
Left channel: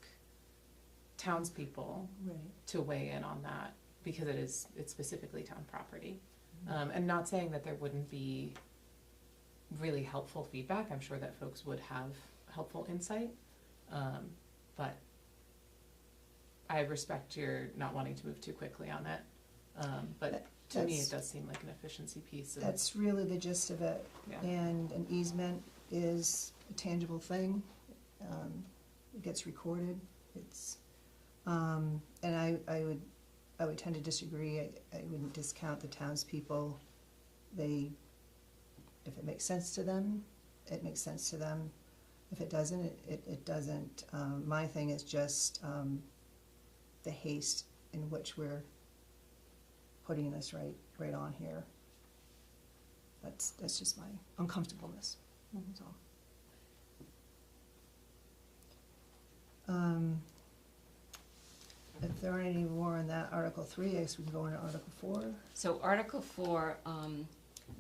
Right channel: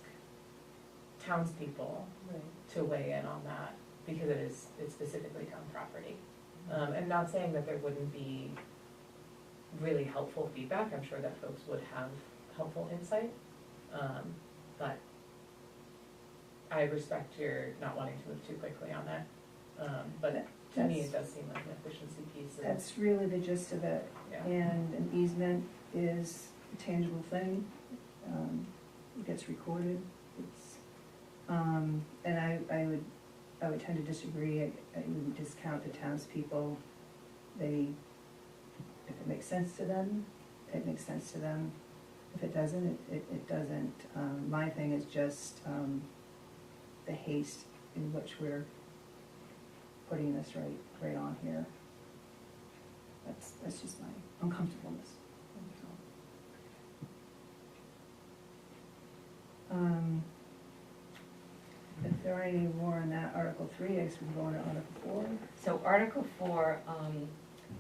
townspeople to weigh in on that, because it's specifically town property. And not saying that there wouldn't be really helpful feedback, I'm sure that folks would have helpful insight, but I respect your not wanting to move too quickly on that. But to me, it does seem like an efficiency piece. That's really the gist of it. Yeah. And an easement is a tangible thing. It gets recorded. It's, and I would tend to disagree. I would discount the townspeople. If it makes sense to them, it makes sense to them. If it doesn't, it doesn't. My thing is just the haste in which we're putting this right on here. That's just my uncomfortableness. That's all. If there aren't any more on that, Article 3, I guess we can go on to Article 4. So Article 4,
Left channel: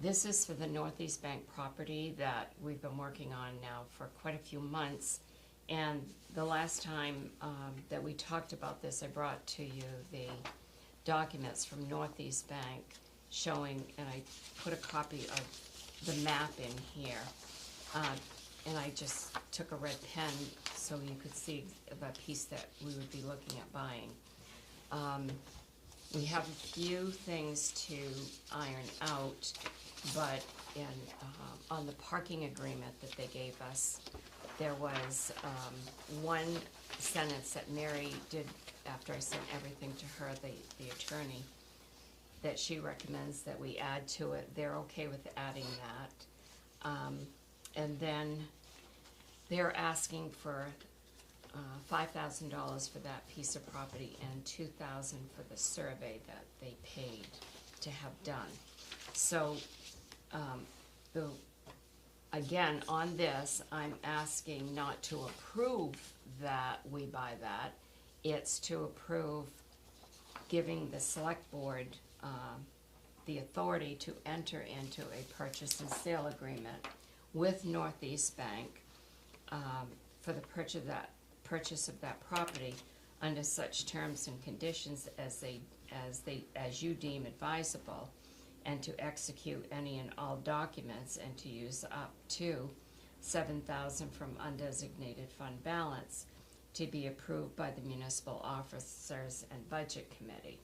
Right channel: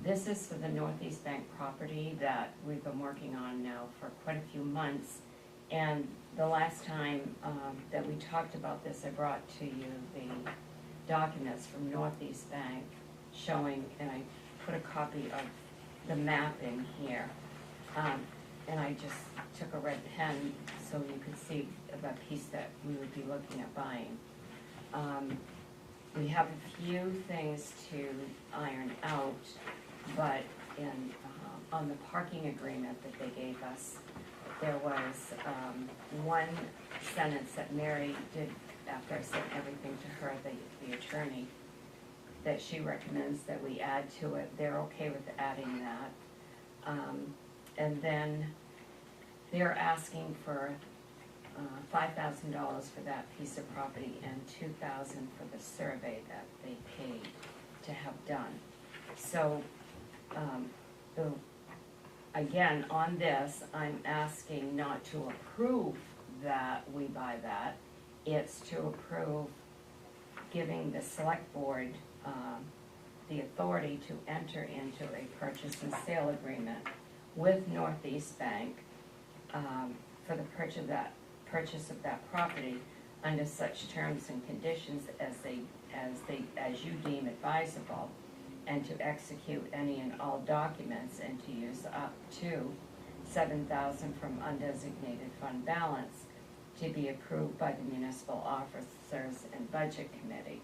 this is for the Northeast Bank property that we've been working on now for quite a few months. And the last time that we talked about this, I brought to you documents from Northeast Bank showing, and I put a copy of the map in here. And I just took a red pen so you could see the piece that we would be looking at buying. We have a few things to iron out, but on the parking agreement that they gave us, there was one sentence that Mary did after I sent everything to her, the attorney, that she recommends that we add to it. They're okay with adding that. And then they're asking for $5,000 for that piece of property and $2,000 for the survey that they paid to have done. So, again, on this, I'm asking not to approve that we buy that. It's to approve giving the select board the authority to enter into a purchase and sale agreement with Northeast Bank for the purchase of that property under such terms and conditions as you deem advisable, and to execute any and all documents, and to use up to $7,000 from undesignated fund balance to be approved by the municipal officers and budget committee.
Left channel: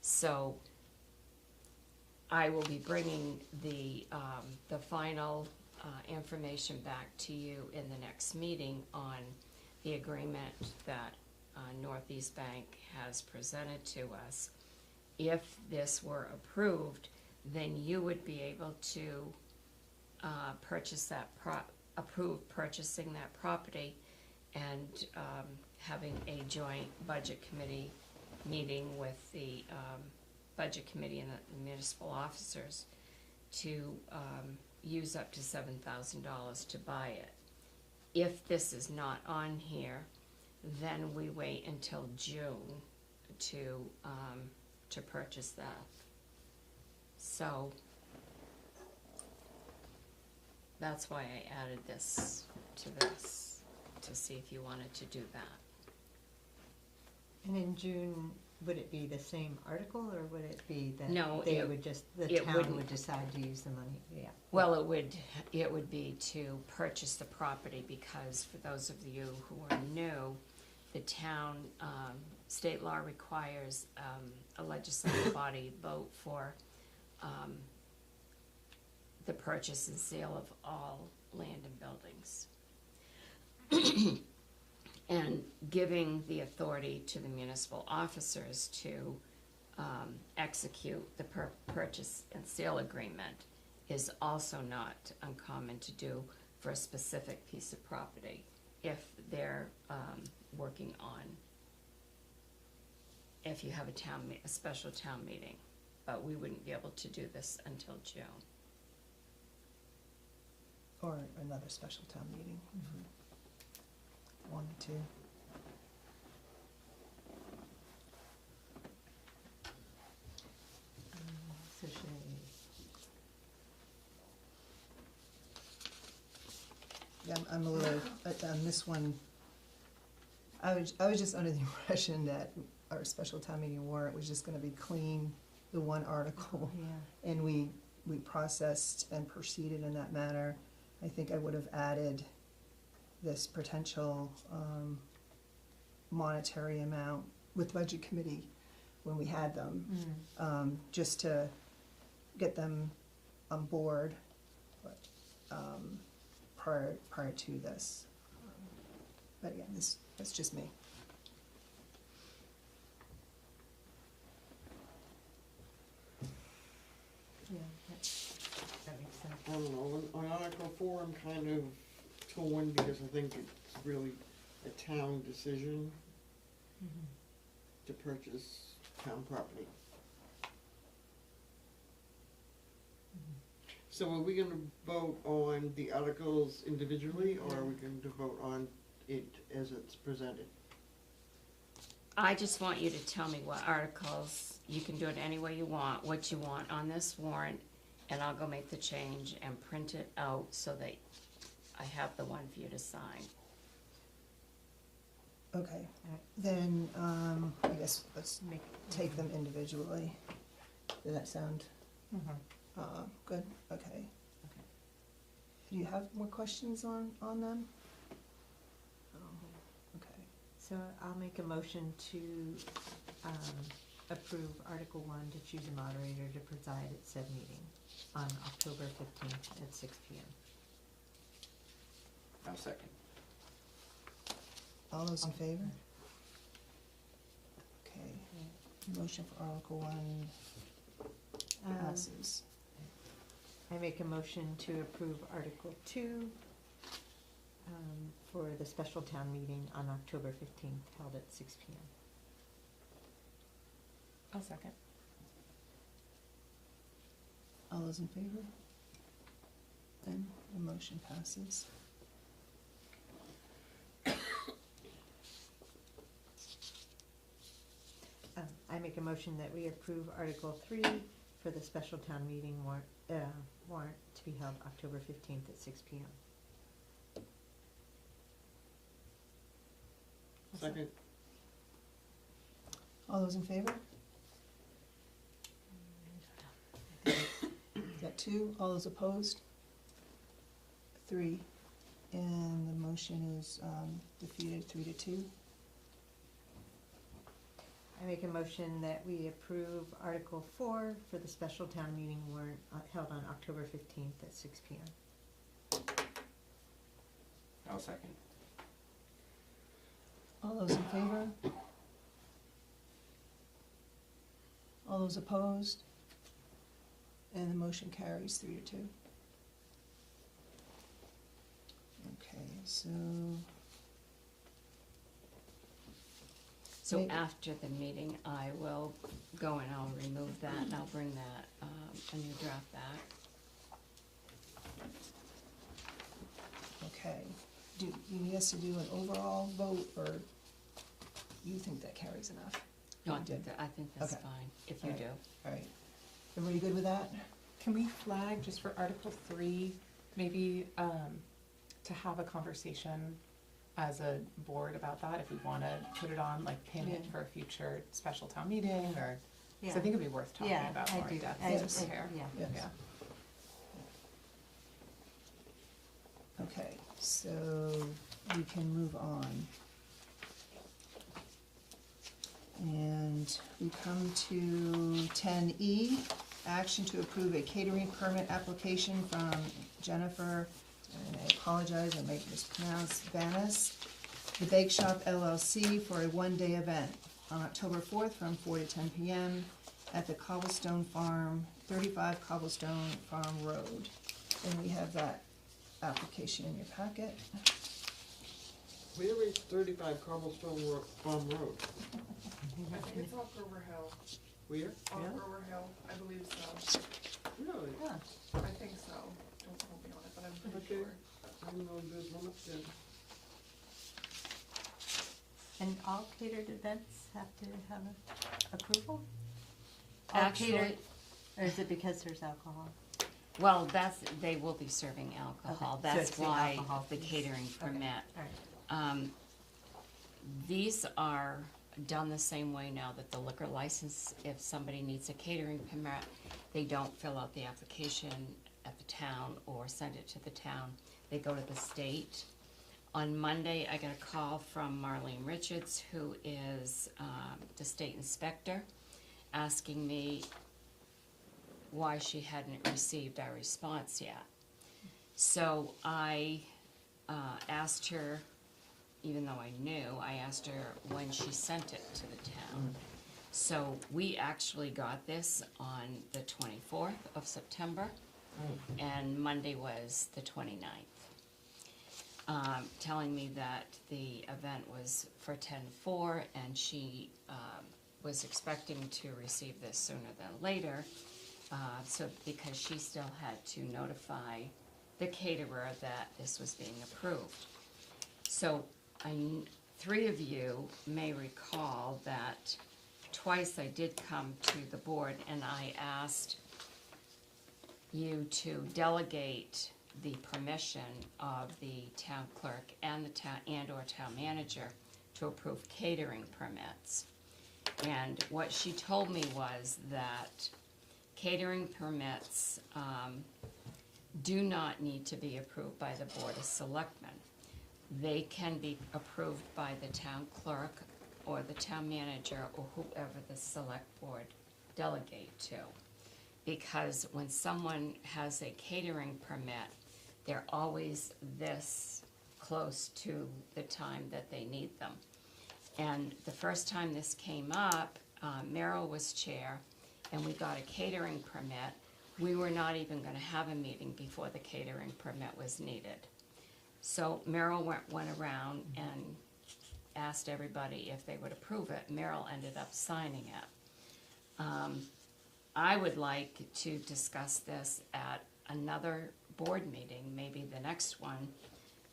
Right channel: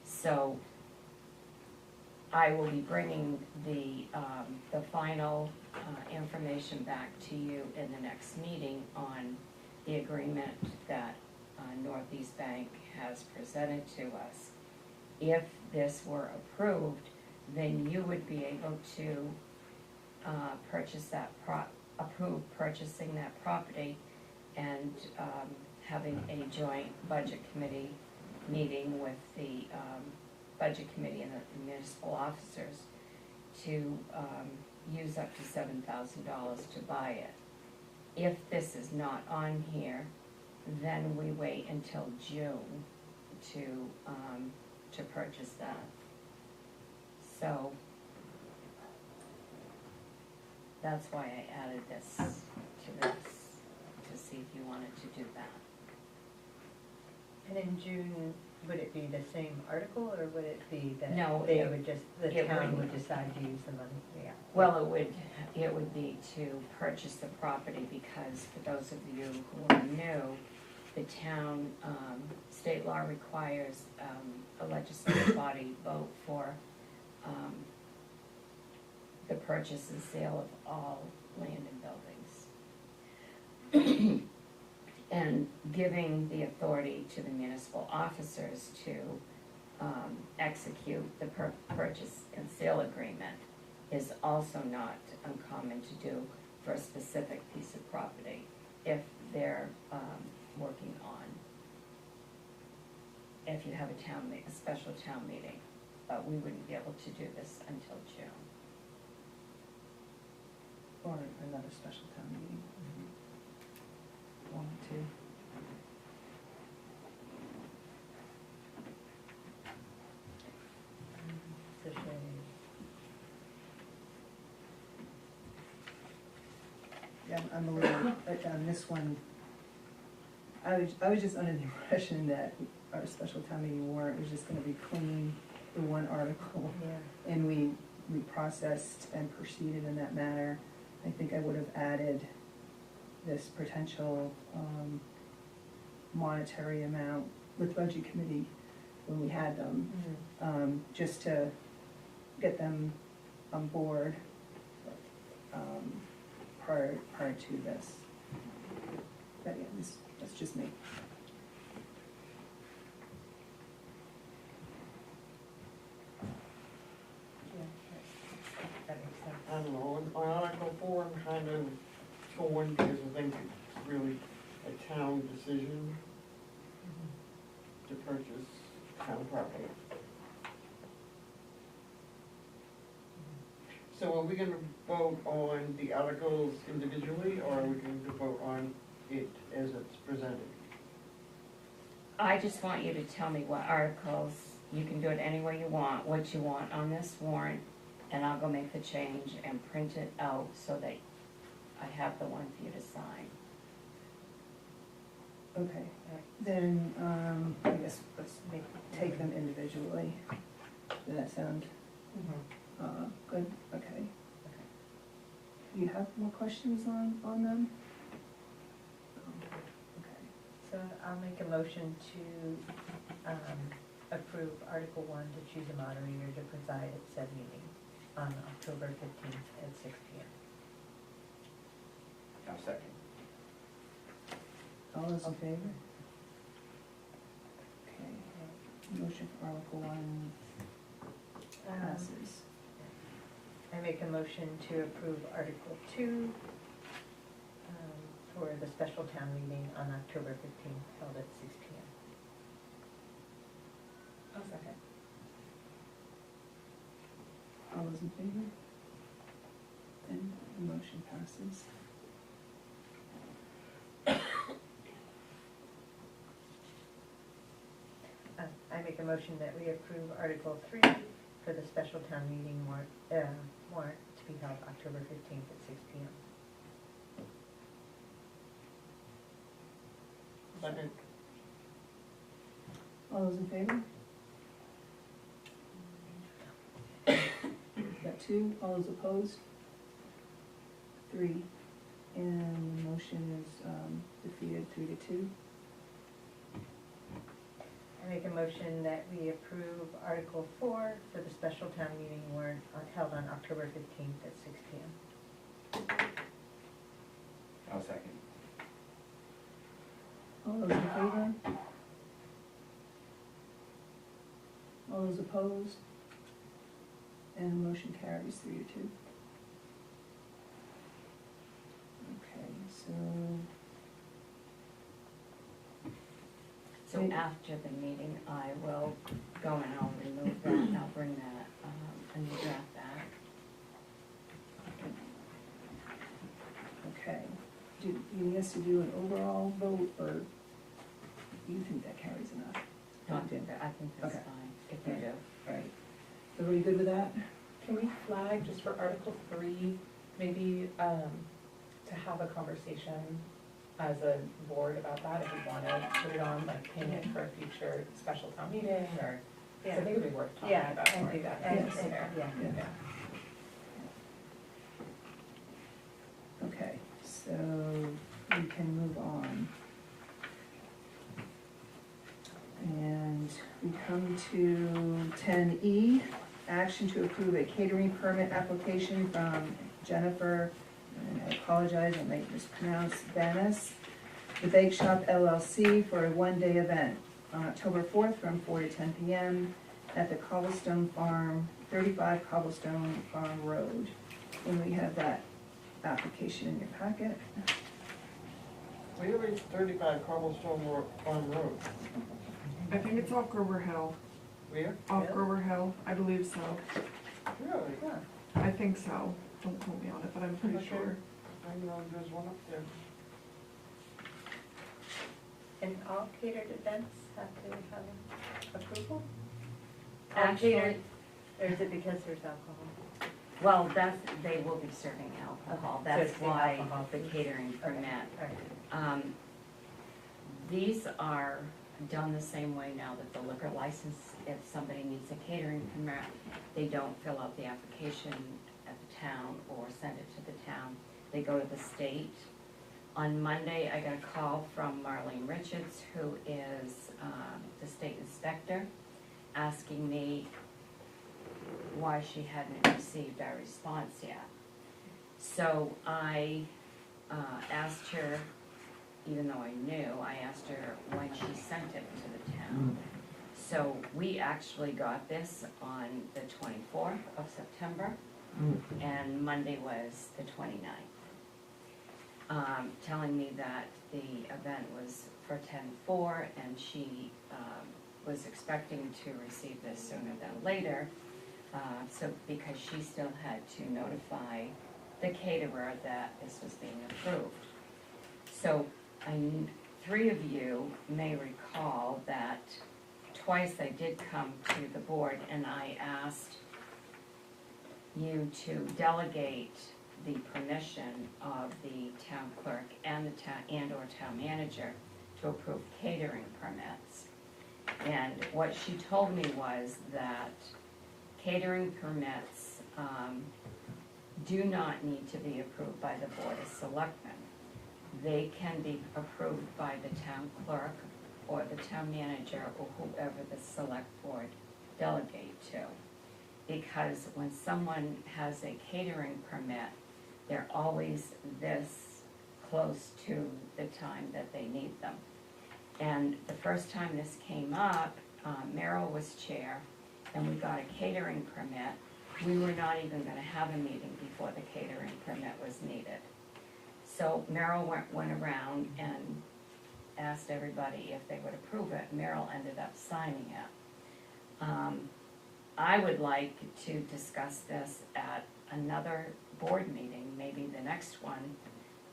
So I will be bringing the final information back to you in the next meeting on the agreement that Northeast Bank has presented to us. If this were approved, then you would be able to approve purchasing that property and having a joint budget committee meeting with the budget committee and the municipal officers to use up to $7,000 to buy it. If this is not on here, then we wait until June to purchase that. So that's why I added this to see if you wanted to do that. And in June, would it be the same article, or would it be that No, they it- would just, the it town wouldn't. would decide to use the money? Yeah. Well, it would be to purchase the property, because for those of you who are new, the town, state law requires a legislative body vote for the purchase and sale of all land and buildings. And giving the authority to the municipal officers to execute the purchase and sale agreement is also not uncommon to do for a specific piece of property if they're working on, if you have a special town meeting. But we wouldn't be able to do this until June. Or another special town meeting. One, two. It's a shame. Yeah, I'm a little, on this one, I was just under the impression that our special town meeting warrant was just gonna be clean, the one article, Yeah. and we processed and proceeded in that manner. I think I would have added this potential monetary amount with budget committee when we had them, just to get them on board prior to this. But yeah, that's just me. Yeah, that makes sense. I don't know, on Article 4, I'm kind of torn because I think it's really a town decision to purchase town property. So are we gonna vote on the articles individually, or are we going to vote on it as it's presented? I just want you to tell me what articles, you can do it any way you want, what you want on this warrant, and I'll go make the change and print it out so that I have the one for you to sign. Okay, Right. then, I guess let's take them individually. Does that sound, good? Okay. Do you have more questions on them? Okay. So I'll make a motion to approve Article 1 to choose a moderator to preside at said meeting on October 15th at 6 PM. Now second. All those in favor? Okay, motion for Article 1 passes. I make a motion to approve Article 2 for the special town meeting on October 15th, held at 6 PM. I'll second. All those in favor? Then the motion passes. I make a motion that we approve Article 3 for the special town meeting warrant to be held October 15th at 6 PM. Second. All those in favor? Got 2, all those opposed? 3, and the motion is defeated 3-2. I make a motion that we approve Article 4 for the special town meeting warrant held on October 15th at 6 PM. I'll second. All those in favor? All those opposed? And the motion carries 3-2. Okay, so, So after the meeting, I will go and I'll remove that, and I'll bring that, a new draft back. okay, do you need us to do an overall vote, or you think that carries enough? No, I think that's Okay. fine, if you do. All right, everybody good with that? Can we flag just for Article 3, maybe to have a conversation as a board about that, if we wanna put it on, like, pin it for a future special town meeting, or, because I think it'd be worth talking Yeah, about and more do in that. depth And- here. Yeah. Yes. Yeah. Okay, so we can move on. And we come to 10E, action to approve a catering permit application from Jennifer, and I apologize, I might mispronounce, Vanis, the Bake Shop LLC for a one-day event on October 4th from 4 to 10 PM at the Cobblestone Farm, 35 Cobblestone Farm Road. And we have that application in your packet. Where is 35 Cobblestone Farm Road? I think it's off Grover Hill, Where? off Really? Grover Hill, I believe so. Really? Yeah. I think so, don't quote me on it, but I'm pretty Okay. sure. I know there's one up there. And all catered events have to have approval? All Actually- catered, or is it because there's alcohol? Well, they will be serving alcohol, Okay, so that's it's the why alcohol the piece. catering Okay, permit. all right. These are done the same way now that the liquor license, if somebody needs a catering permit, they don't fill out the application at the town or send it to the town, they go to the state. On Monday, I got a call from Marlene Richards, who is the state inspector, asking me why she hadn't received our response yet. So I asked her, even though I knew, I asked her when she sent it to the town. So we actually got this on the 24th of September, and Monday was the 29th. Telling me that the event was for 10/4, and she was expecting to receive this sooner than later, so because she still had to notify the caterer that this was being approved. So, three of you may recall that twice I did come to the board and I asked you to delegate the permission of the town clerk and the town, and or town manager to approve catering permits. And what she told me was that catering permits do not need to be approved by the Board of Selectmen. They can be approved by the town clerk or the town manager or whoever the select board delegate to. Because when someone has a catering permit, they're always this close to the time that they need them. And the first time this came up, Merrill was chair, and we got a catering permit. We were not even gonna have a meeting before the catering permit was needed. So Merrill went around and asked everybody if they would approve it. Merrill ended up signing it. I would like to discuss this at another board meeting, maybe the next one,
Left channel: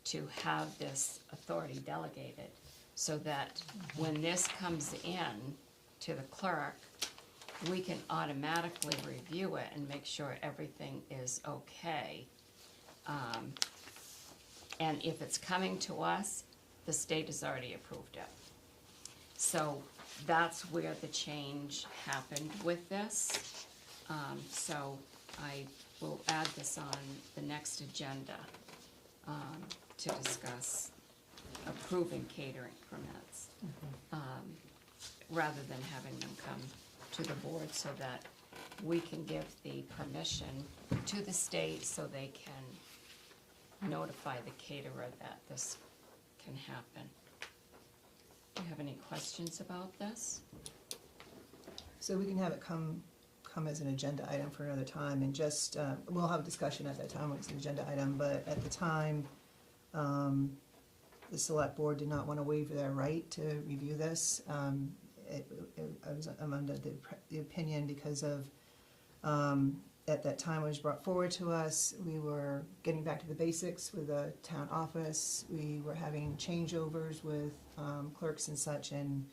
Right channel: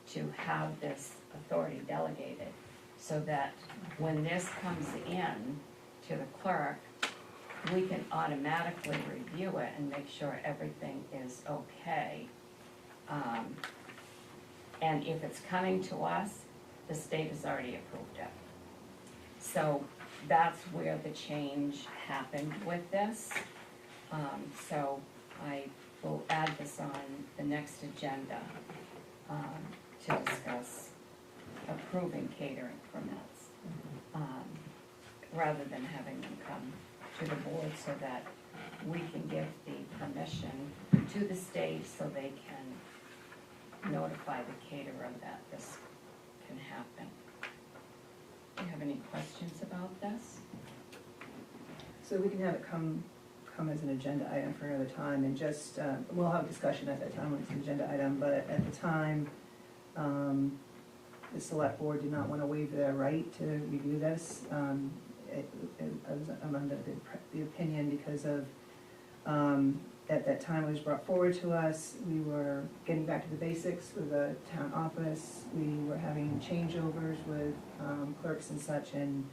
to have this authority delegated, so that when this comes in to the clerk, we can automatically review it and make sure everything is okay. And if it's coming to us, the state has already approved it. So that's where the change happened with this. So I will add this on the next agenda to discuss approving catering permits, rather than having them come to the board, so that we can give the permission to the state so they can notify the caterer that this can happen. Do you have any questions about this? So we can have it come as an agenda item for another time, and just, we'll have discussion at that time when it's an agenda item, but at the time, the select board did not want to waive their right to review this. I'm under the opinion because of, at that time it was brought forward to us, we were getting back to the basics with the town office, we were having changeovers with clerks and such, and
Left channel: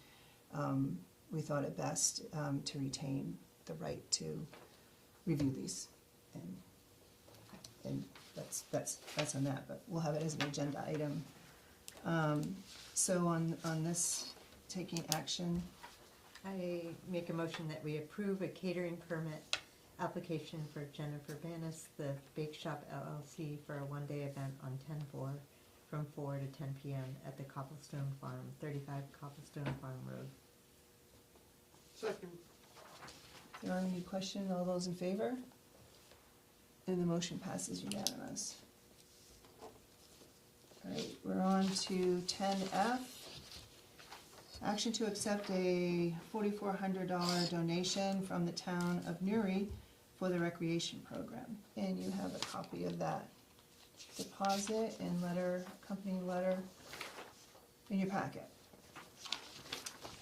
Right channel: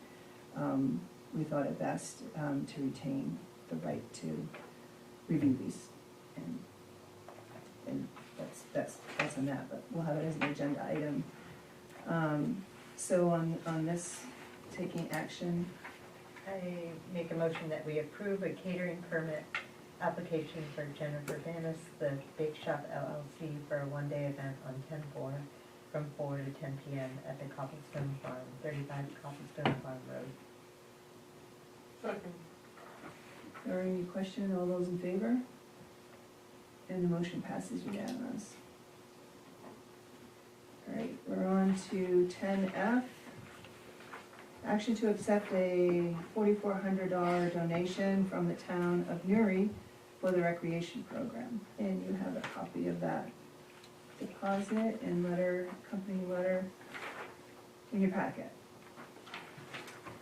we thought it best to retain the right to review these. And that's on that, but we'll have it as an agenda item. So on this, taking action, I make a motion that we approve a catering permit application for Jennifer Vanis, the Bake Shop LLC, for a one-day event on 10/4 from 4 to 10 p.m. at the Cobblestone Farm, 35 Cobblestone Farm Road. Second. are there any questions? All those in favor? And the motion passes unanimous. All right, we're on to 10F. Action to accept a $4,400 donation from the town of Newry for the recreation program. And you have a copy of that deposit and letter, accompanying letter in your packet.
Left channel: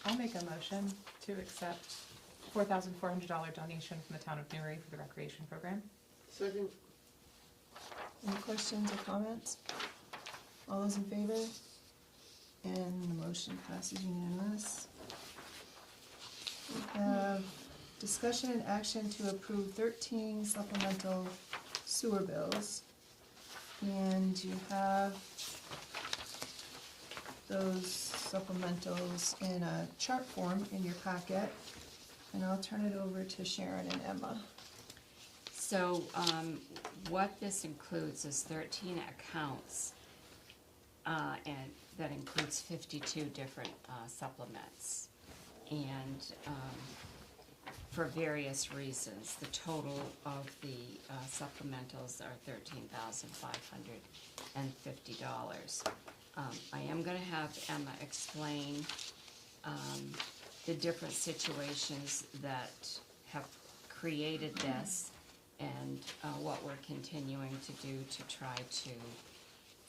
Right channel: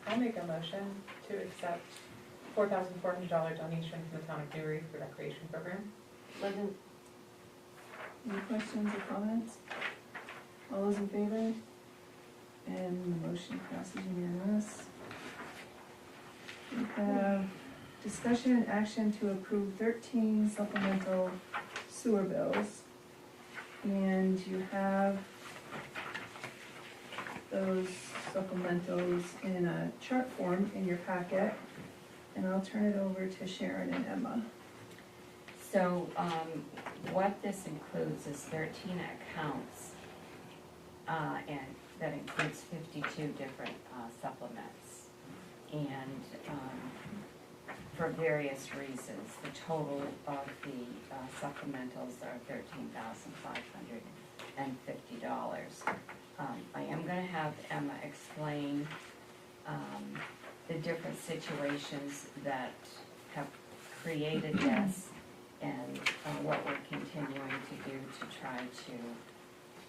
I make a motion to accept $4,400 donation from the town of Newry for the recreation program. Second. Any questions or comments? All those in favor? And the motion passes unanimous. We have discussion and action to approve 13 supplemental sewer bills. And you have those supplementals in a chart form in your packet. And I'll turn it over to Sharon and Emma. So, what this includes is 13 accounts, and that includes 52 different supplements. And for various reasons, the total of the supplementals are $13,550. I am gonna have Emma explain the different situations that have created this, and what we're continuing to do to try to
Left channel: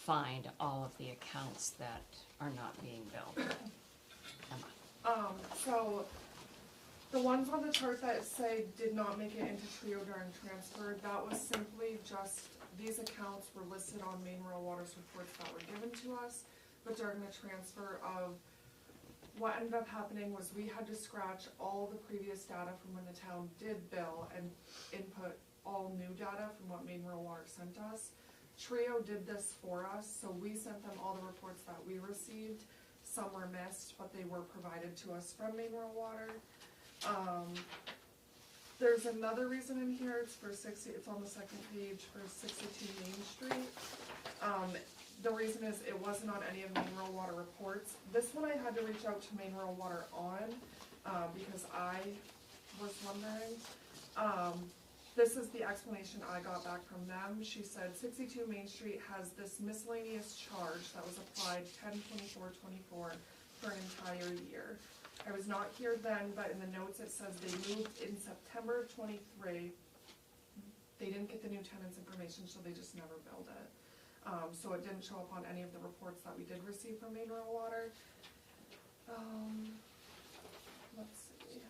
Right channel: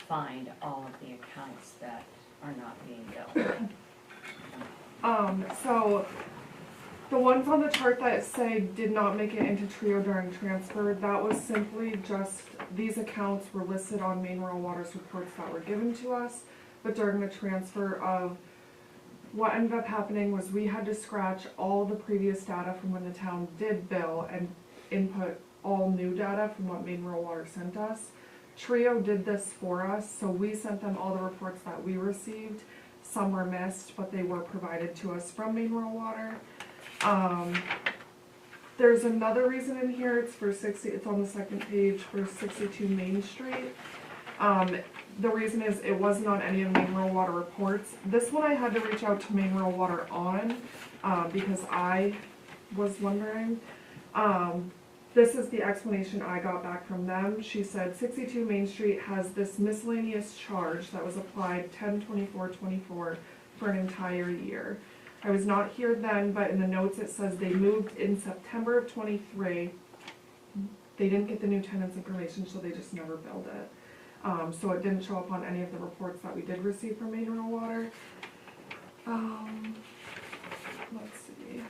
find all of the accounts that are not being billed. So the ones on the chart that say did not make it into Trio during transfer, that was simply just, these accounts were listed on Maine Rural Water's reports that were given to us, but during the transfer of, what ended up happening was we had to scratch all the previous data from when the town did bill and input all new data from what Maine Rural Water sent us. Trio did this for us, so we sent them all the reports that we received, some were missed, but they were provided to us from Maine Rural Water. There's another reason in here, it's on the second page for 62 Main Street. The reason is it wasn't on any of Maine Rural Water reports. This one I had to reach out to Maine Rural Water on, because I was wondering. This is the explanation I got back from them. She said 62 Main Street has this miscellaneous charge that was applied 10/24/24 for an entire year. I was not here then, but in the notes it says they moved in September of 23. They didn't get the new tenant's information, so they just never billed it. So it didn't show up on any of the reports that we did receive from Maine Rural Water. Let's see.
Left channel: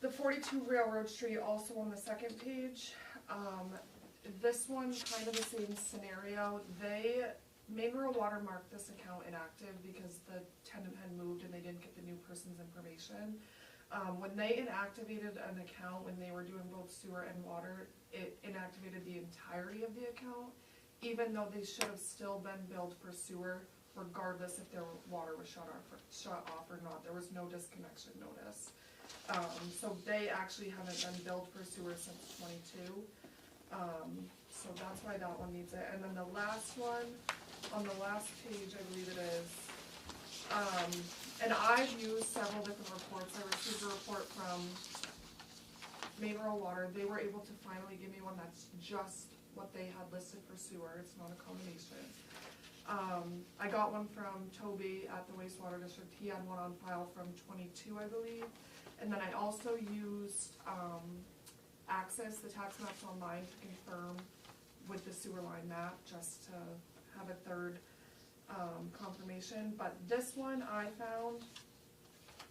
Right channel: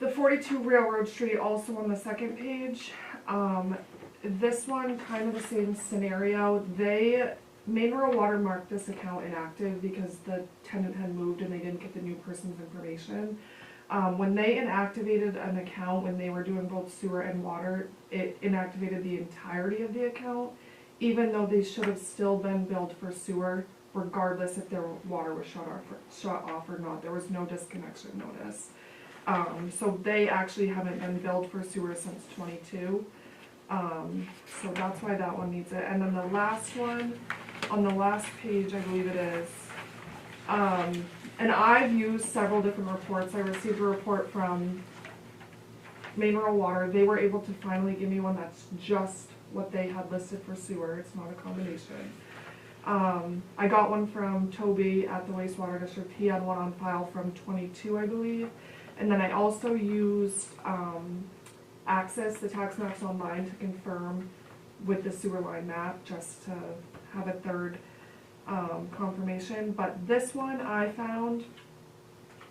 The 42 Railroad Street, also on the second page. This one, kind of the same scenario. Maine Rural Water marked this account inactive because the tenant had moved and they didn't get the new person's information. When they inactivated an account, when they were doing both sewer and water, it inactivated the entirety of the account, even though they should have still been billed for sewer, regardless if their water was shut off or not. There was no disconnection notice. So they actually haven't been billed for sewer since 22. So that's why that one needs it. And then the last one, on the last page, I believe it is. And I've used several different reports. I received a report from Maine Rural Water. They were able to finally give me one that's just what they had listed for sewer. It's not a combination. I got one from Toby at the wastewater district. He had one on file from 22, I believe. And then I also used Access, the tax maps online, to confirm with the sewer line map, just to have a third confirmation. But this one I found,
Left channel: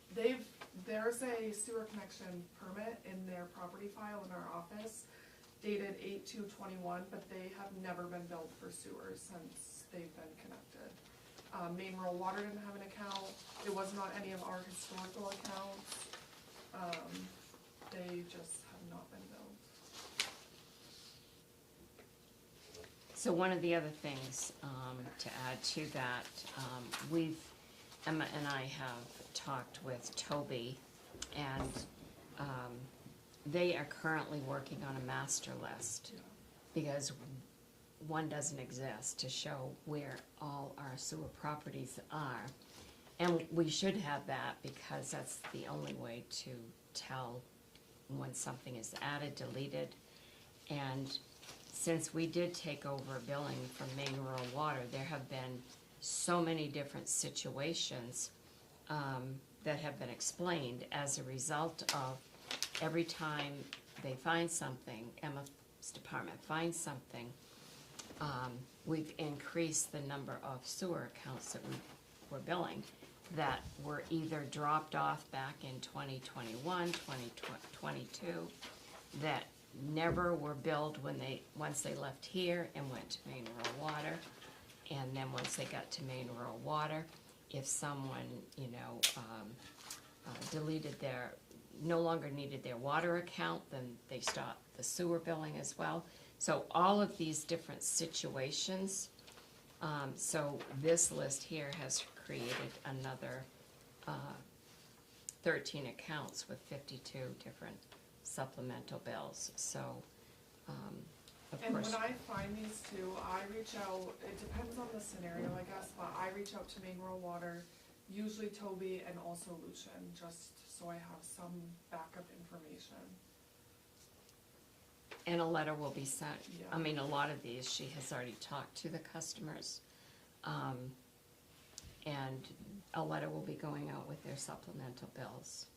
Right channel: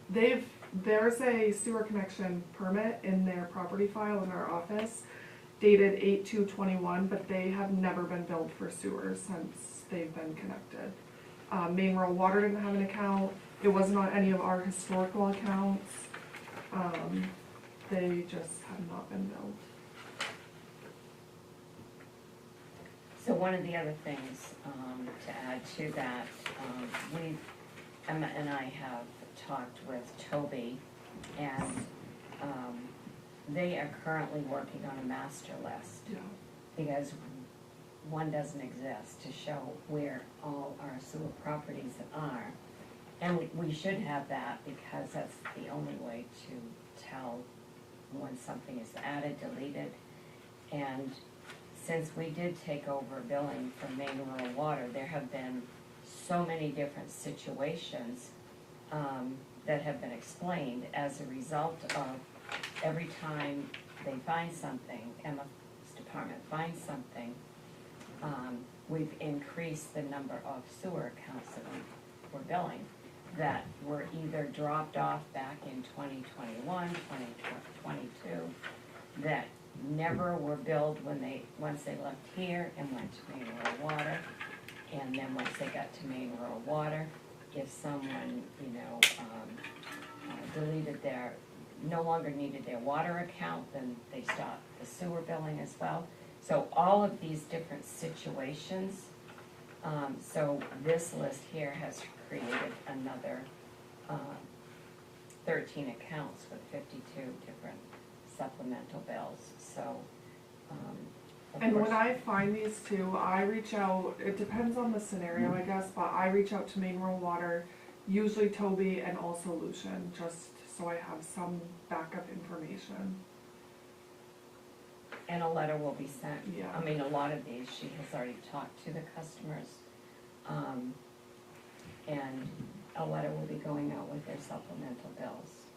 there's a sewer connection permit in their property file in our office, dated 8/2/21, but they have never been billed for sewer since they've been connected. Maine Rural Water didn't have an account. It wasn't on any of our historical accounts. They just have not been billed. So one of the other things to add to that, Emma and I have talked with Toby, and they are currently working on a master list, Yeah. because one doesn't exist to show where all our sewer properties are. And we should have that, because that's the only way to tell when something is added, deleted. And since we did take over billing from Maine Rural Water, there have been so many different situations that have been explained as a result of every time they find something, Emma's department finds something, we've increased the number of sewer accounts that we're billing that were either dropped off back in 2021, 2022, that never were billed once they left here and went to Maine Rural Water. And then once they got to Maine Rural Water, if someone, no longer needed their water account, then they stopped the sewer billing as well. So all of these different situations, so this list here has created another 13 accounts with 52 different supplemental bills, so, of And course. when I find these two, I reach out, it depends on the scenario, I guess, but I reach out to Maine Rural Water, usually Toby and also Lucian, just so I have some backup information. And a letter will be sent. Yeah. I mean, a lot of these, she has already talked to the customers. And a letter will be going out with their supplemental bills.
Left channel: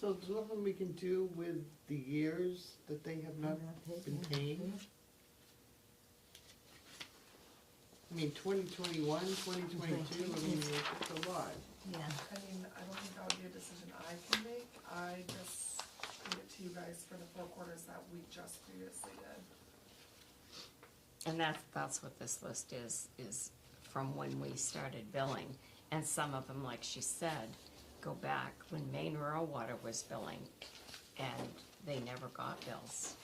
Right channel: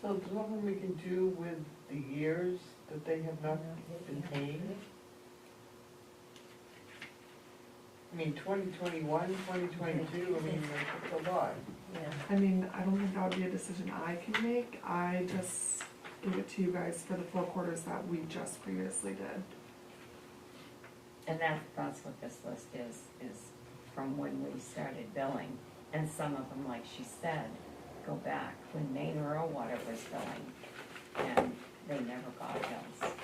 So there's nothing we can do with the years that they have not been paying? I mean, 2021, 2022, I mean, like, it's a lot. I mean, I don't think that would be a decision I can make, I just gave it to you guys for the 4 quarters that we just previously did. And that's what this list is from when we started billing. And some of them, like she said, go back when Maine Rural Water was billing, and they never got bills.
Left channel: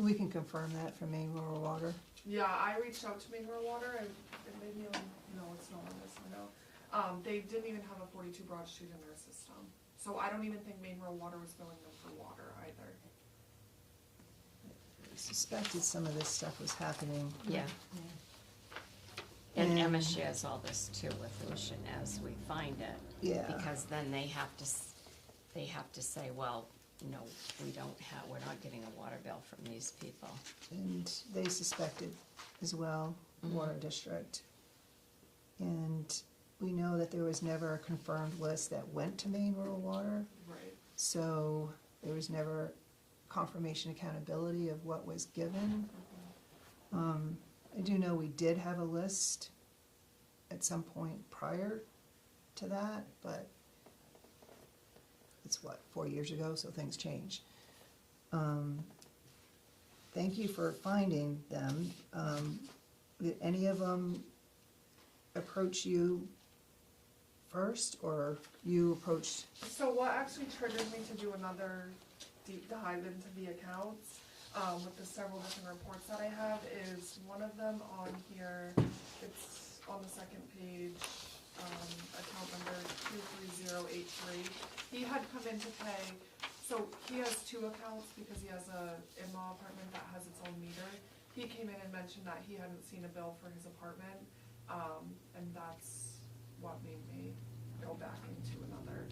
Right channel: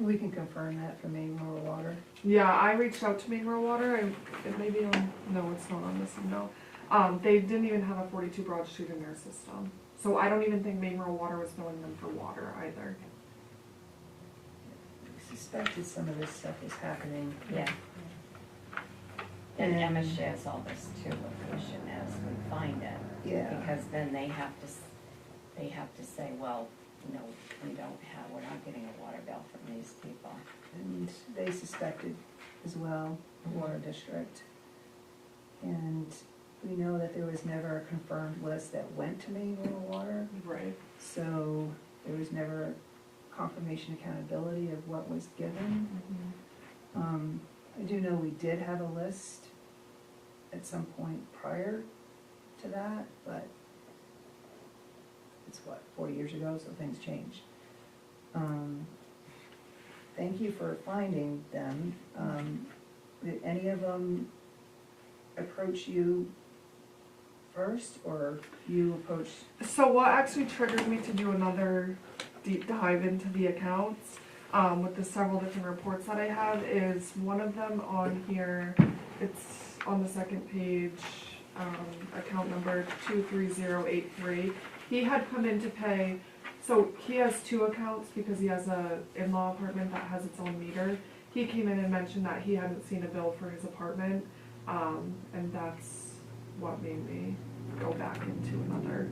We can confirm that from Maine Rural Water. Yeah, I reached out to Maine Rural Water, and it may be on, no, it's not on this, no. They didn't even have a 42 Broad Street in their system. So I don't even think Maine Rural Water was billing them for water either. I suspected some of this stuff was happening. Yeah. And Emma shares all this too with Lucian as we find it. Yeah. Because then they have to say, well, no, we're not getting a water bill from these people. And they suspected as well, the water district. And we know that there was never a confirmed list that went to Maine Rural Water, Right. so there was never confirmation accountability of what was given. I do know we did have a list at some point prior to that, but it's 4 years ago, so things change. Thank you for finding them. Did any of them approach you first, or you approached? So what actually triggered me to do another deep dive into the accounts, with the several different reports that I have, is one of them on here, it's on the second page, account number 23083. He had come in to pay, so he has two accounts because he has a in-law apartment that has its own meter. He came in and mentioned that he hadn't seen a bill for his apartment, and that's what made me go back into another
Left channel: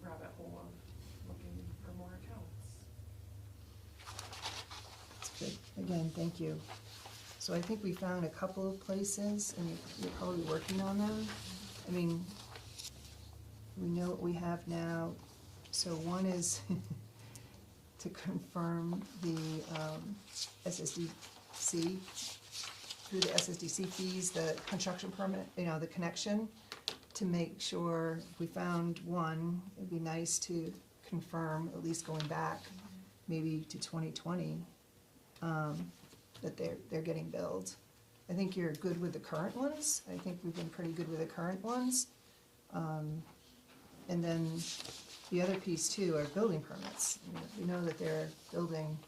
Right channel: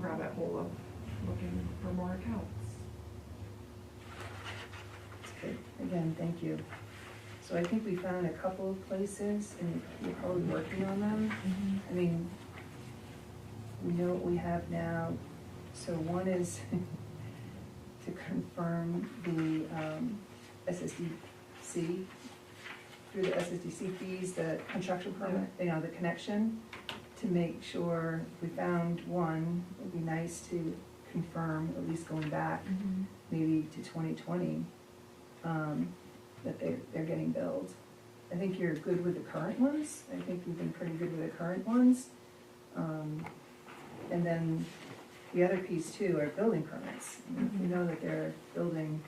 rabbit hole of looking for more accounts. That's good. Again, thank you. So I think we found a couple of places, and we're probably working on them. I mean, we know what we have now. So one is to confirm the SSDC, through the SSDC fees, the construction permit, the connection, to make sure we found one. It'd be nice to confirm, at least going back maybe to 2020, that they're getting billed. I think you're good with the current ones. I think we've been pretty good with the current ones. And then the other piece too are building permits. We know that they're building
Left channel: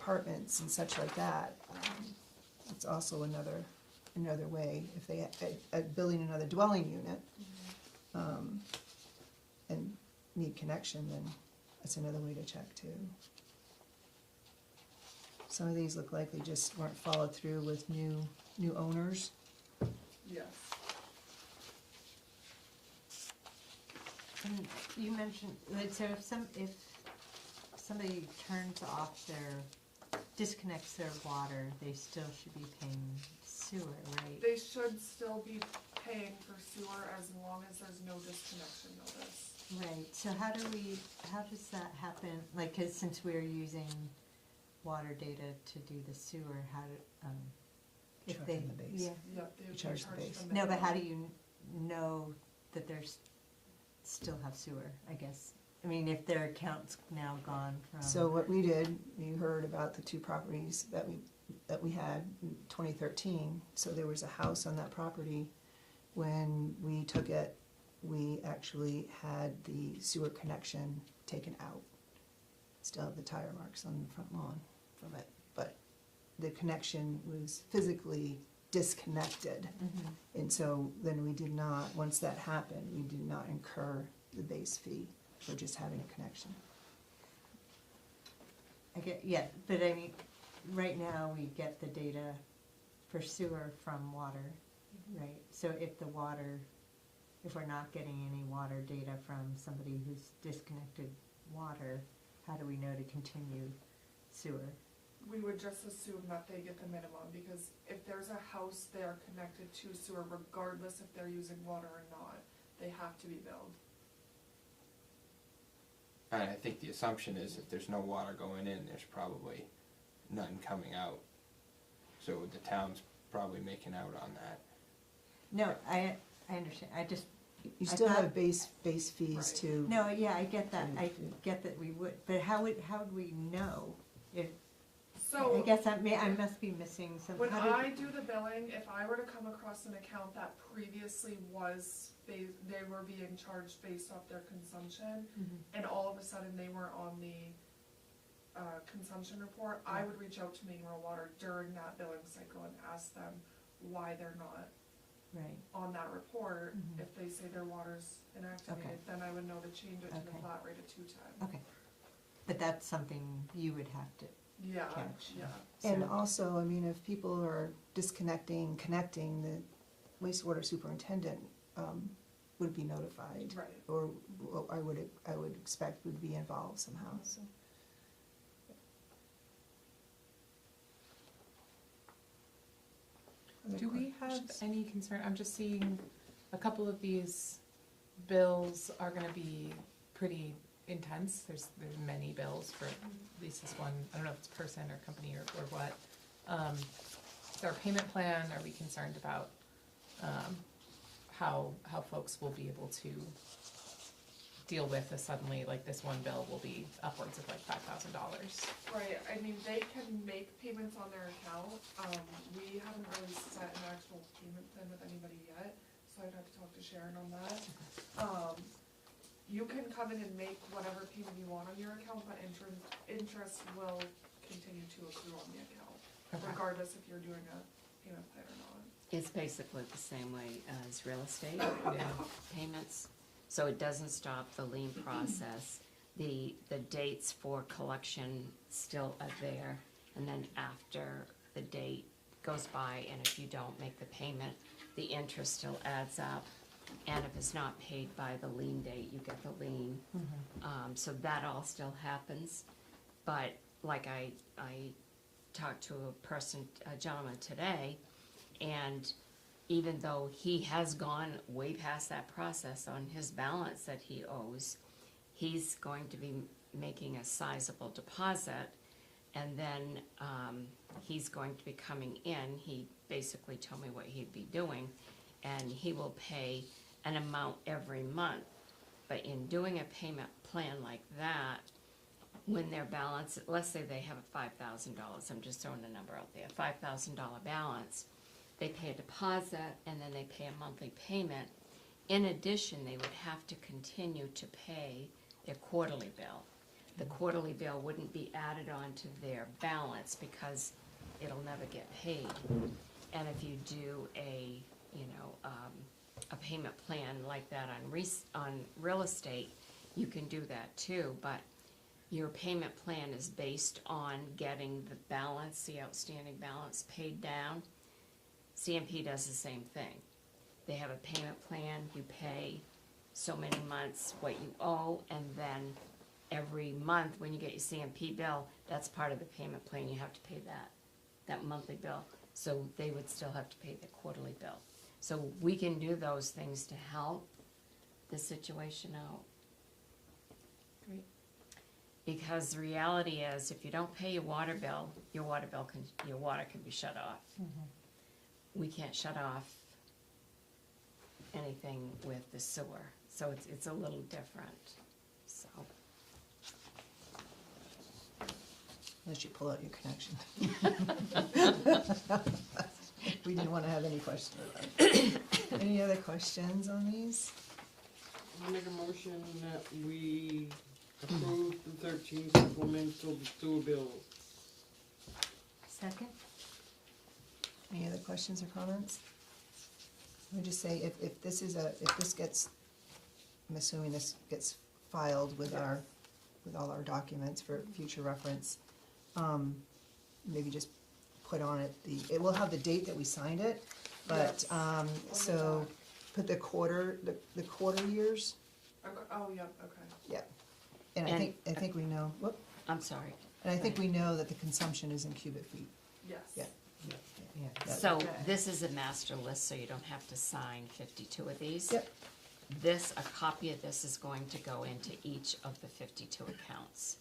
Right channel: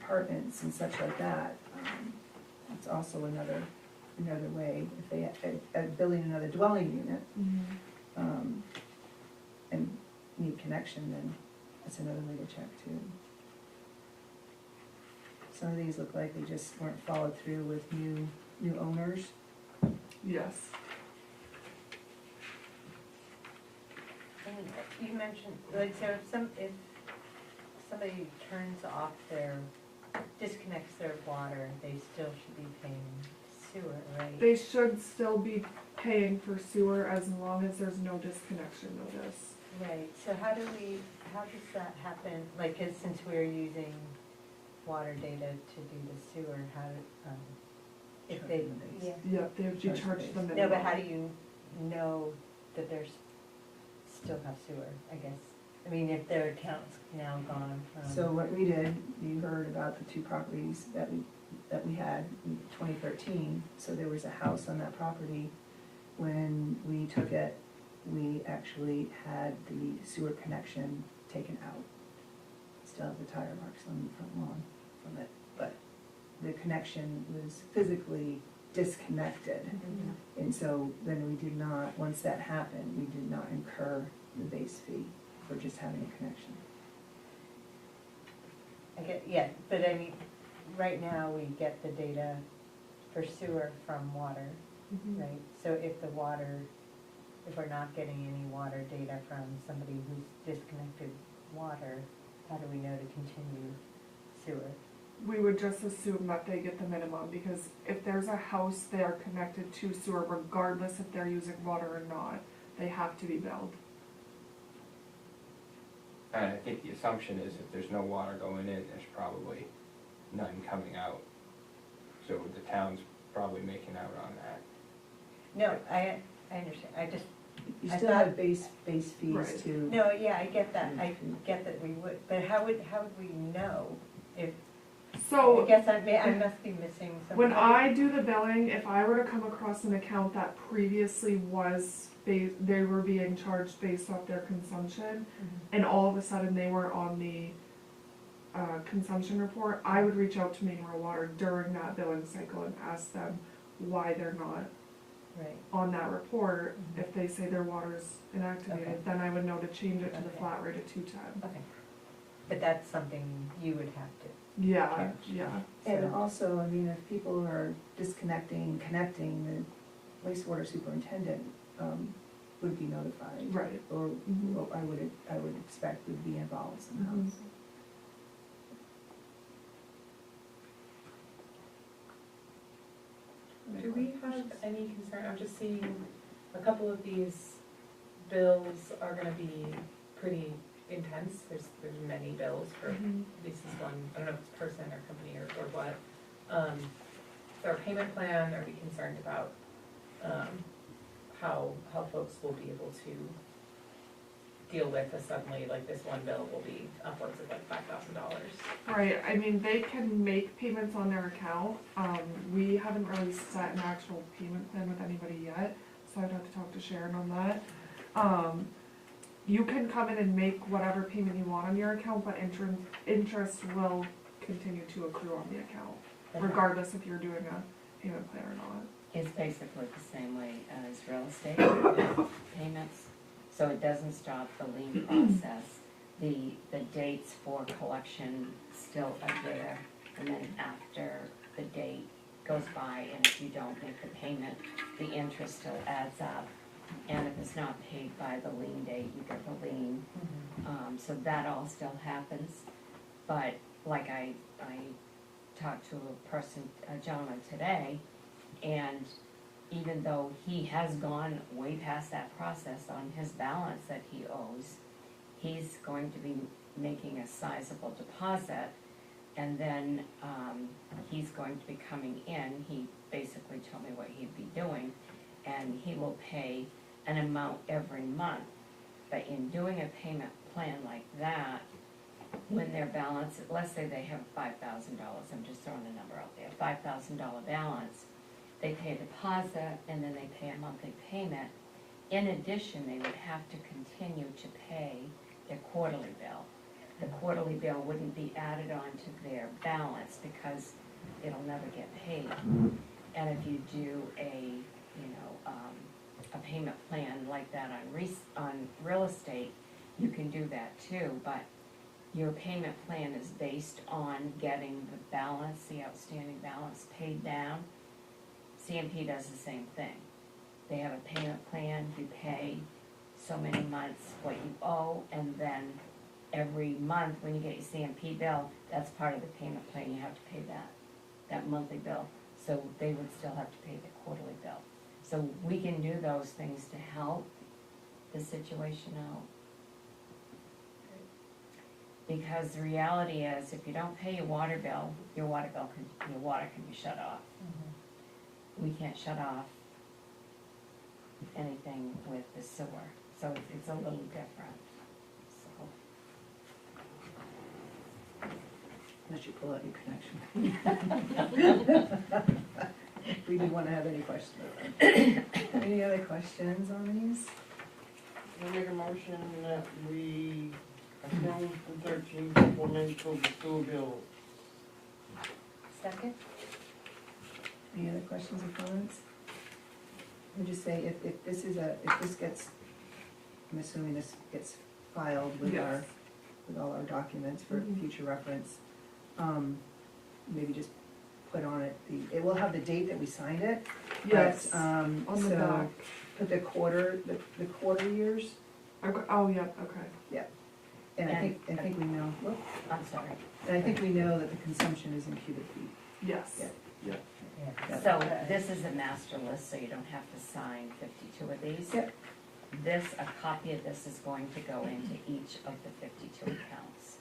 apartments and such like that. It's also another way, if they are building another dwelling unit, and need connection, then that's another way to check too. Some of these look like they just weren't followed through with new owners. Yes. And you mentioned, like, so if somebody turns off disconnects their water, they still should be paying sewer, right? They should still be paying for sewer as long as there's no disconnection notice. Right, so how does that happen? Like, 'cause since we're using water data to do the sewer, if they, yeah. Yep, they would be Charge charged base. the minimum. No, but how do you know that there's still have sewer, I guess? I mean, if their account's now gone from. So what we did, you heard about the two properties that we had in 2013. So there was a house on that property. When we took it, we actually had the sewer connection taken out. Still have the tire marks on the front lawn from it, but the connection was physically disconnected. And so then we did not, once that happened, we did not incur the base fee for just having a connection. Yeah, but I mean, right now we get the data for sewer from water, right? So if we're not getting any water data from somebody who's disconnected water, how do we know to continue sewer? We would just assume that they get the minimum, because if there's a house, they are connected to sewer regardless if they're using water or not. They have to be billed. And I think the assumption is if there's no water going in, there's probably none coming out. So the town's probably making out on that. No, I understand, You I still thought- have base fees Right. too. no, yeah, I get that, we would, but how would we know if, So, I guess I must be missing something. when I do the billing, if I were to come across an account that previously was, they were being charged based off their consumption, and all of a sudden they were on the consumption report, I would reach out to Maine Rural Water during that billing cycle and ask them why they're not Right. on that report. Mhm. If they say their water's inactivated, Okay. then I would know to change it to the Okay. flat rate of 210. Okay. But that's something you would have to. Yeah, Catch. yeah. And So- also, I mean, if people are disconnecting, connecting, the wastewater superintendent, would be notified. Right. Or, Mhm. well, I would expect would be involved somehow, Mhm. so. Do we have any concern, I'm just seeing a couple of these bills are gonna be pretty intense, there's many bills for at least this one, I don't know if it's person or company or what. Our payment plan, are we concerned about, how folks will be able to deal with a suddenly, like this one bill will be upwards of like $5,000? Right, I mean, they can make payments on their account. We haven't really set an actual payment plan with anybody yet, so I'd have to talk to Sharon on that. You can come in and make whatever payment you want on your account, but interest will continue to accrue on the account, regardless if you're doing a payment plan or not. It's basically the same way as real estate payments, so it doesn't stop the lien process. The dates for collection still are there, and then after the date goes by, and if you don't make the payment, the interest still adds up. And if it's not paid by the lien date, you get the lien. So that all still happens. But like I talked to a gentleman today, and even though he has gone way past that process on his balance that he owes, he's going to be making a sizable deposit, and then he's going to be coming in. He basically told me what he'd be doing, and he will pay an amount every month. But in doing a payment plan like that, when their balance, let's say they have $5,000, I'm just throwing a number out there, $5,000 balance, they pay a deposit and then they pay a monthly payment. In addition, they would have to continue to pay their quarterly bill. The quarterly bill wouldn't be added on to their balance because it'll never get paid. And if you do a payment plan like that on real estate, you can do that too, but your payment plan is based on getting the balance, the outstanding balance paid down. CMP does the same thing. They have a payment plan, you pay so many months what you owe, and then every month when you get your CMP bill, that's part of the payment plan, you have to pay that monthly bill. So they would still have to pay the quarterly bill. So we can do those things to help the situation out. Because the reality is, if you don't pay your water bill can be shut off. We can't shut off anything with the sewer, so it's a little different, so. Unless you pull out your connection. We didn't wanna have any questions. Any other questions on these? I make a motion that we approve the 13 supplemental sewer bill. Second? Any other questions or comments? Let me just say, if this gets, I'm assuming this gets filed with Yes. with all our documents for Mhm. future reference, maybe just put on it it will have the date that we signed it. Yes, But, on the so, back. put the quarter years, Okay. Oh, yeah, okay. and I think we know, I'm sorry. and I think we know that the consumption is in cubic feet. Yes. Yeah. Yeah. So this is a master list, so you don't have to sign 52 of these. Yep. A copy of this is going to go into each of the 52 accounts.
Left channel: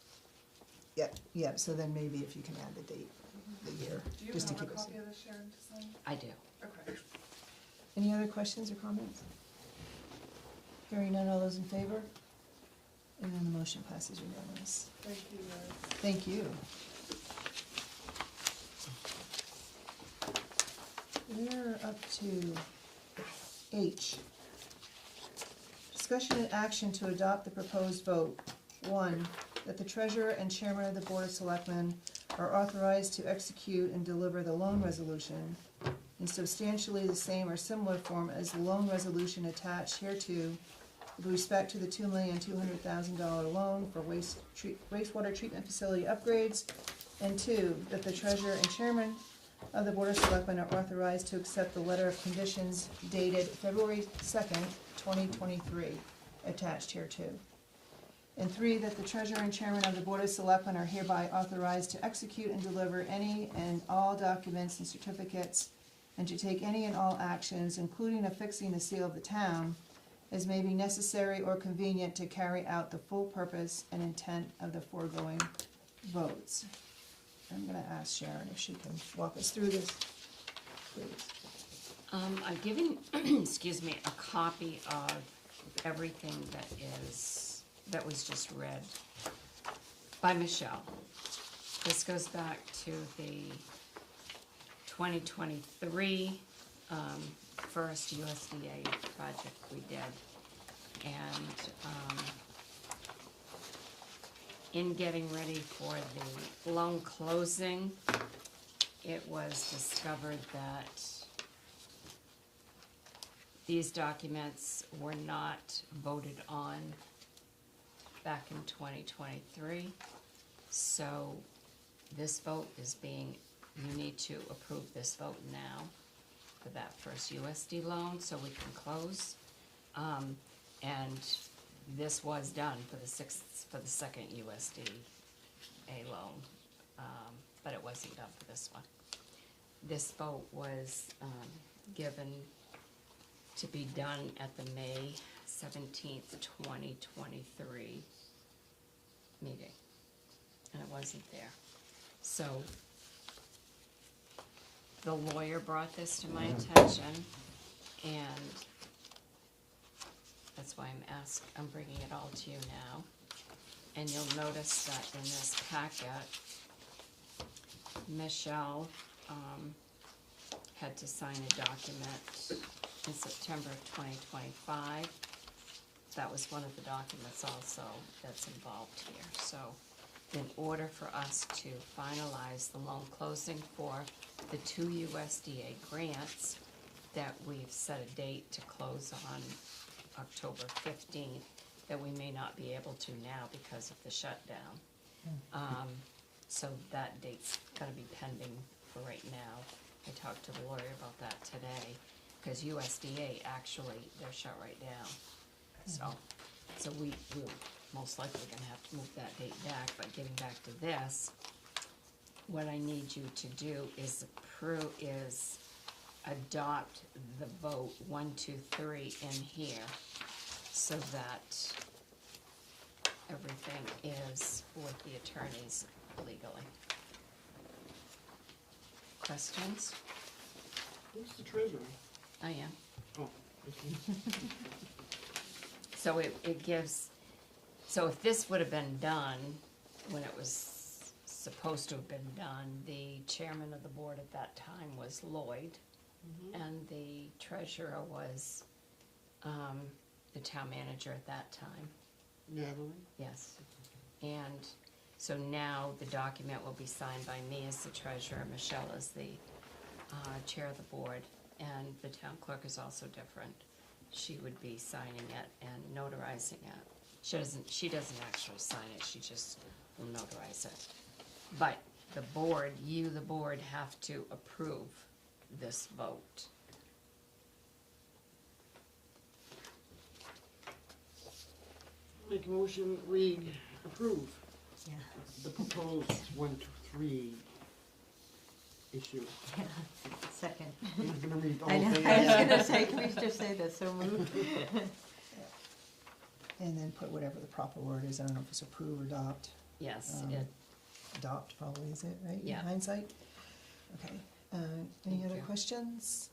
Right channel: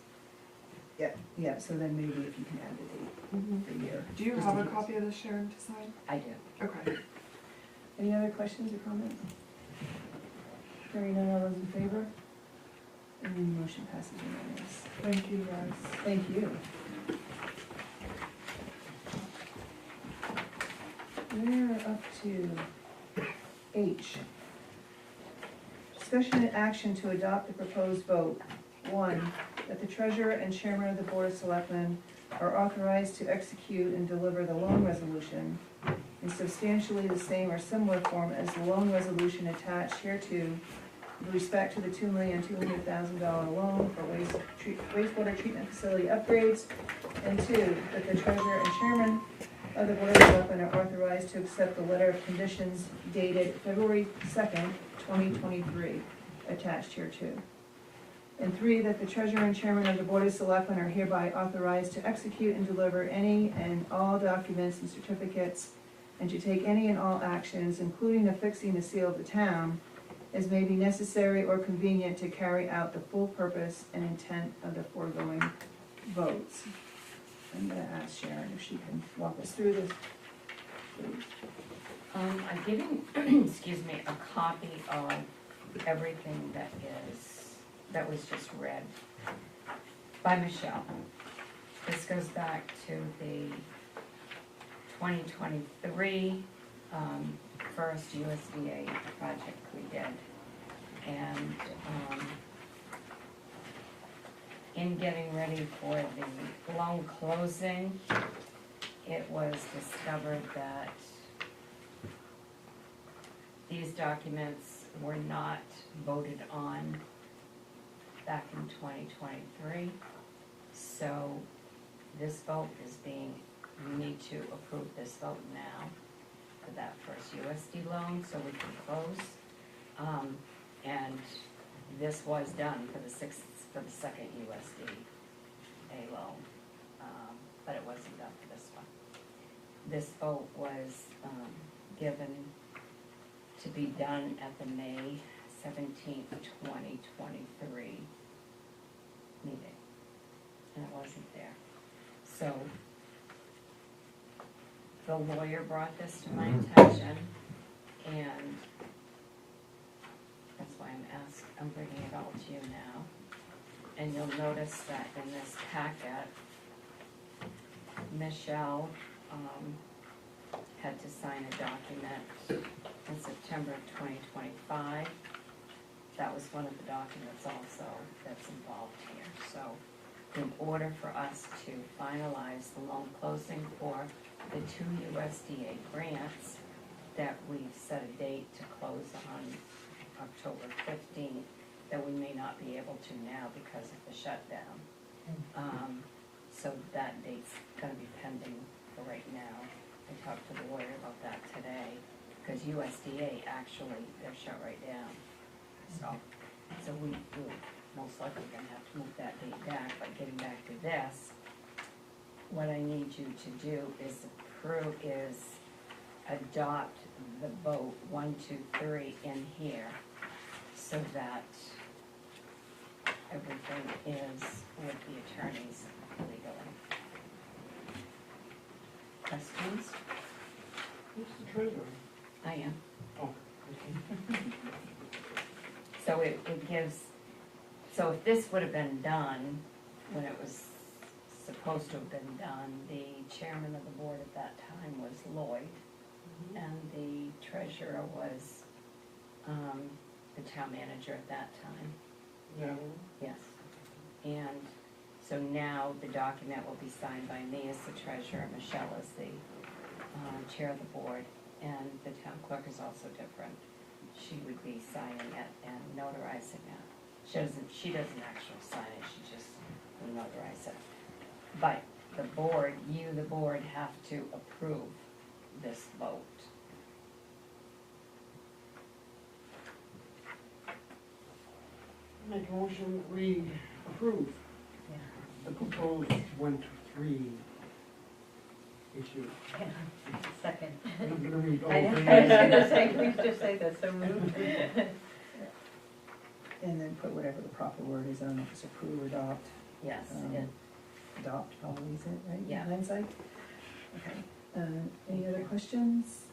Yeah, so then maybe if you can add the date, Mhm. the year. Do you just have in a case. copy of this, Sharon, to sign? I do. Okay. Any other questions or comments? Hearing none, all those in favor? And the motion passes unanimous. Thank you, guys. Thank you. We're up to H. Discussion and action to adopt the proposed vote. 1, that the treasurer and chairman of the board of selectmen are authorized to execute and deliver the loan resolution in substantially the same or similar form as the loan resolution attached hereto with respect to the $2,200,000 loan for wastewater treatment facility upgrades. And two, that the treasurer and chairman of the board of selectmen are authorized to accept the letter of conditions dated February 2nd, 2023, attached hereto. And three, that the treasurer and chairman of the board of selectmen are hereby authorized to execute and deliver any and all documents and certificates and to take any and all actions, including affixing the seal of the town, as may be necessary or convenient to carry out the full purpose and intent of the foregoing votes. I'm gonna ask Sharon if she can walk us through this, please. I'm giving, excuse me, a copy of everything that was just read by Michelle. This goes back to the 2023 first USDA project we did. And in getting ready for the loan closing, it was discovered that these documents were not voted on back in 2023. So this vote is being, you need to approve this vote now for that first USD loan so we can close. And this was done for the second USDA loan, but it wasn't done for this one. This vote was given to be done at the May 17th, 2023 meeting, and it wasn't there. So the lawyer brought this to my attention, and that's why I'm bringing it all to you now. And you'll notice that in this packet, Michelle had to sign a document in September of 2025. That was one of the documents also that's involved here. So in order for us to finalize the loan closing for the 2 USDA grants that we've set a date to close on October 15th, that we may not be able to now because of the shutdown. So that date's gonna be pending for right now. I talked to the lawyer about that today, because USDA actually, they're shut right down. So we most likely gonna have to move that date back, but getting back to this, what I need you to do is adopt the vote 1, 2, 3 in here, so that everything is with the attorneys legally. Questions? Who's the treasurer? I am. Oh. So it gives, so if this would have been done when it was supposed to have been done, the chairman of the board at that time was Lloyd, and the treasurer was the town manager at that time. Yeah. Yes. And so now the document will be signed by me as the treasurer, Michelle as the chair of the board, and the town clerk is also different. She would be signing it and notarizing it. She doesn't actually sign it, she just will notarize it. But the board, the board, have to approve this vote. Make a motion, we approve the proposed 1, 2, 3 issue. Second. I'm gonna read the I whole was thing. gonna say, please just say that, so moved. And then put whatever the proper word is, I don't know if it's approve or adopt. Yes, I did. Adopt probably is it, right? Yeah. Hindsight? Okay, any other questions?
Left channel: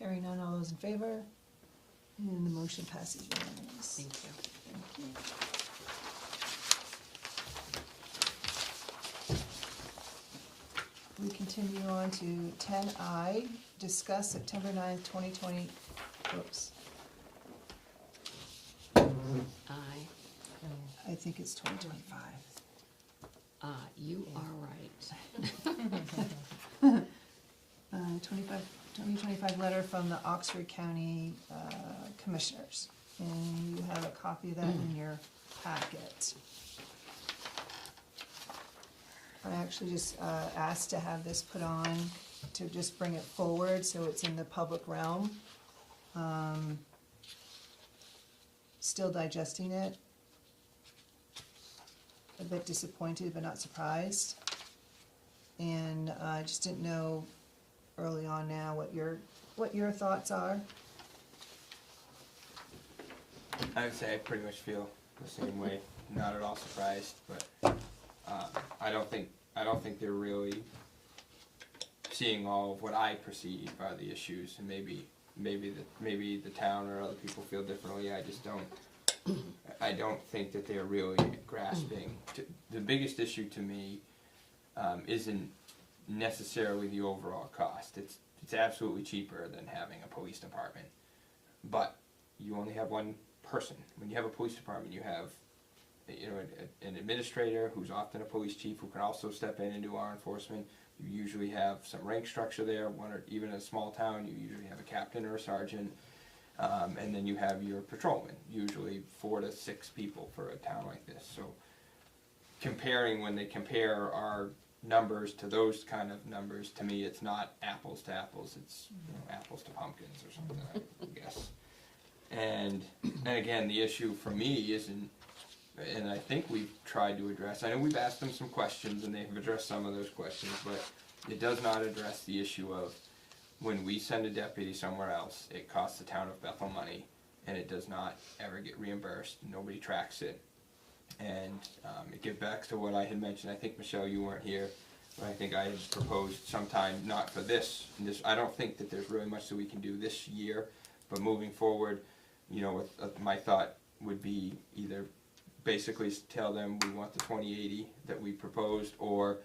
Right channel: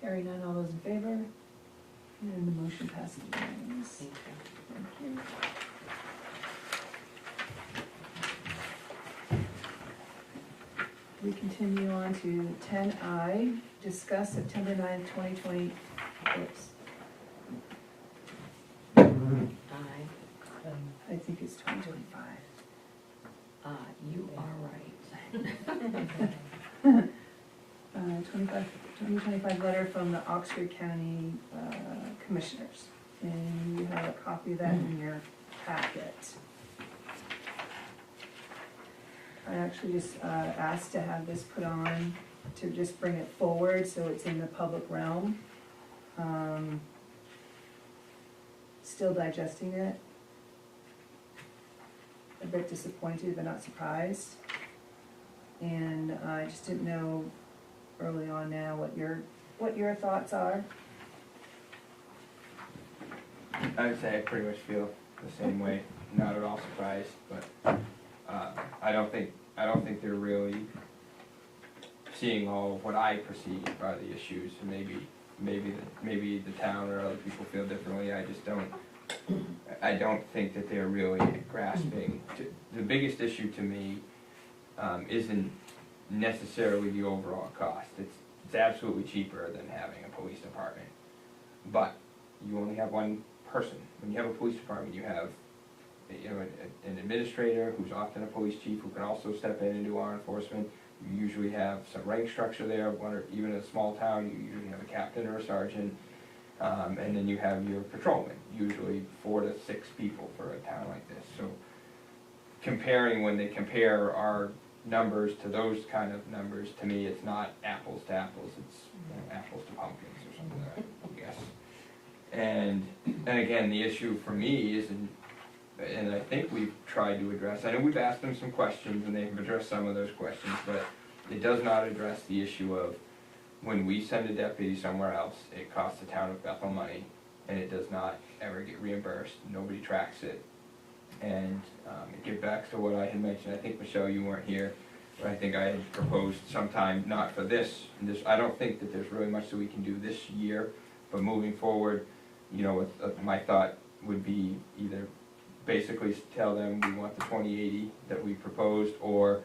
Hearing none, all those in favor? And the motion passes unanimously. Thank you. Thank you. We continue on to 10I, discuss September 9th, 2020, oops, I I think it's 2025. You are right. 2025 letter from the Oxford County Commissioners. And you have a copy of that in your packet. I actually just asked to have this put on, to just bring it forward so it's in the public realm. Still digesting it. A bit disappointed but not surprised. And I just didn't know early on now what your thoughts are. I would say I pretty much feel the same way, not at all surprised, but, I don't think they're really seeing all of what I perceive are the issues, and maybe the town or other people feel differently, I don't think that they're really grasping. The biggest issue to me, isn't necessarily the overall cost, it's absolutely cheaper than having a police department. But you only have one person. When you have a police department, you have, an administrator who's often a police chief who can also step in and do law enforcement. You usually have some rank structure there, or even in a small town, you usually have a captain or a sergeant. And then you have your patrolman, usually 4 to 6 people for a town like this. So when they compare our numbers to those kind of numbers, to me, it's not apples to apples, it's apples to pumpkins or something like that, I guess. And again, the issue for me isn't, and I think we've tried to address, I know we've asked them some questions and they've addressed some of those questions, but it does not address the issue of when we send a deputy somewhere else, it costs the town of Bethel money, and it does not ever get reimbursed, nobody tracks it. And it gets back to what I had mentioned, I think, Michelle, you weren't here, but I think I had proposed sometime, not for this, I don't think that there's really much that we can do this year, but moving forward, my thought would be either basically tell them we want the 2080 that we proposed, or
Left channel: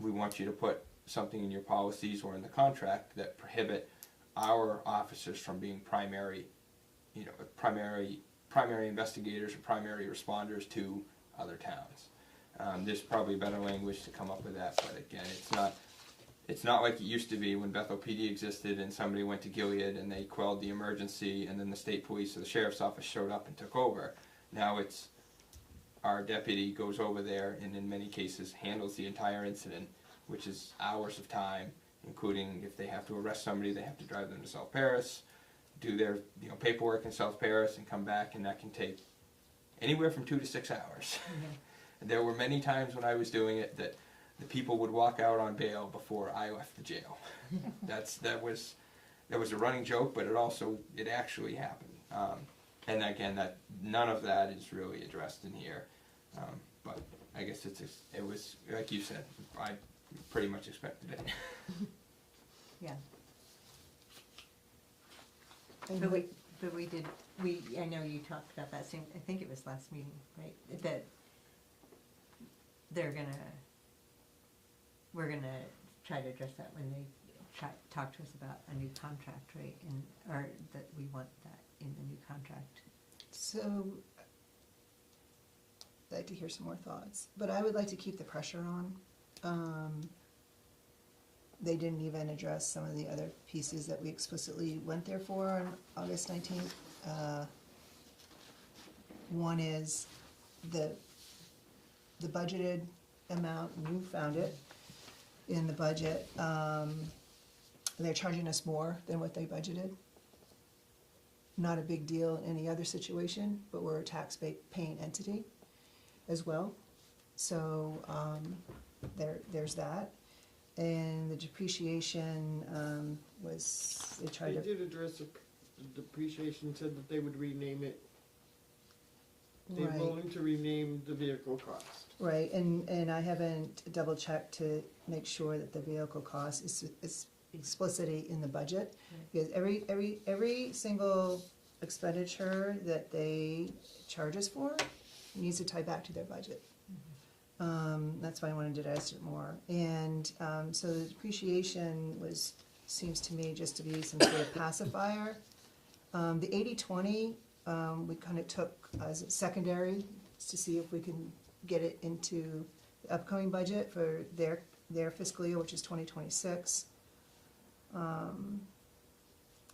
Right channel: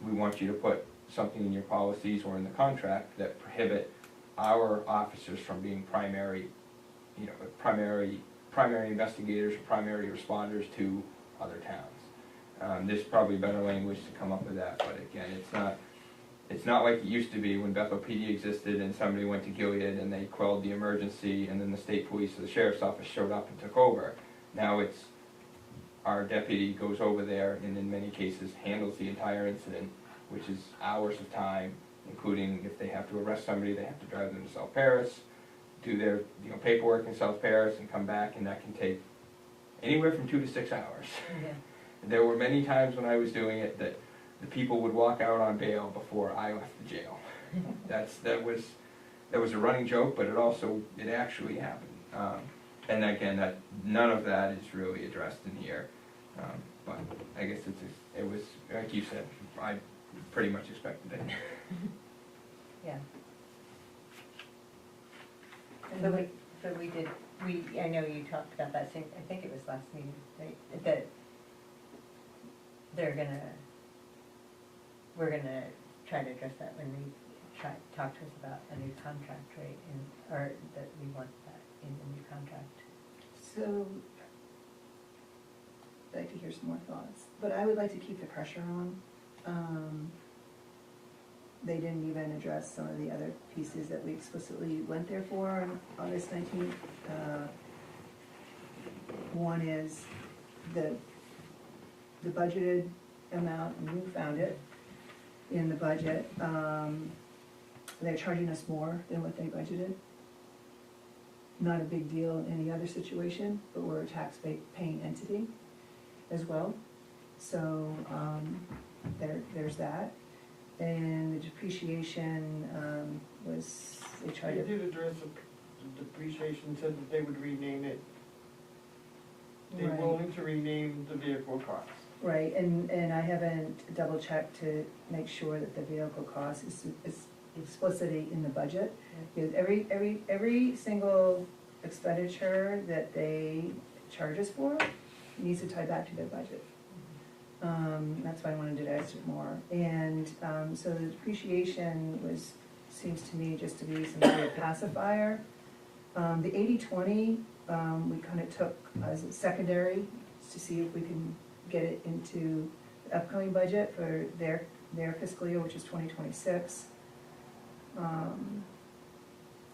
we want you to put something in your policies or in the contract that prohibit our officers from being primary investigators or primary responders to other towns. There's probably better language to come up with that, but again, it's not like it used to be when Bethel PD existed and somebody went to Gilead and they quelled the emergency and then the state police or the sheriff's office showed up and took over. Now it's our deputy goes over there and in many cases handles the entire incident, which is hours of time, including if they have to arrest somebody, they have to drive them to South Paris, do their paperwork in South Paris and come back, and that can take anywhere from 2 to 6 hours. There were many times when I was doing it that the people would walk out on bail before I left the jail. That was a running joke, but it actually happened. And again, none of that is really addressed in here. But I guess it was like you said, I pretty much expected it. Yeah. But I know you talked about that same, I think it was last meeting, right? That we're gonna try to address that when they talk to us about a new contract, right? Or that we want that in the new contract. So, I'd like to hear some more thoughts, but I would like to keep the pressure on. They didn't even address some of the other pieces that we explicitly went there for on August 19th. One is the budgeted amount, and you found it in the budget. They're charging us more than what they budgeted. Not a big deal in any other situation, but we're a tax-paying entity as well. So there's that. And the depreciation they tried to. They did address the depreciation, said that they would rename it. They're Right. willing to rename the vehicle cost. Right, and I haven't double checked to make sure that the vehicle cost is explicitly in the budget. Because every single expenditure that they charge us for needs to tie back to their budget. That's why I wanted to digest it more. And so the depreciation seems to me just to be some sort of pacifier. The 80-20, we kind of took as a secondary to see if we can get it into the upcoming budget for their fiscal year, which is 2026.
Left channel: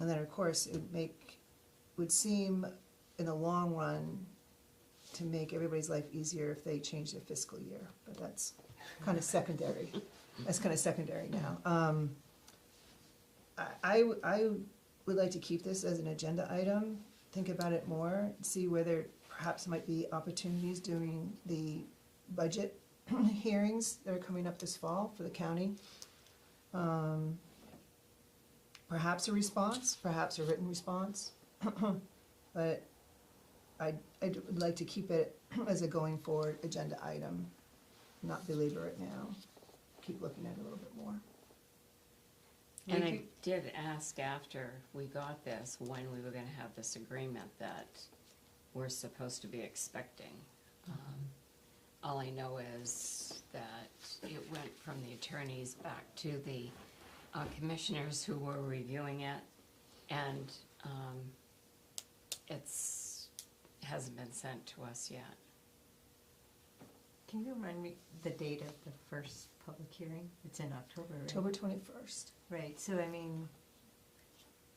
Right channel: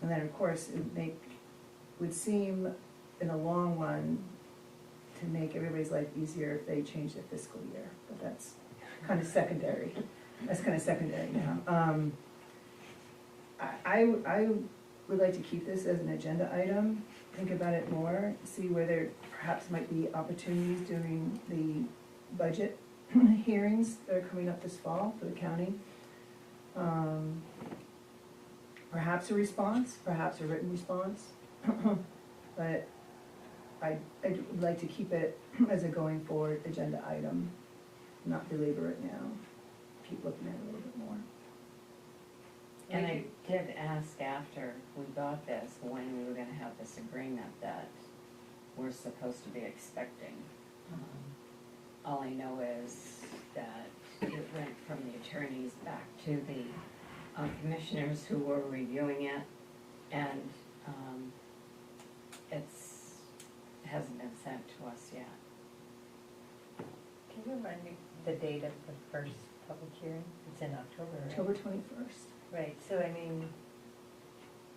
And then, of course, would seem in the long run to make everybody's life easier if they change their fiscal year, but that's kind of secondary. That's kind of secondary now. I would like to keep this as an agenda item, think about it more, see where there perhaps might be opportunities during the budget hearings that are coming up this fall for the county. Perhaps a response, perhaps a written response, but I'd like to keep it as a going forward agenda item, not belabor it now, keep looking at it a little bit more. And I did ask after we got this, when we were gonna have this agreement that we're supposed to be expecting. All I know is that it went from the attorneys back to the commissioners who were reviewing it, and hasn't been sent to us yet. Can you remind me the date of the first public hearing? It's in October, right? October 21st. Right, so I mean,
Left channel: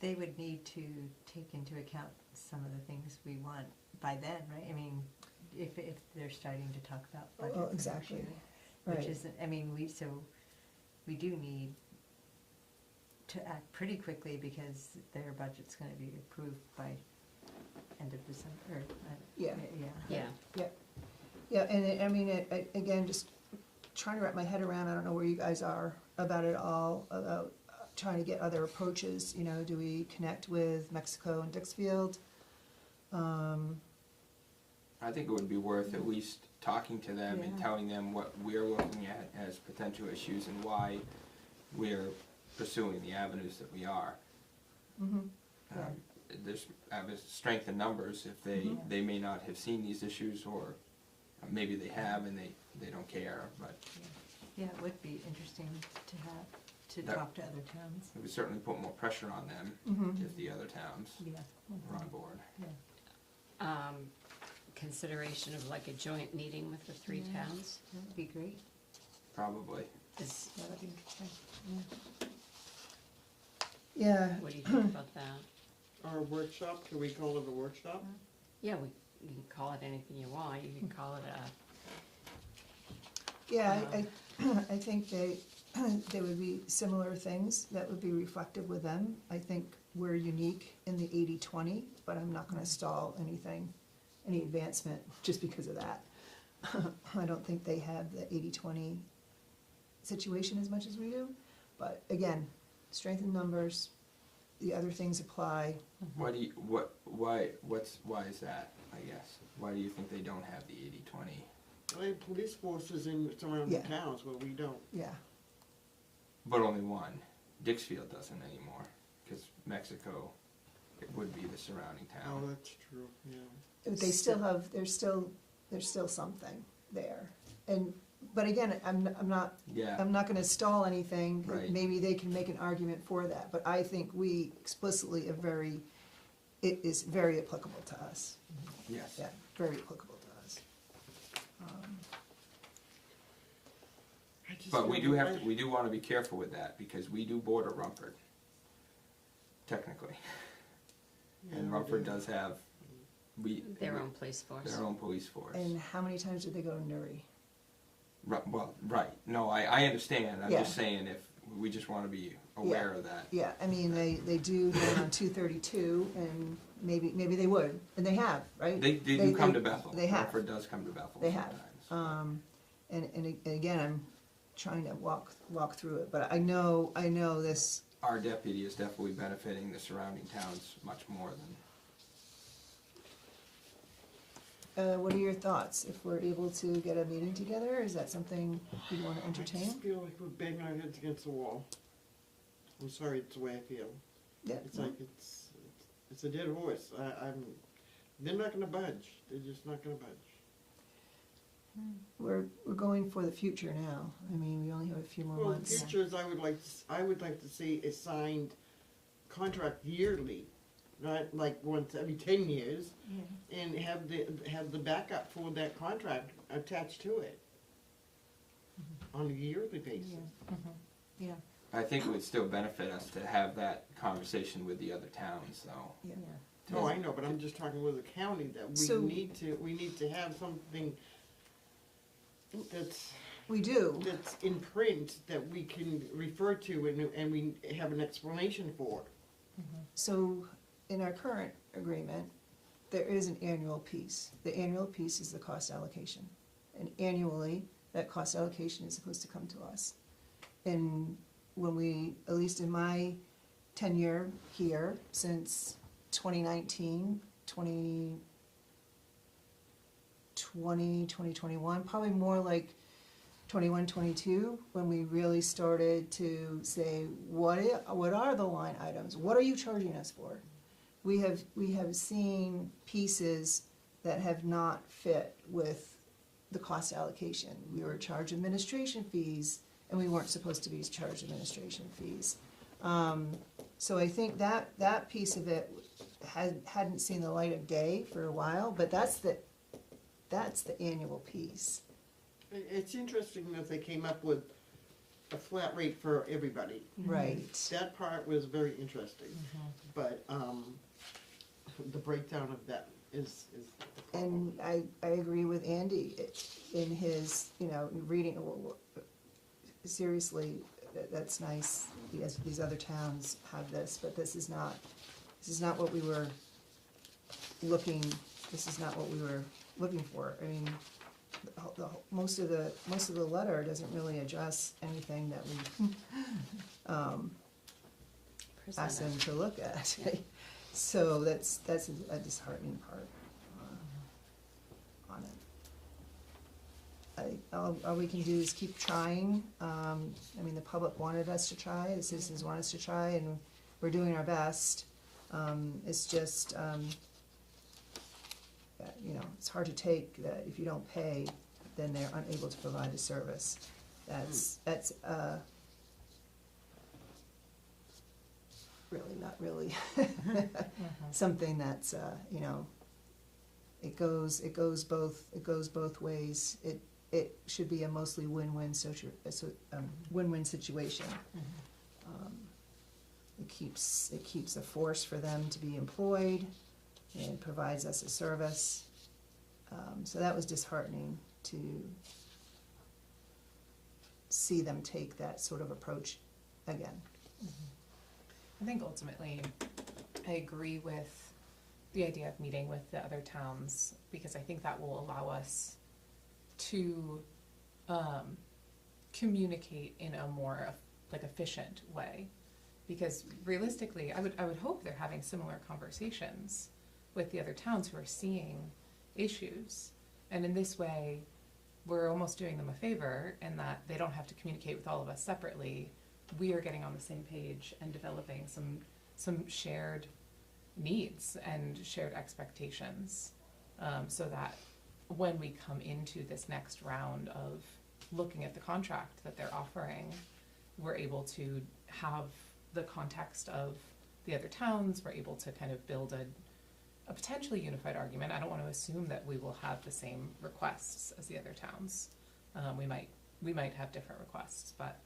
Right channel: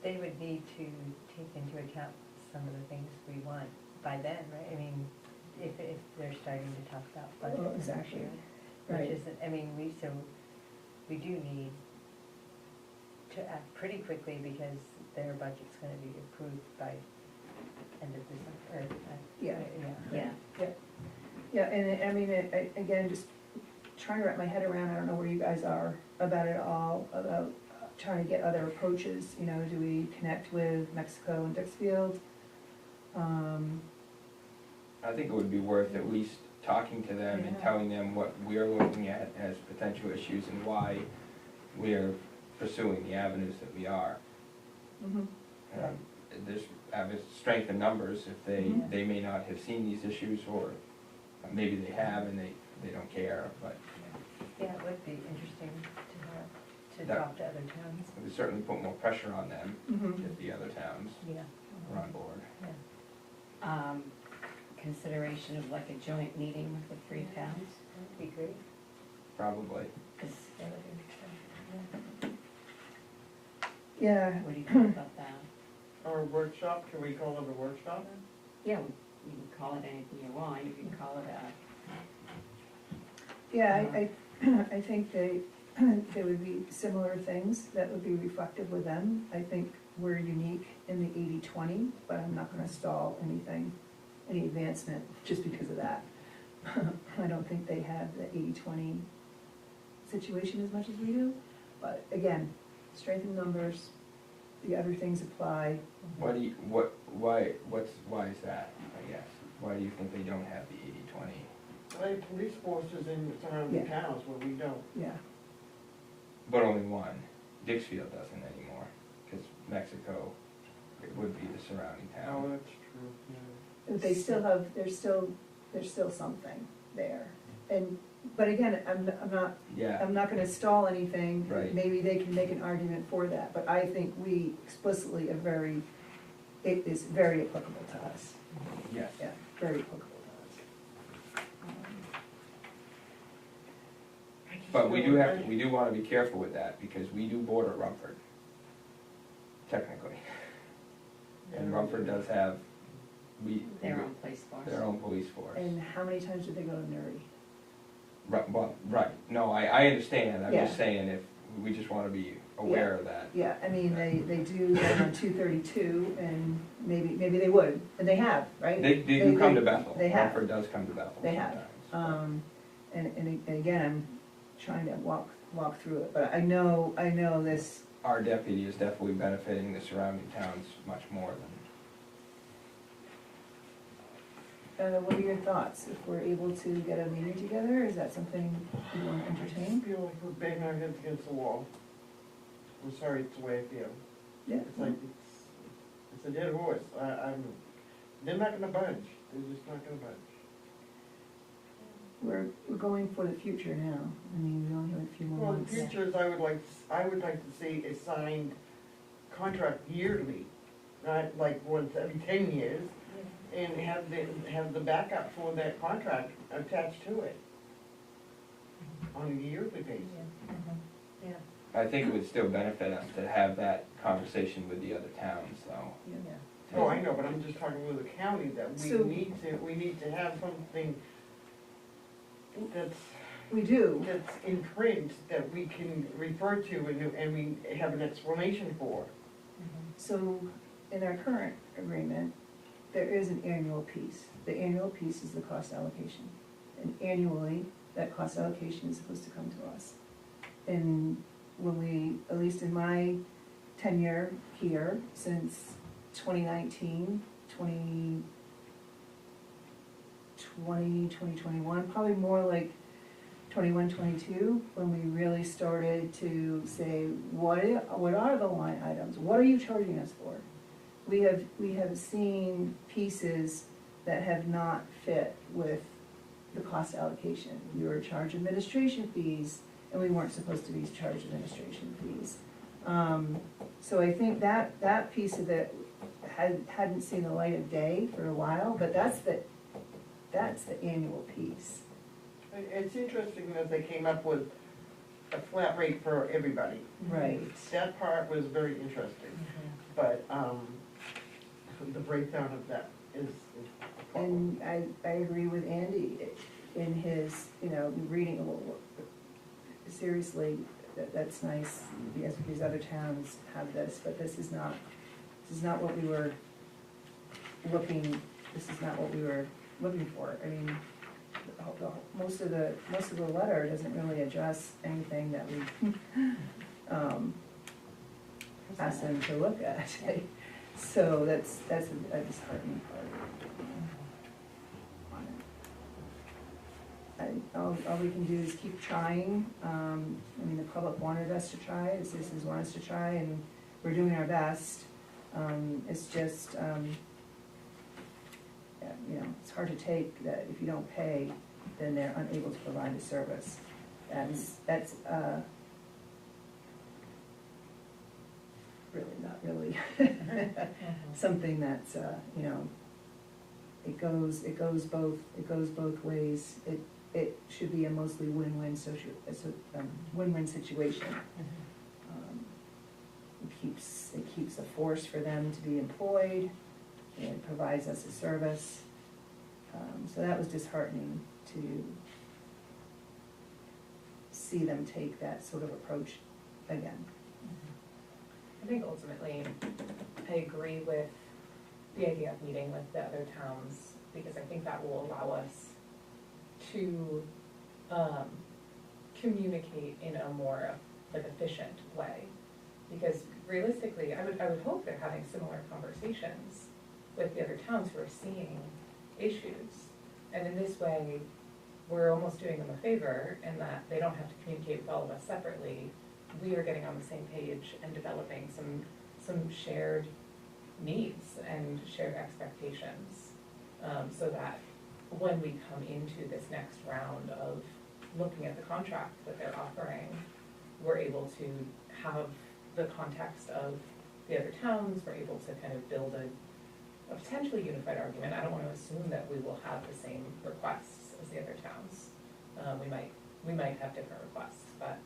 they would need to take into account some of the things we want by then, right? I mean, if they're starting to talk about budget. Oh, exactly. Which Right. isn't, I mean, we do need to act pretty quickly because their budget's gonna be approved by end of December, Yeah. Yeah. Yeah, and I mean, again, just trying to wrap my head around, I don't know where you guys are about it all, about trying to get other approaches, you know, do we connect with Mexico and Dixfield? I think it would be worth at least talking to them and Yeah. telling them what we're looking at as potential issues and why we're pursuing the avenues that we are. Mhm. Yeah. There's strength in numbers, if they may not have seen these issues, or maybe they have and they don't care, but Yeah, it would be interesting to That- talk to other towns. it would certainly put more pressure on them Mhm. if the other towns Yeah. are on board. Consideration of like a joint meeting with the three towns? That'd be great. Probably. Is- That would be interesting. Yeah, What do you think about that? Or a workshop, can we call it a workshop? Yeah, you can call it anything you want, you can call it yeah, I think there would be similar things that would be reflective with them. I think we're unique in the 80-20, but I'm not gonna stall anything, any advancement, just because of that. I don't think they have the 80-20 situation as much as we do, but again, strength in numbers, the other things apply. Why is that, I guess? Why do you think they don't have the 80-20? They have police forces in surrounding Yeah. towns, but we don't. Yeah, But only one. Dixfield doesn't anymore, because Mexico, it would be the surrounding Oh, town. that's true, yeah. they still have, there's still something there. But again, I'm Yeah, not gonna stall anything. Right. Maybe they can make an argument for that, but I think we explicitly it is very applicable to us. yes. Yeah, very applicable to us. I just But we know- do wanna be careful with that, because we do border Rumford, technically. And Yeah. Rumford does have, their own police force. their own police force. And how many times did they go to Newry? Right, no, I understand, I'm Yeah. just saying if, we just wanna be aware of that. Yeah, I mean, they do that on 232, and maybe they would, and they have, right? They do come to Bethel. They have. Rumford does come to Bethel They have. sometimes. And again, I'm trying to walk through it, but I know this, Our deputy is definitely benefiting the surrounding towns much more than. what are your thoughts? If we're able to get a meeting together, is that something you want to I just entertain? feel like we're banging our heads against the wall. I'm sorry, it's the way I feel. Yeah. It's like, it's a dead horse. They're not gonna budge. They're just not gonna budge. We're going for the future now. I mean, we only have a few more Well, the months. future is, I would like to see a signed contract yearly not like once every 10 years, and have the backup for that contract attached to it on a yearly basis. Yeah. I think it would still benefit us to have that conversation with the other towns, so. Yeah. Oh, I know, but I'm just talking with the county, that So- we need to have something that's We do, in print that we can refer to and we have an explanation for. so in our current agreement, there is an annual piece. The annual piece is the cost allocation. And annually, that cost allocation is supposed to come to us. And when we, at least in my tenure here, since 2019, 2021, probably more like 21, 22, when we really started to say, what are the line items? What are you charging us for? We have seen pieces that have not fit with the cost allocation. We were charged administration fees, and we weren't supposed to be charged administration fees. So I think that piece of it hadn't seen the light of day for a while, but that's the annual piece. It's interesting that they came up with a flat rate for everybody. Right. That part was very interesting, but, the breakdown of that is. And I agree with Andy in his, reading, seriously, that's nice, yes, these other towns have this, but this is not what we were looking for. I mean, most of the letter doesn't really address anything that we, asked them to look at. So that's a disheartening part on it. All we can do is keep trying. I mean, the public wanted us to try, the citizens want us to try, and we're doing our best. It's just, it's hard to take that if you don't pay, then they're unable to provide a service. That's really not really something that's, it goes both ways. It should be a mostly win-win win-win situation. It keeps a force for them to be employed, and it provides us a service. So that was disheartening to see them take that sort of approach again. I think ultimately, I agree with the idea of meeting with the other towns, because I think that will allow us to communicate in a more efficient way. Because realistically, I would hope they're having similar conversations with the other towns who are seeing issues. And in this way, we're almost doing them a favor in that they don't have to communicate with all of us separately. We are getting on the same page and developing some shared needs and shared expectations, so that when we come into this next round of looking at the contract that they're offering, we're able to have the context of the other towns, we're able to kind of build a potentially unified argument. I don't want to assume that we will have the same requests as the other towns. We might have different requests, but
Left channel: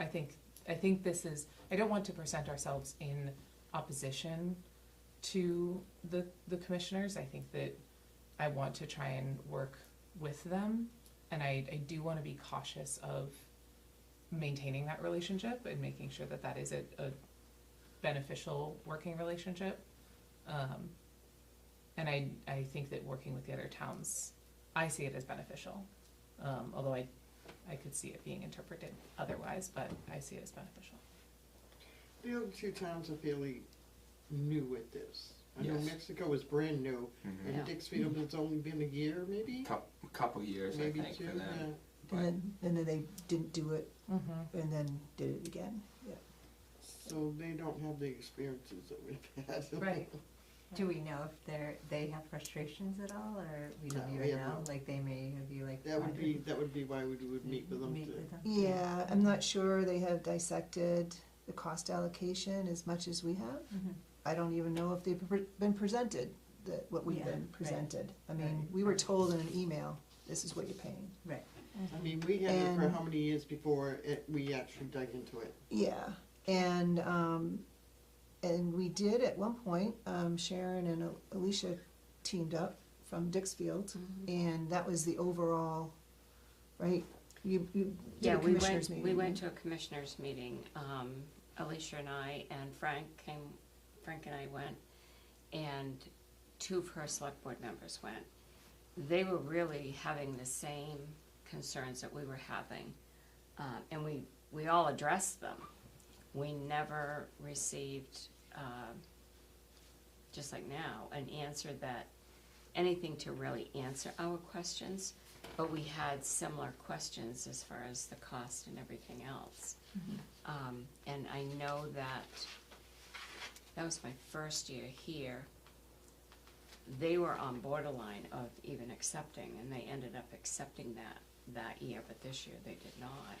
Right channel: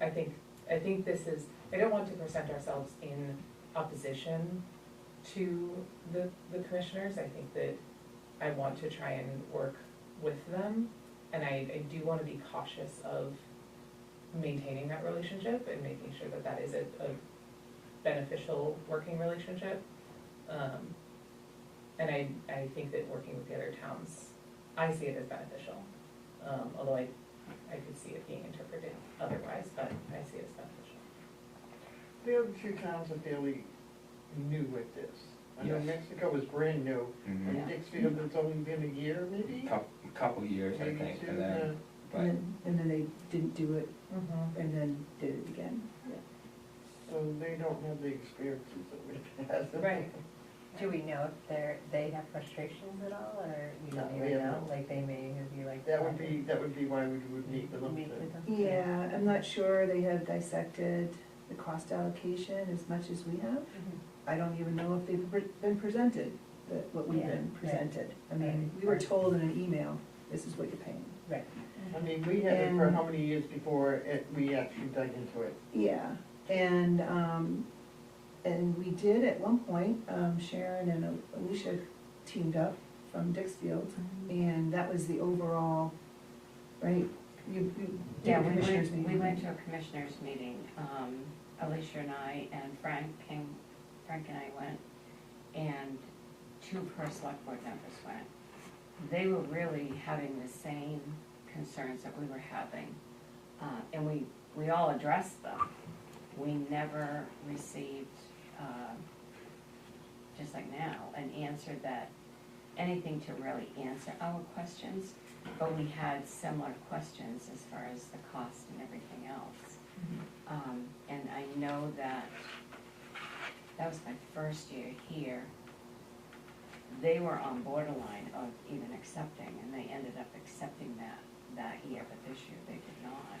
I think this is, I don't want to present ourselves in opposition to the commissioners. I think that I want to try and work with them, and I do want to be cautious of maintaining that relationship and making sure that that is a beneficial working relationship. And I think that working with the other towns, I see it as beneficial, although I could see it being interpreted otherwise, but I see it as beneficial. The other two towns are fairly new with this. I know Yes. Mexico is brand new, Mhm. and Dixfield, it's only been a year maybe? Couple years, I Maybe think, two, for them. But And then they didn't do it, and then did it again. So they don't have the experiences that we've had. Right. Do we know if they have frustrations at all, or we don't No, even we know, don't. like they may be like. That would be why we would meet with them. Meet to- with them? Yeah, I'm not sure, they have dissected the cost allocation as much as we have. Mhm. I don't even know if they've been presented, what we've Yeah, been right. presented. I mean, we were Right. told in an email, this is what you're paying. Right. I mean, we had it for And- how many years before we actually dug into it? Yeah, and we did at one point, Sharon and Alicia teamed up from Dixfield, and that was the overall, right? You did Yeah, a commissioners we meeting. went to a commissioners meeting, Alicia and I, and Frank and I went, and two of her select board members went. They were really having the same concerns that we were having, and we all addressed them. We never received, just like now, an answer that, anything to really answer our questions, but we had similar questions as far as the cost and everything else. And I know that was my first year here. They were on borderline of even accepting, and they ended up accepting that year, but this year they did not.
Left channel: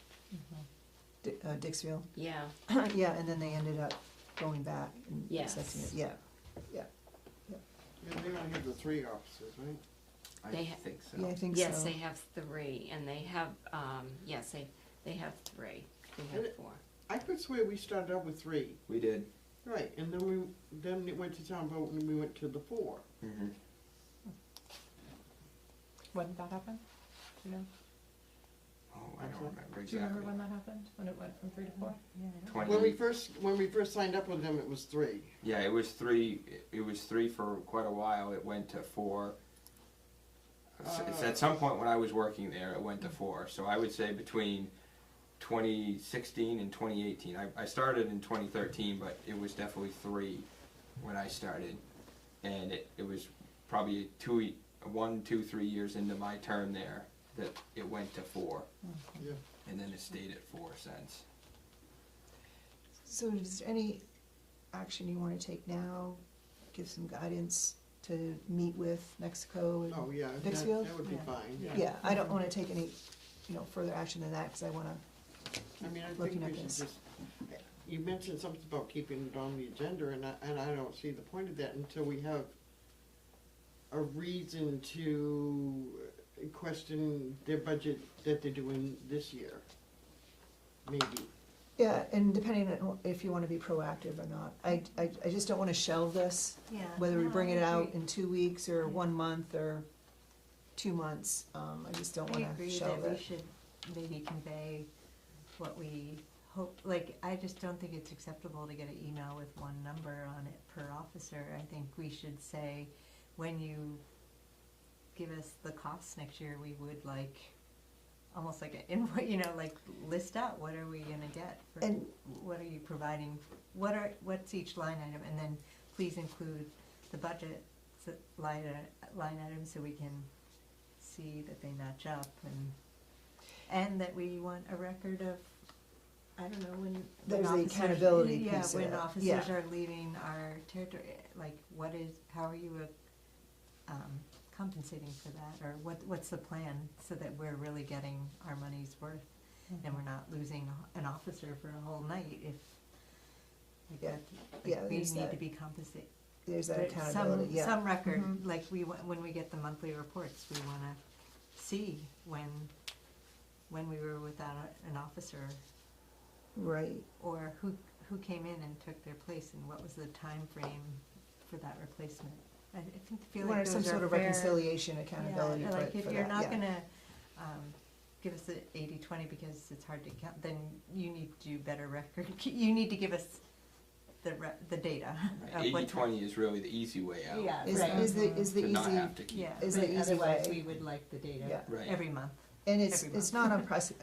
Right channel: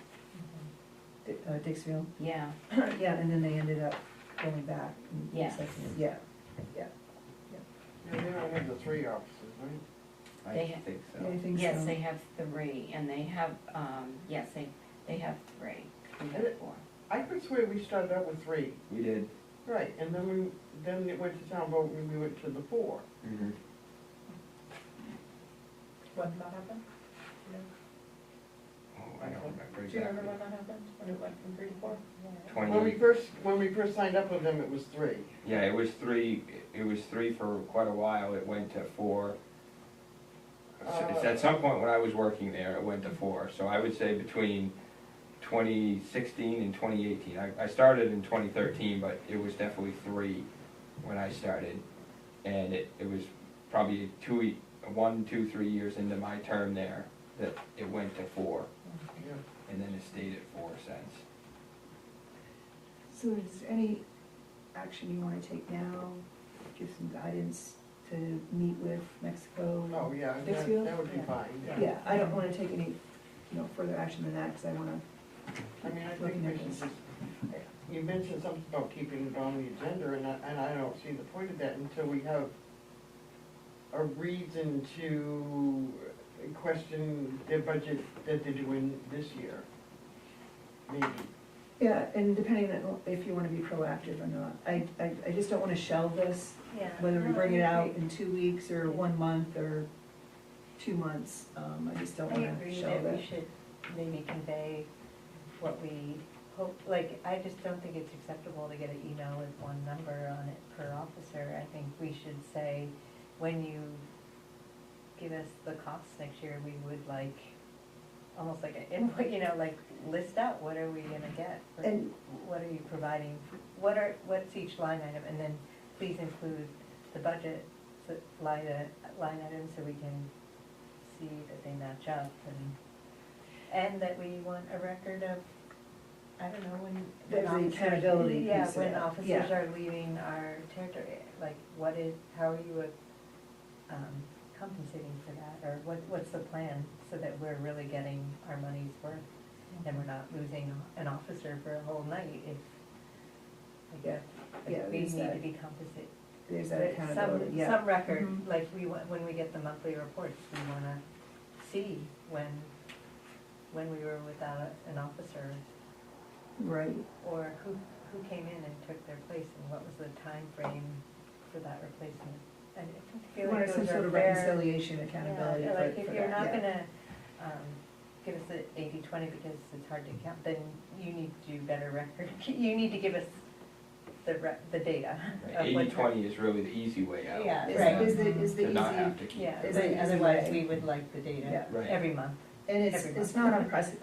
Dixfield, Yeah, yeah, and then they ended up going back and Yes. accepting it, yeah. And they don't have the 3 offices, right? They I ha- think Yeah, I so. think so. yes, they have 3, and they have, yes, they have 3. We And have it- 4. I could swear we started out with 3. We did. Right, and then it went to town vote and we went to the 4. Mhm. When did that happen? Oh, I don't remember Do you exactly. remember when that happened, when it went from 3 to 4? 20. When we first signed up with them, it was 3. Yeah, it was 3, for quite a while, it went to 4. It's at some point when I was working there, it went to 4, so I would say between 2016 and 2018. I started in 2013, but it was definitely 3 when I started. And it was probably 1, 2, 3 years into my term there that it went to 4, Yeah. and then it stayed at 4 since. So is there any action you wanna take now, give some guidance to meet with Mexico? and- Oh, yeah, Dixfield? that would be Yeah. fine. Yeah, I don't wanna take any, further action than that, cause I wanna, I mean, I think Looking at we should this. just, you mentioned something about keeping it on the agenda, and I don't see the point of that until we have a reason to question their budget that they're doing this year. Maybe. yeah, and depending on if you wanna be proactive or not. I just don't wanna shelve this, Yeah. whether we No, bring I it out agree. in 2 weeks or 1 month or 2 months. I just don't I wanna agree shelve that we it. should maybe convey what we hope, like, I just don't think it's acceptable to get an email with one number on it per officer. I think we should say, when you give us the costs next year, we would like, almost like an invoice, like, list out, what are we gonna get? And- What are you providing, what's each line item, and then please include the budget, line items, so we can see that they match up, and that we want a record of, I don't know, when. There's the officers- accountability Yeah, piece of when it, officers yeah. are leaving our territory, like, how are you, compensating for that, or what's the plan, so that we're really getting our money's worth, and we're not losing an officer for a whole night if, Yeah, yeah, we there's need that, to be compensated. there's that accountability, yeah. Some record, Mhm. like when we get the monthly reports, we wanna see when we were without an officer, Right, or who came in and took their place, and what was the time frame for that replacement. And I feel like or some those sort are of rare. reconciliation, accountability Yeah, for like for if that, you're not yeah. gonna, give us the 80-20 because it's hard to count, then you need to do better record, you need to give us the data. of what's- 80/20 is really the easy way out. Yeah, Is, right. is the To not easy, have to keep. Yeah, Is but the easy otherwise way. we would like the data Yeah. Right. every month. and it's Every not month.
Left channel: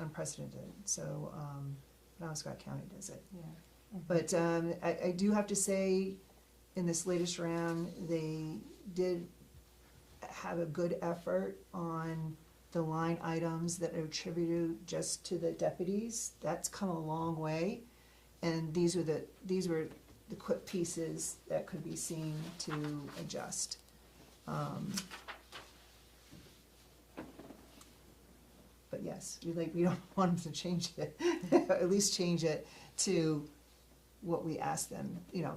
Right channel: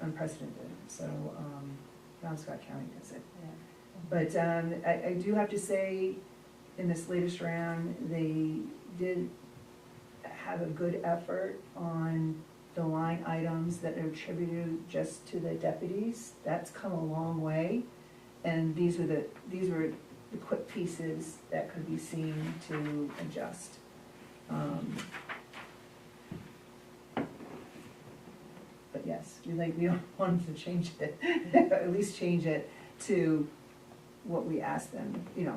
unprecedented, so, now Scott County does it. Yeah. But, I do have to say, in this latest round, they did have a good effort on the line items that are attributed just to the deputies. That's come a long way, and these were the quick pieces that could be seen to adjust. But yes, we don't want them to change it, at least change it to what we ask them, you know,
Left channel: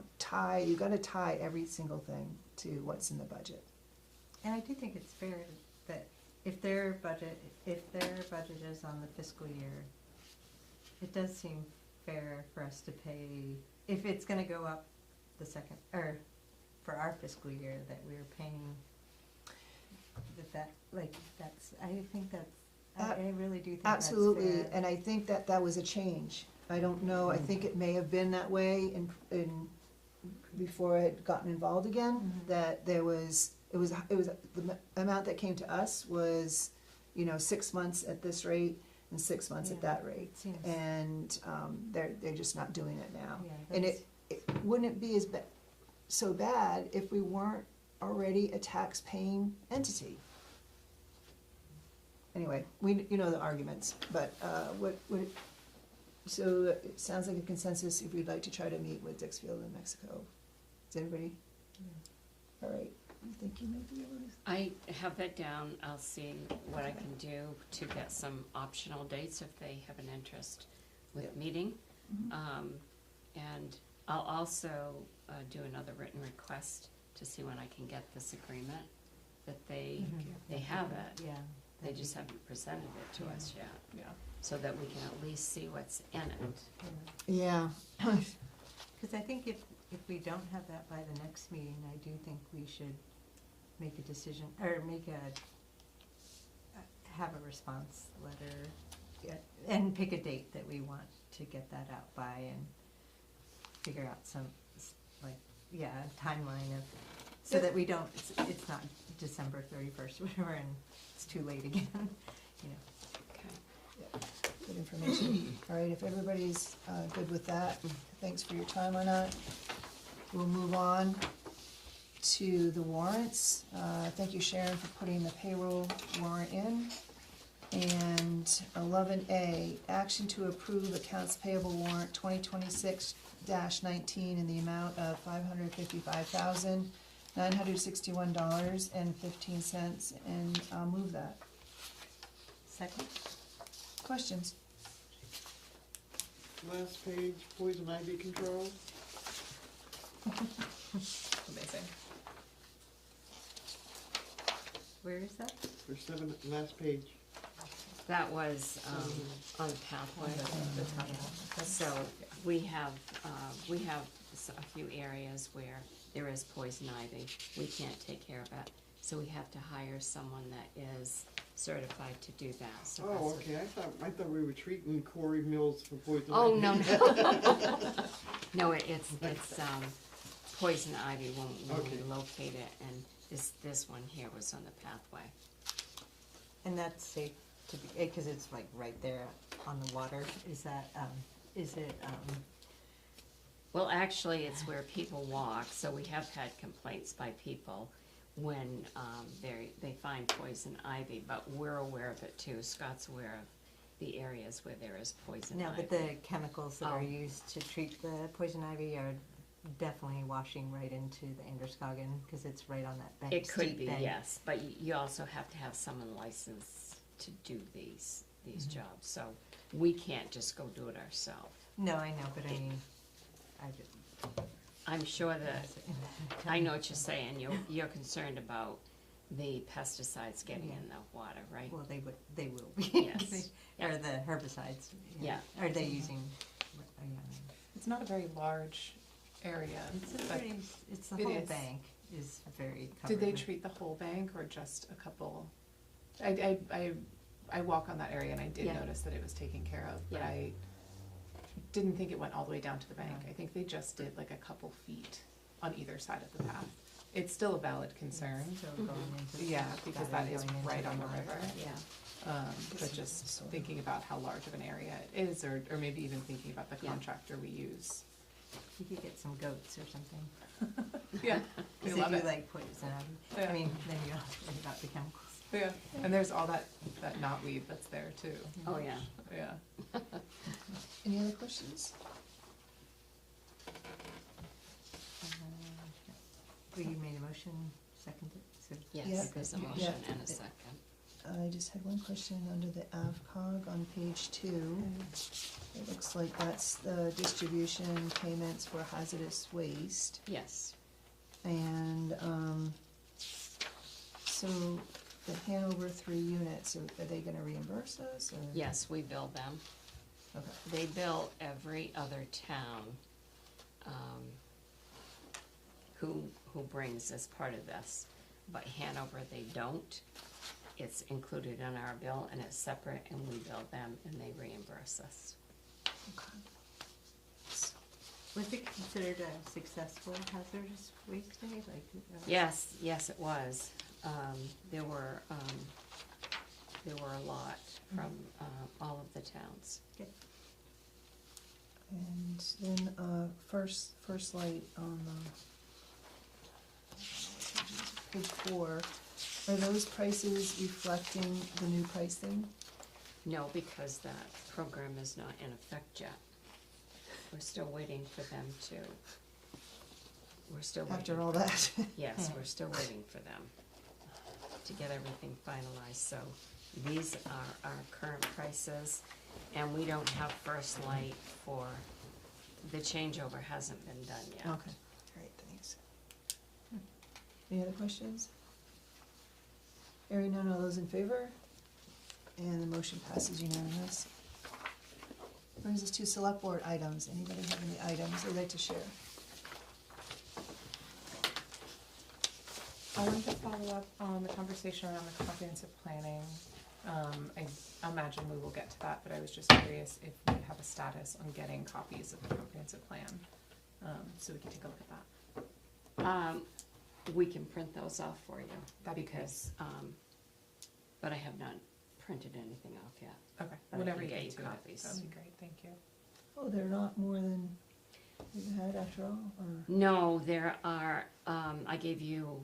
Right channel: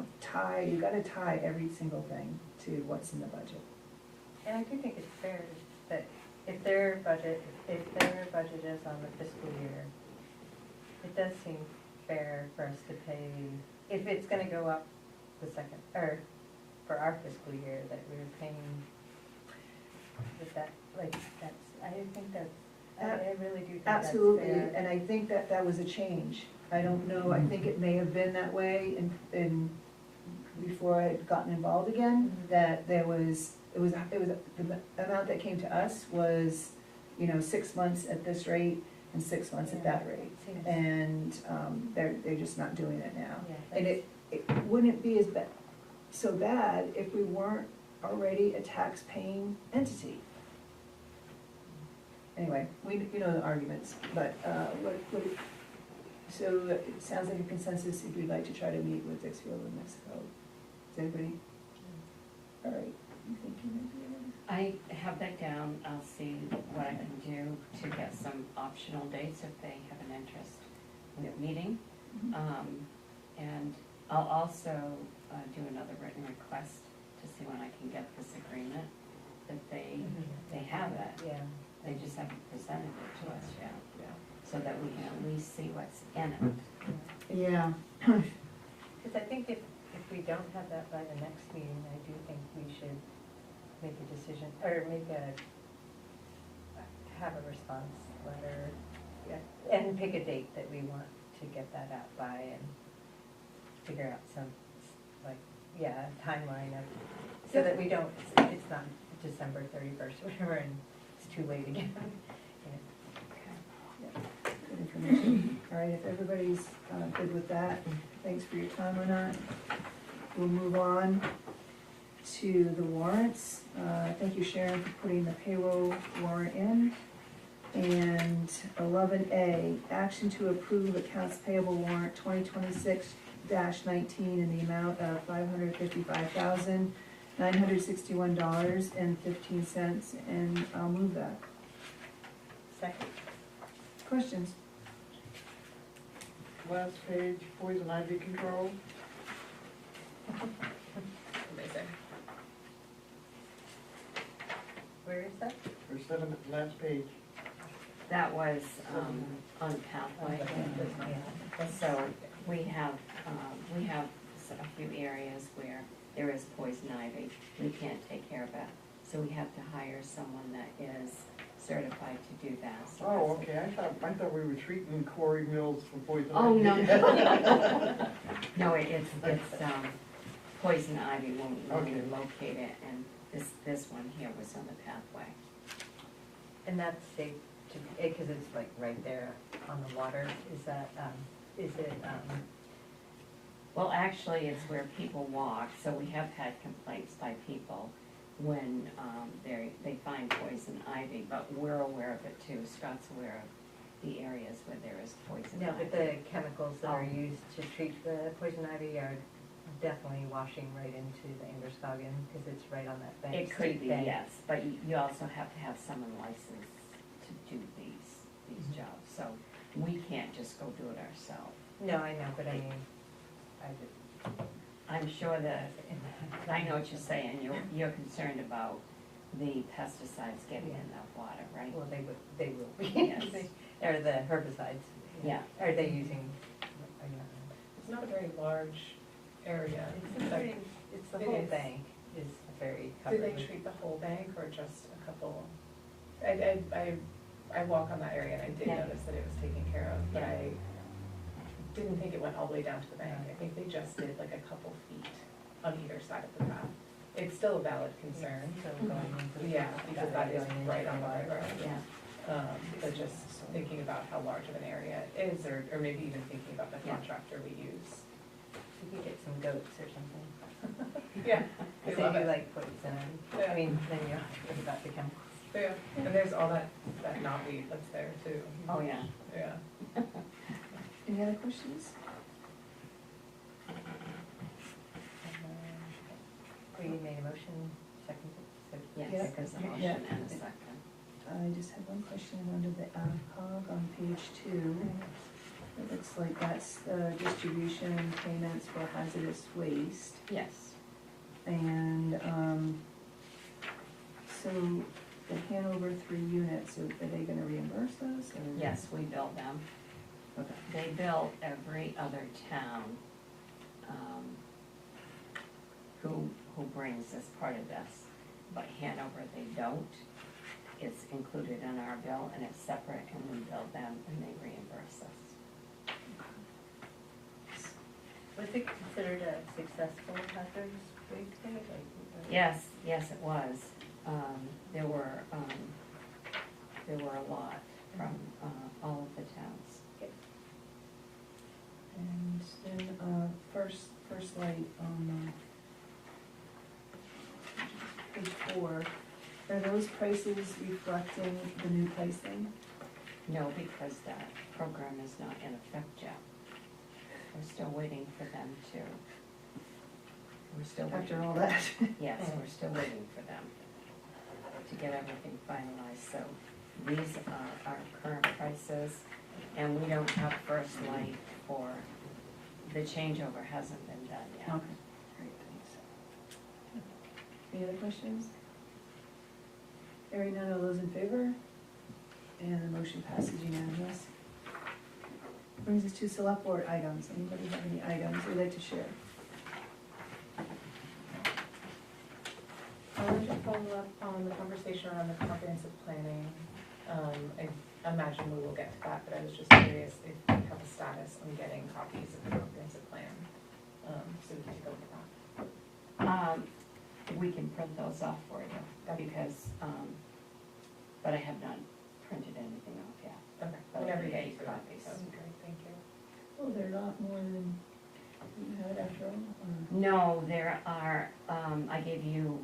you gotta tie every single thing to what's in the budget. And I do think it's fair that if their budget is on the fiscal year, it does seem fair for us to pay, if it's gonna go up the second, or for our fiscal year, that we're paying, I think that's, I really do think that's fair. Absolutely, and I think that that was a change. I don't know, I think it may have been that way before I had gotten involved again, that it was, the amount that came to us was, you know, 6 months at this rate and 6 months at that rate. Seems- And, they're just not doing it now. Yeah, And that's- it wouldn't be so bad if we weren't already a tax-paying entity. Anyway, you know the arguments, but, so it sounds like a consensus if you'd like to try to meet with Dixfield in Mexico. Is everybody? All right, you think you might be able to? I have that down, I'll see what I can do to get some optional dates if they have an interest with meeting. And I'll also do another written request to see when I can get this agreement, that they have it. Yeah. They just haven't presented it to us yet, Yeah. so that we can at least see what's in it. Yeah. Because I think if we don't have that by the next meeting, I do think we should make a decision, or have a response letter, and pick a date that we want to get that out by, and figure out some, timeline of, so that we don't, it's not December 31st, or whatever, and it's too late again. Good information. All right, if everybody's good with that, thanks for your time on that. We'll move on to the warrants. Thank you, Sharon, for putting the payroll warrant in. And 11A, action to approve accounts payable warrant 2026-19 in the amount of $555,961.15, and I'll move that. Second. Questions? Last page, poison ivy control. Amazing. Where is that? There's seven, last page. That was on the pathway. So we have a few areas where there is poison ivy. We can't take care of it, so we have to hire someone that is certified to do that. So Oh, that's okay, I thought we were treating Corey Mills for poison ivy. Oh, no. No, it's poison ivy when we Okay. locate it, and this one here was on the pathway. And that's safe, because it's like right there on the water, is that, Well, actually, it's where people walk, so we have had complaints by people when they find poison ivy, but we're aware of it too. Scott's aware of the areas where there is poison no, ivy. but the chemicals that are Oh. used to treat the poison ivy are definitely washing right into the Androscoggin, because it's right on that bank. It could steep be, bank. yes, but you also have to have someone licensed to do these Mhm. jobs, so we can't just go do it ourselves. No, I know, but I mean, I just. I'm sure that, I know what you're saying, you're concerned about the pesticides getting in the water, right? Well, they will be. Yes. Or the herbicides. Yeah. Are they using? It's not a very large area. It's the It whole is. bank is very Did they covered. treat the whole bank or just a couple? I walk on that area and I did Yeah. notice that it was taken care of, but Yeah. I didn't think it went all the way down to the bank. I think they just did like a couple feet on either side of the path. It's still a valid concern, yeah, because that is right on the river. Yeah. But just thinking about how large of an area it is, or maybe even thinking about the Yeah. contractor we use. You could get some goats or something. Yeah, they Because love they do it. like poison. Yeah. I mean, then you don't have to think about the chemicals. Yeah, and there's all that knotweed that's there too. Oh, yeah. Yeah. Any other questions? So you made a motion, seconded, so. Yes, Yeah. there's a Yeah. motion and a second. I just have one question under the AvCog on page 2. It looks like that's the distribution payments for hazardous waste. Yes, And, so the Hanover 3 units, are they gonna reimburse us, or? yes, we bill them. Okay. They bill every other town, who brings as part of this, but Hanover, they don't. It's included in our bill and it's separate, and we bill them and they reimburse us. Was it considered a successful hazardous waste day? Like, Yes, it was. There were a lot from, all of the towns. And then, first light on, page 4, are those prices reflecting the new pricing? No, because that program is not in effect yet. We're still waiting for them to, we're still waiting. After all that? Yes, we're still waiting for them to get everything finalized, so these are our current prices, and we don't have first light for, the changeover hasn't been done yet. Okay, great, thanks. Any other questions? Hearing none, all those in favor? And the motion passes unanimous. Brings us to select board items. Anybody have any items they'd like to share? I wanted to follow up on the conversation around the comprehensive planning. I imagine we will get to that, but I was just curious if we have a status on getting copies of the comprehensive plan, so we can take a look at that. We can print those off for you, because, but I have not printed anything off yet. Okay, I will whatever you get can you do. copies. That would be great, thank you. Oh, they're not more than you had after all, or? No, there are, I gave you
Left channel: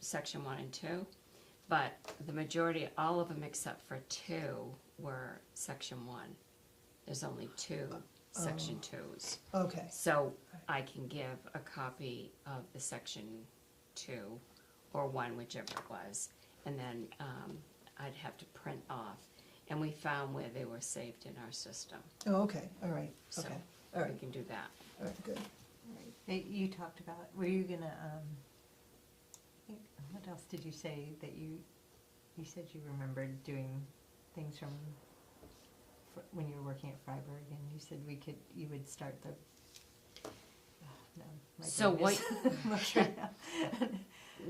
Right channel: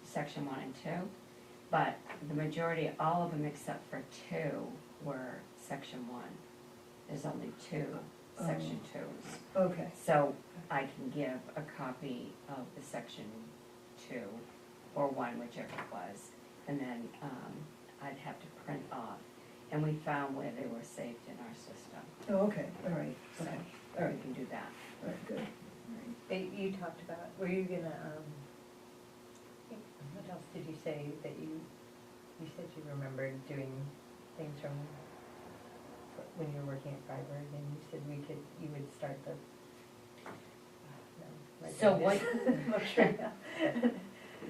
section 1 and 2, but the majority, all of them except for 2 were section 1. There's only 2 section 2s. Okay, So I can give a copy of the section 2 or 1, whichever it was, and then I'd have to print off. And we found where they were saved in our system, oh, okay, all right, so okay, we can do that. all right, good. You talked about, were you gonna, what else did you say that you said you remembered doing things from, when you were working at Freiburg, and you said you would start the, no. So what- Okay.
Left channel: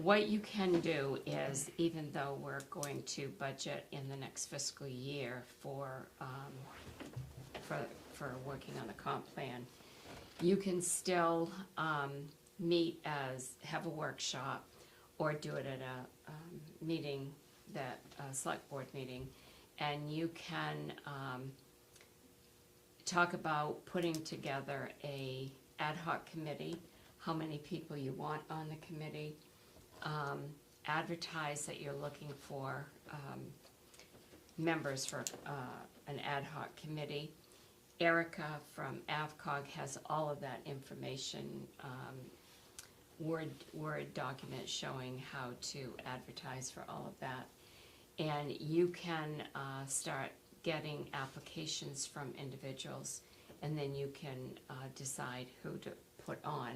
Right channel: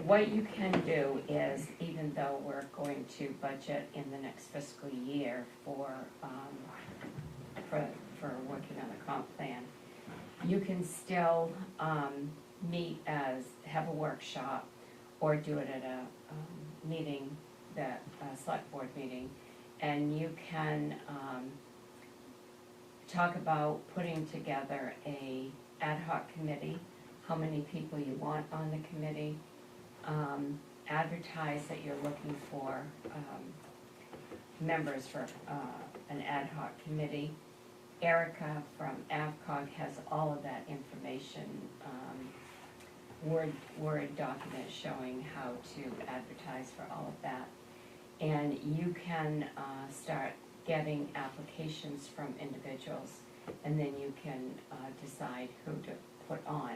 What you can do is, even though we're going to budget in the next fiscal year for working on the comp plan, you can still meet have a workshop, or do it at a meeting, a select board meeting, and you can talk about putting together a ad hoc committee, how many people you want on the committee, advertise that you're looking for members for an ad hoc committee. Erica from AvCog has all of that information, Word document showing how to advertise for all of that. And you can start getting applications from individuals, and then you can decide who to put on.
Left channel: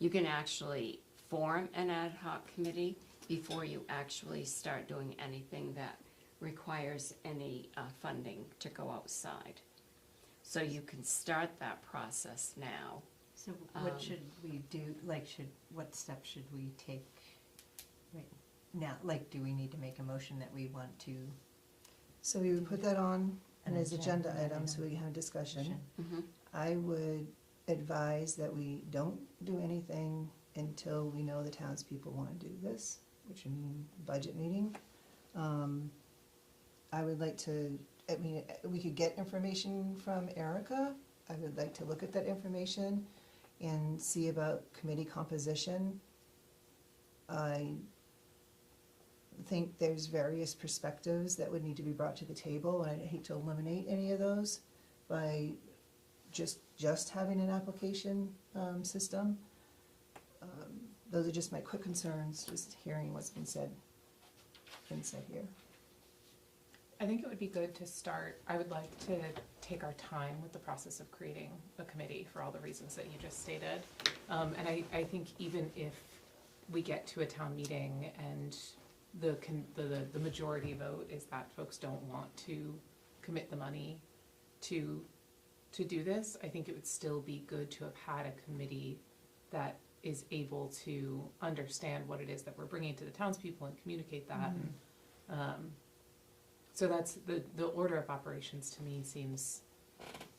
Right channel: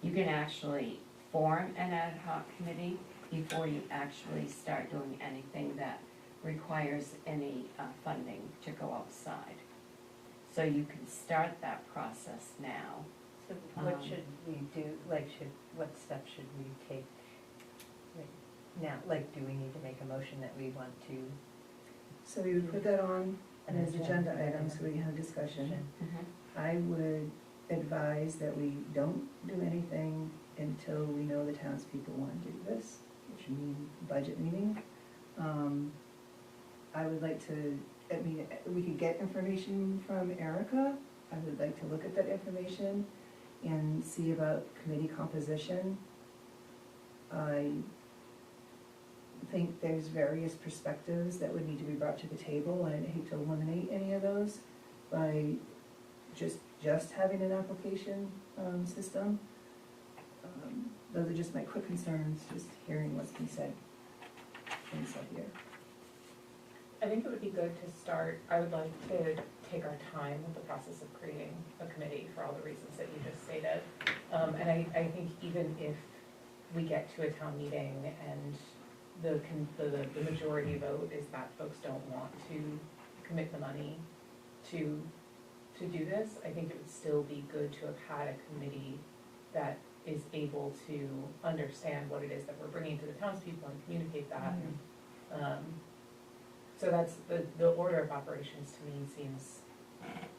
You can actually form an ad hoc committee before you actually start doing anything that requires any funding to go outside. So you can start that process now. So what should we do, what steps should we take now? Like, do we need to make a motion that we want to? So we would put that on as agenda items, so we can have discussion. I would advise that we don't do anything until we know the townspeople want to do this, which would mean budget meeting. I would like to, we could get information from Erica. I would like to look at that information and see about committee composition. I think there's various perspectives that would need to be brought to the table, and I'd hate to eliminate any of those by just having an application system. Those are just my quick concerns, just hearing what's been said here. I think it would be good to start, I would like to take our time with the process of creating a committee for all the reasons that you just stated. And I think even if we get to a town meeting and the majority vote is that folks don't want to commit the money to do this, I think it would still be good to have had a committee that is able to understand what it is that we're bringing to the townspeople and communicate that. So that's, the order of operations to me seems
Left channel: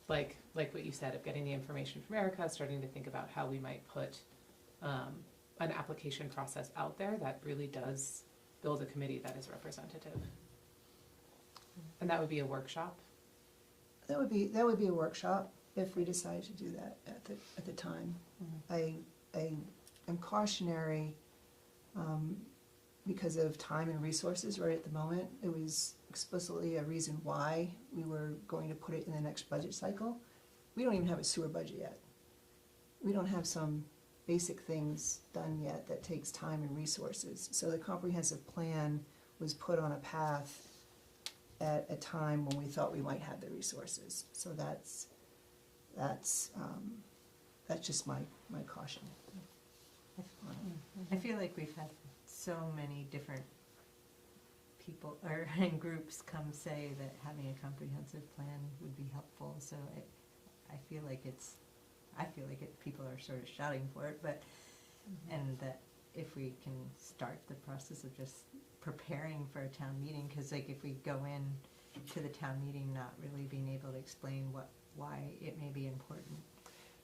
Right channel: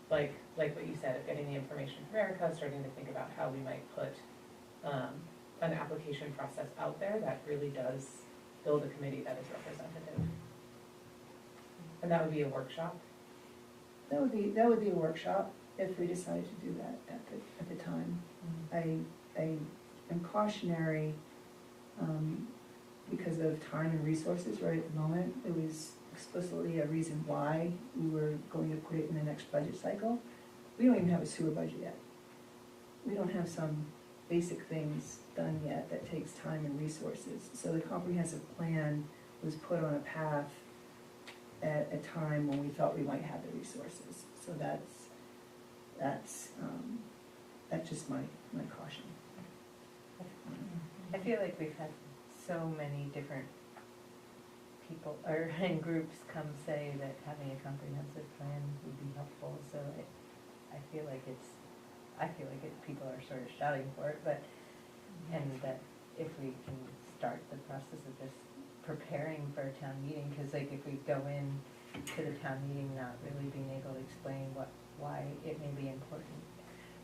like what you said, of getting the information from Erica, starting to think about how we might put an application process out there that really does build a committee that is representative. And that would be a workshop. That would be a workshop if we decided to do that at the time. I am cautionary, because of time and resources right at the moment. It was explicitly a reason why we were going to put it in the next budget cycle. We don't even have a sewer budget yet. We don't have some basic things done yet that takes time and resources. So the comprehensive plan was put on a path at a time when we thought we might have the resources. So that's just my caution. I feel like we've had so many different people, or and groups come say that having a comprehensive plan would be helpful, so I feel like people are sort of shouting for it, but, and that if we can start the process of just preparing for a town meeting, because like if we go in to the town meeting not really being able to explain why it may be important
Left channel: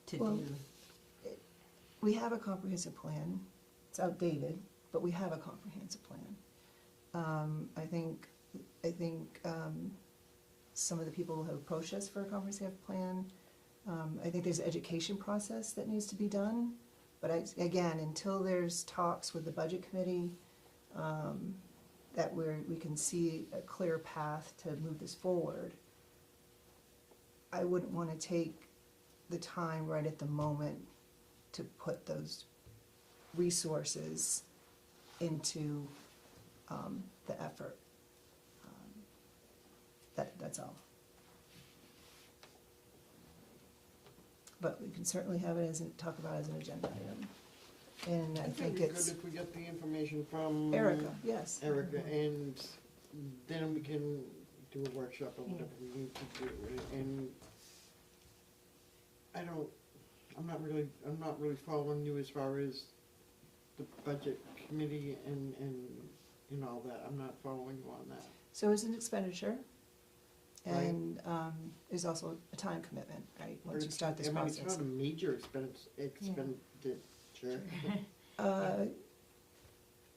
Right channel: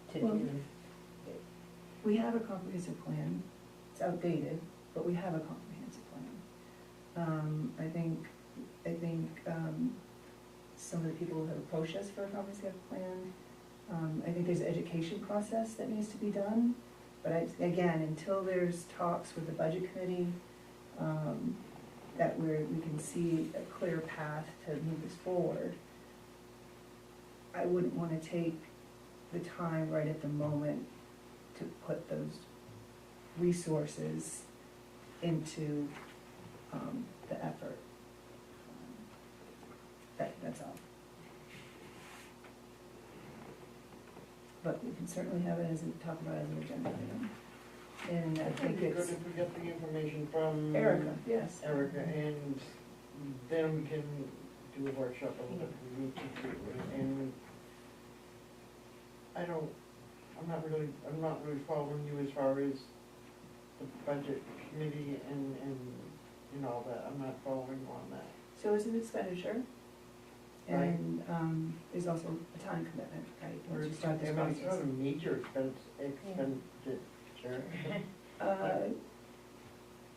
to do. We have a comprehensive plan. It's outdated, but we have a comprehensive plan. I think some of the people who have approached us for a comprehensive plan, I think there's an education process that needs to be done. But again, until there's talks with the budget committee, that we can see a clear path to move this forward, I wouldn't want to take the time right at the moment to put those resources into the effort. That's all. But we can certainly have it talk about it as an agenda item. And I think It'd be it's good if we get the information from Erica, yes. Erica, and then we can do a workshop or whatever we need to do. And I'm not really following you as far as the budget committee and all that. I'm not following you on that. So it's an expenditure, Right. and there's also a time commitment, right, once you start this It's process. not a major expenditure.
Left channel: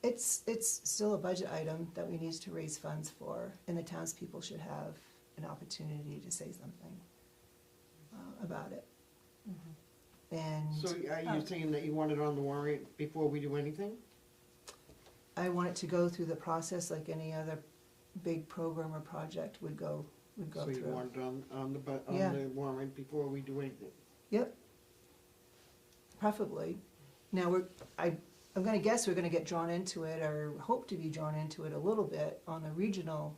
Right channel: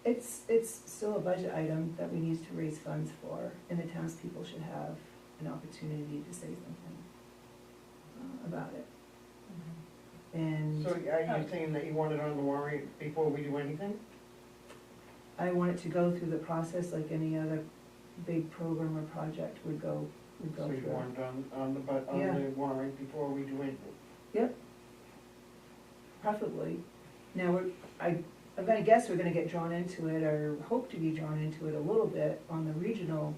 It's still a budget item that we need to raise funds for, and the townspeople should have an opportunity to say something about it. And So are you saying that you want it on the warrant before we do anything? I want it to go through the process like any other big program or project would go So you through. want it on Yeah. the warrant before we do anything? Yep. Preferably. Now, I'm gonna guess we're gonna get drawn into it, or hope to be drawn into it a little bit on the regional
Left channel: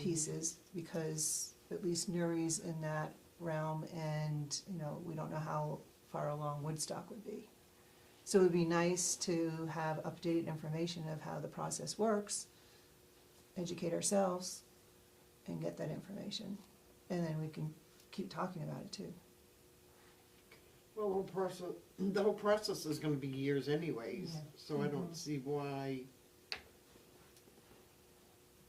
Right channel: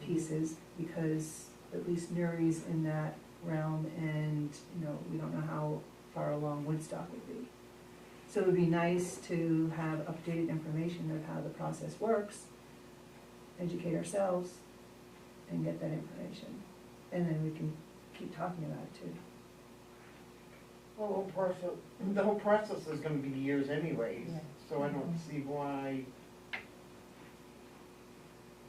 pieces, because at least Nuri's in that realm, and, we don't know how far along Woodstock would be. So it would be nice to have updated information of how the process works, educate ourselves, and get that information. And then we can keep talking about it too. Well, the whole process is gonna be years anyways, Yeah. so I don't see why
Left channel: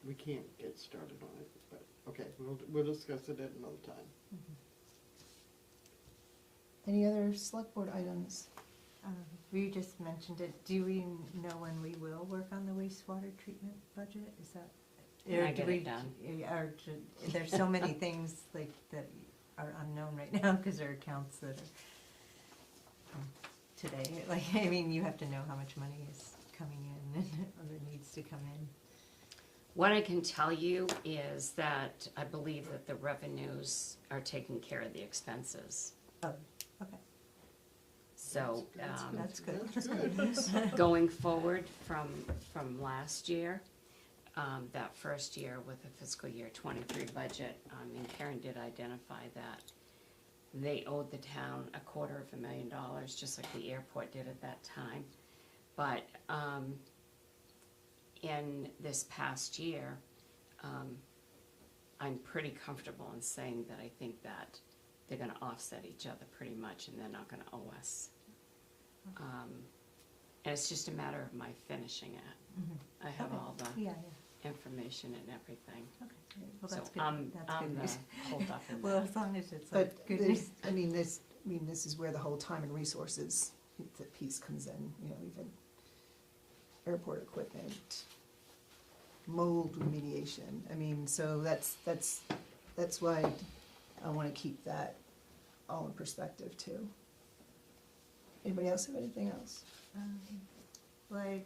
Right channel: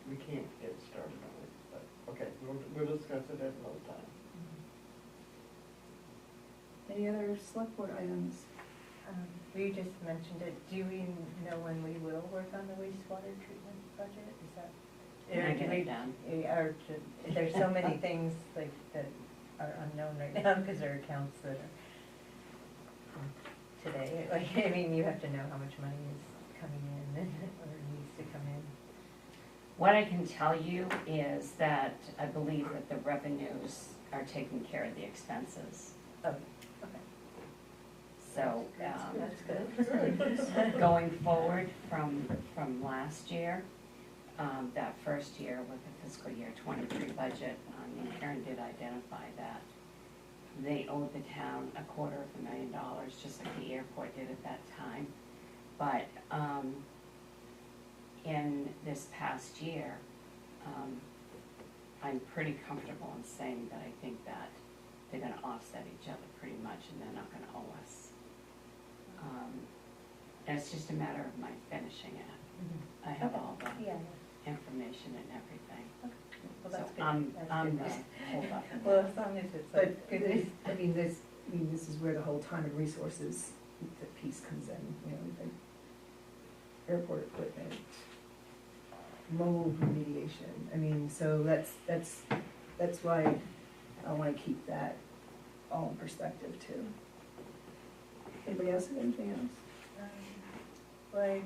we can't get started on it, but, okay, we'll discuss it at another time. Any other select board items? We just mentioned it, do we know when we will work on the wastewater treatment budget, is that? When I or do get it we- done. There's so many things like that are unknown right now, because there are accounts that are today, like, I mean, you have to know how much money is coming in and other needs to come in. What I can tell you is that I believe that the revenues are taking care of the expenses. Oh, okay. So, That's good. going forward from last year, that first year with the fiscal year 23 budget, Karen did identify that they owed the town $250,000, just like the airport did at that time. But in this past year, I'm pretty comfortable in saying that I think that they're gonna offset each other pretty much, and they're not gonna owe us. And it's just a matter of my finishing it. I have Okay. all the Yeah, information and everything. well, So that's good. I'm That's good news. hold up in Well, that. as long as it's But like good there's, news. this is where the whole time and resources, the piece comes in, we've been airport equipment, mold remediation, so that's why I wanna keep that all in perspective too. Anybody else have anything else? Well,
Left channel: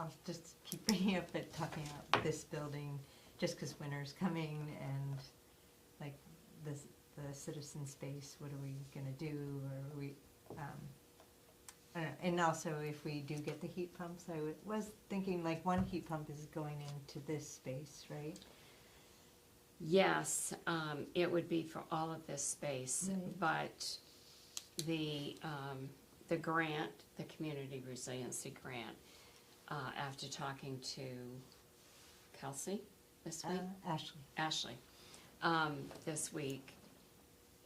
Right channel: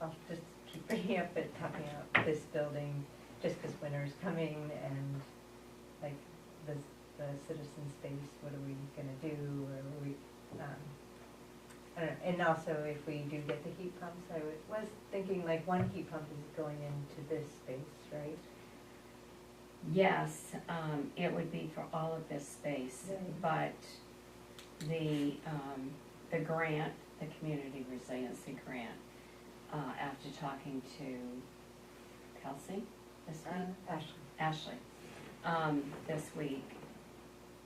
I'll just keep bringing up talking about this building, just because winter's coming and like the citizen space, what are we gonna do, or are we, I don't know. And also if we do get the heat pumps, I was thinking like one heat pump is going into this space, right? Yes, it would be for all of this space, Right. but the grant, the community resiliency grant, after talking to Kelsey this week, Ashley. Ashley, this week,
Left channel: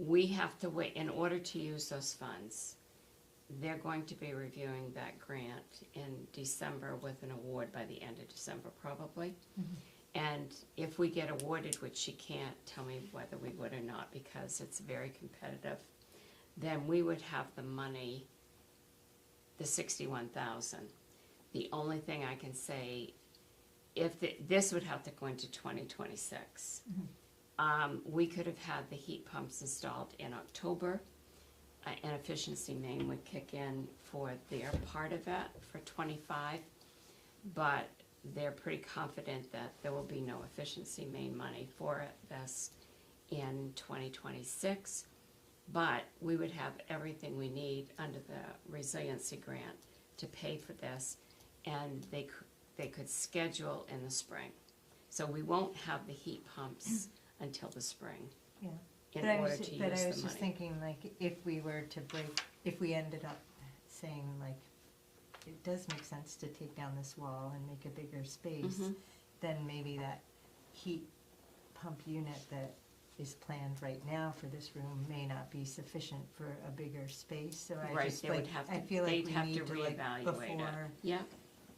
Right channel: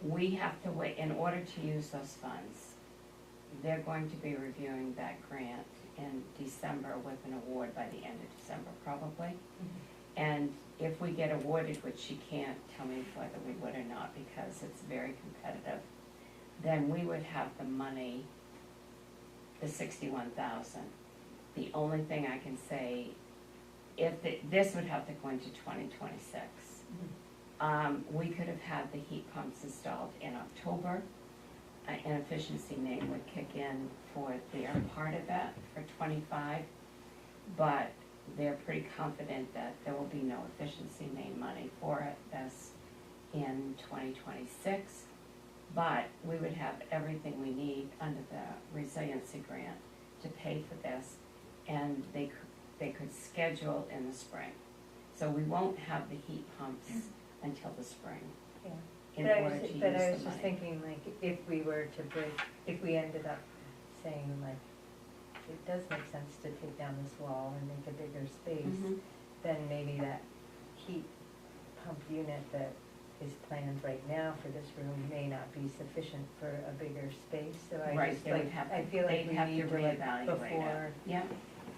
we have to wait, in order to use those funds, they're going to be reviewing that grant in December with an award by the end of December probably. And if we get awarded, which she can't tell me whether we would or not because it's very competitive, then we would have the money, the $61,000. The only thing I can say, this would have to go into 2026. We could have had the heat pumps installed in October. An efficiency name would kick in for their part of it for 25, but they're pretty confident that there will be no efficiency main money for this in 2026. But we would have everything we need under the resiliency grant to pay for this, and they could schedule in the spring. So we won't have the heat pumps until the spring Yeah. in order to use the money. But I was just thinking, like, if we were to if we ended up saying, like, it does make sense to take down this wall and make a bigger space, Mhm. then maybe that heat pump unit that is planned right now for this room may not be sufficient for a bigger space, so I Right, just, they would like, have I to- feel like they'd we have need to to, like, reevaluate it. Yeah,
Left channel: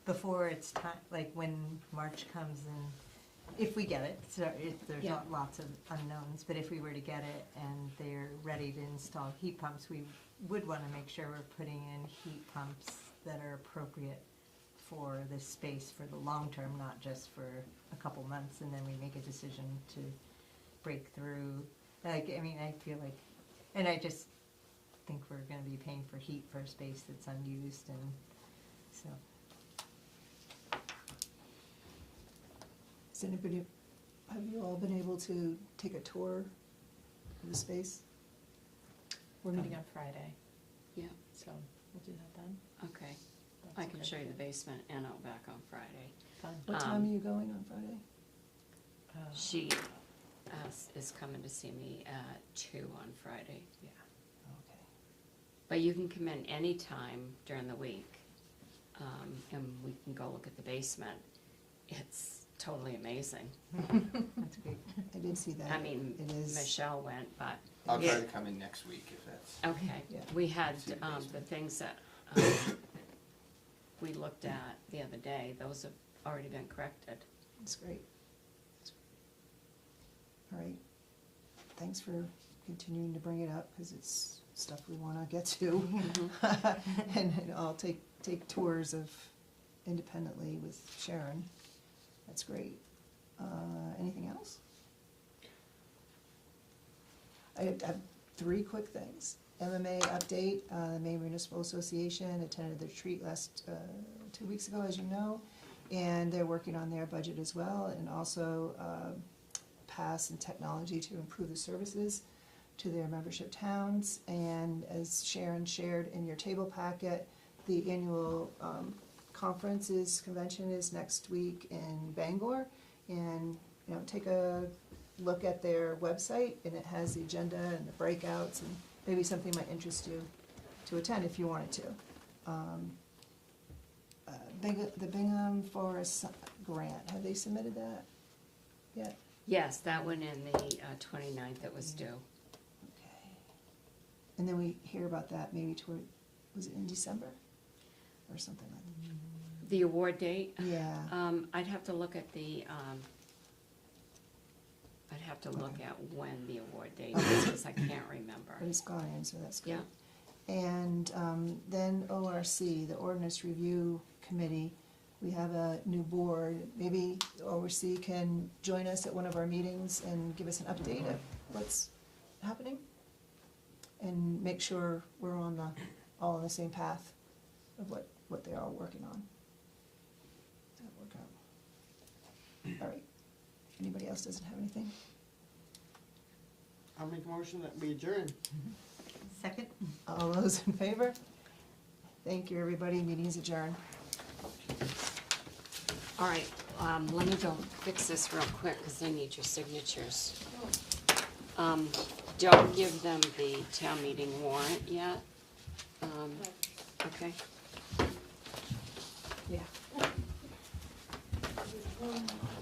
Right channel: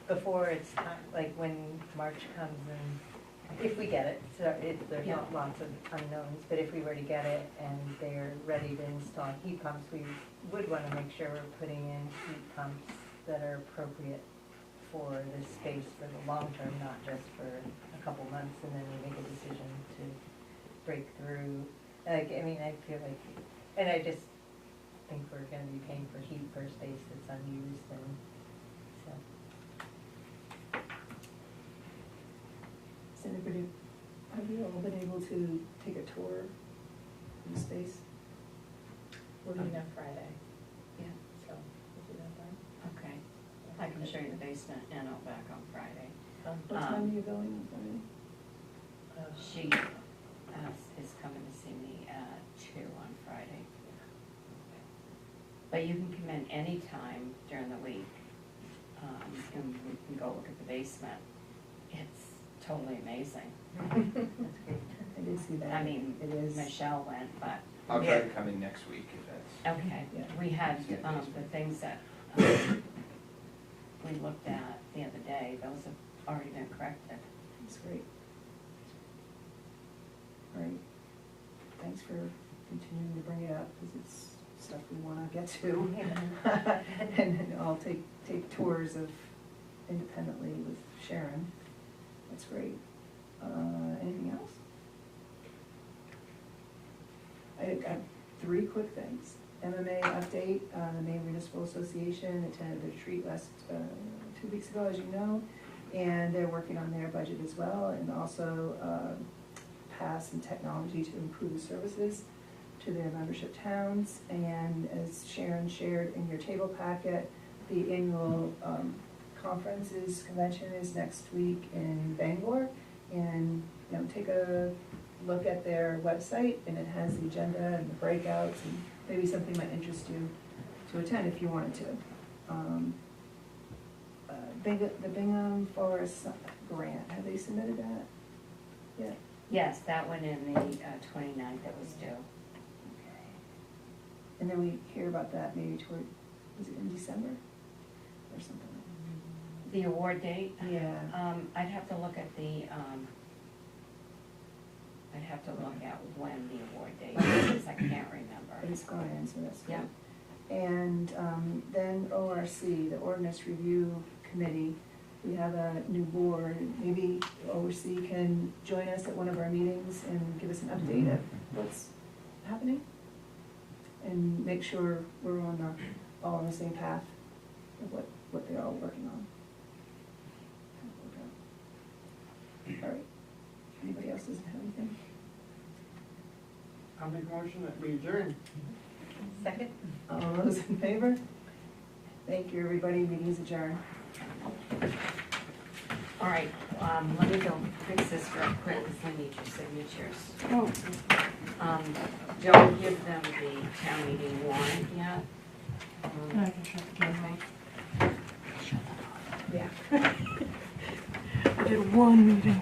before it's time, like, when March comes and, if we get it, so there's Yeah. lots of unknowns, but if we were to get it and they're ready to install heat pumps, we would wanna make sure we're putting in heat pumps that are appropriate for this space for the long term, not just for a couple months, and then we make a decision to break through. Like, I feel like, and I just think we're gonna be paying for heat for a space that's unused, and so. Has anybody, have you all been able to take a tour of the space? We're meeting on Friday, yeah, so we'll do that then. okay. I can show you the basement and I'll back on Friday. What time are you going on Friday? She is coming to see me at 2 on Friday. But you can come in anytime during the week, and we can go look at the basement. It's totally amazing. That's great. I did see that. I mean, It is, Michelle went, but, I'll try Yeah. to come in next week if that's. okay. Yeah. We had, See the the basement. things that, we looked at the other day, those have already been corrected. it's great. All right, thanks for continuing to bring it up, because it's stuff we wanna get to. And I'll take tours of independently with Sharon. That's great. Anything else? I have 3 quick things. MMA update, the Maine Municipal Association attended the retreat last, 2 weeks ago, as you know, and they're working on their budget as well, and also, pass and technology to improve the services to their membership towns. And as Sharon shared in your table packet, the annual convention is next week in Bangor. And, take a look at their website, and it has the agenda and the breakouts, and maybe something might interest you to attend if you wanted to. The Bingham Forest Grant, have they submitted that yet? Yes, that went in the 29th that was due. Okay. And then we hear about that maybe toward, was it in December or something like The award date? that? Yeah. I'd have to look at the, I'd have to look at when the award date is, because I can't remember. But it's gone in, so that's good. Yeah. And then ORC, the Ordinance Review Committee, we have a new board. Maybe ORC can join us at one of our meetings and give us an update of what's happening, and make sure we're on all on the same path of what they're all working on. All right. Anybody else doesn't have anything? I'll make a motion that we adjourn. Second? All those in favor? Thank you, everybody. Meeting's adjourned. All right, let me go fix this real quick, because I need your signatures. Oh, Don't give them the town meeting warrant yet. And I can shut the camera. Okay. I did one meeting.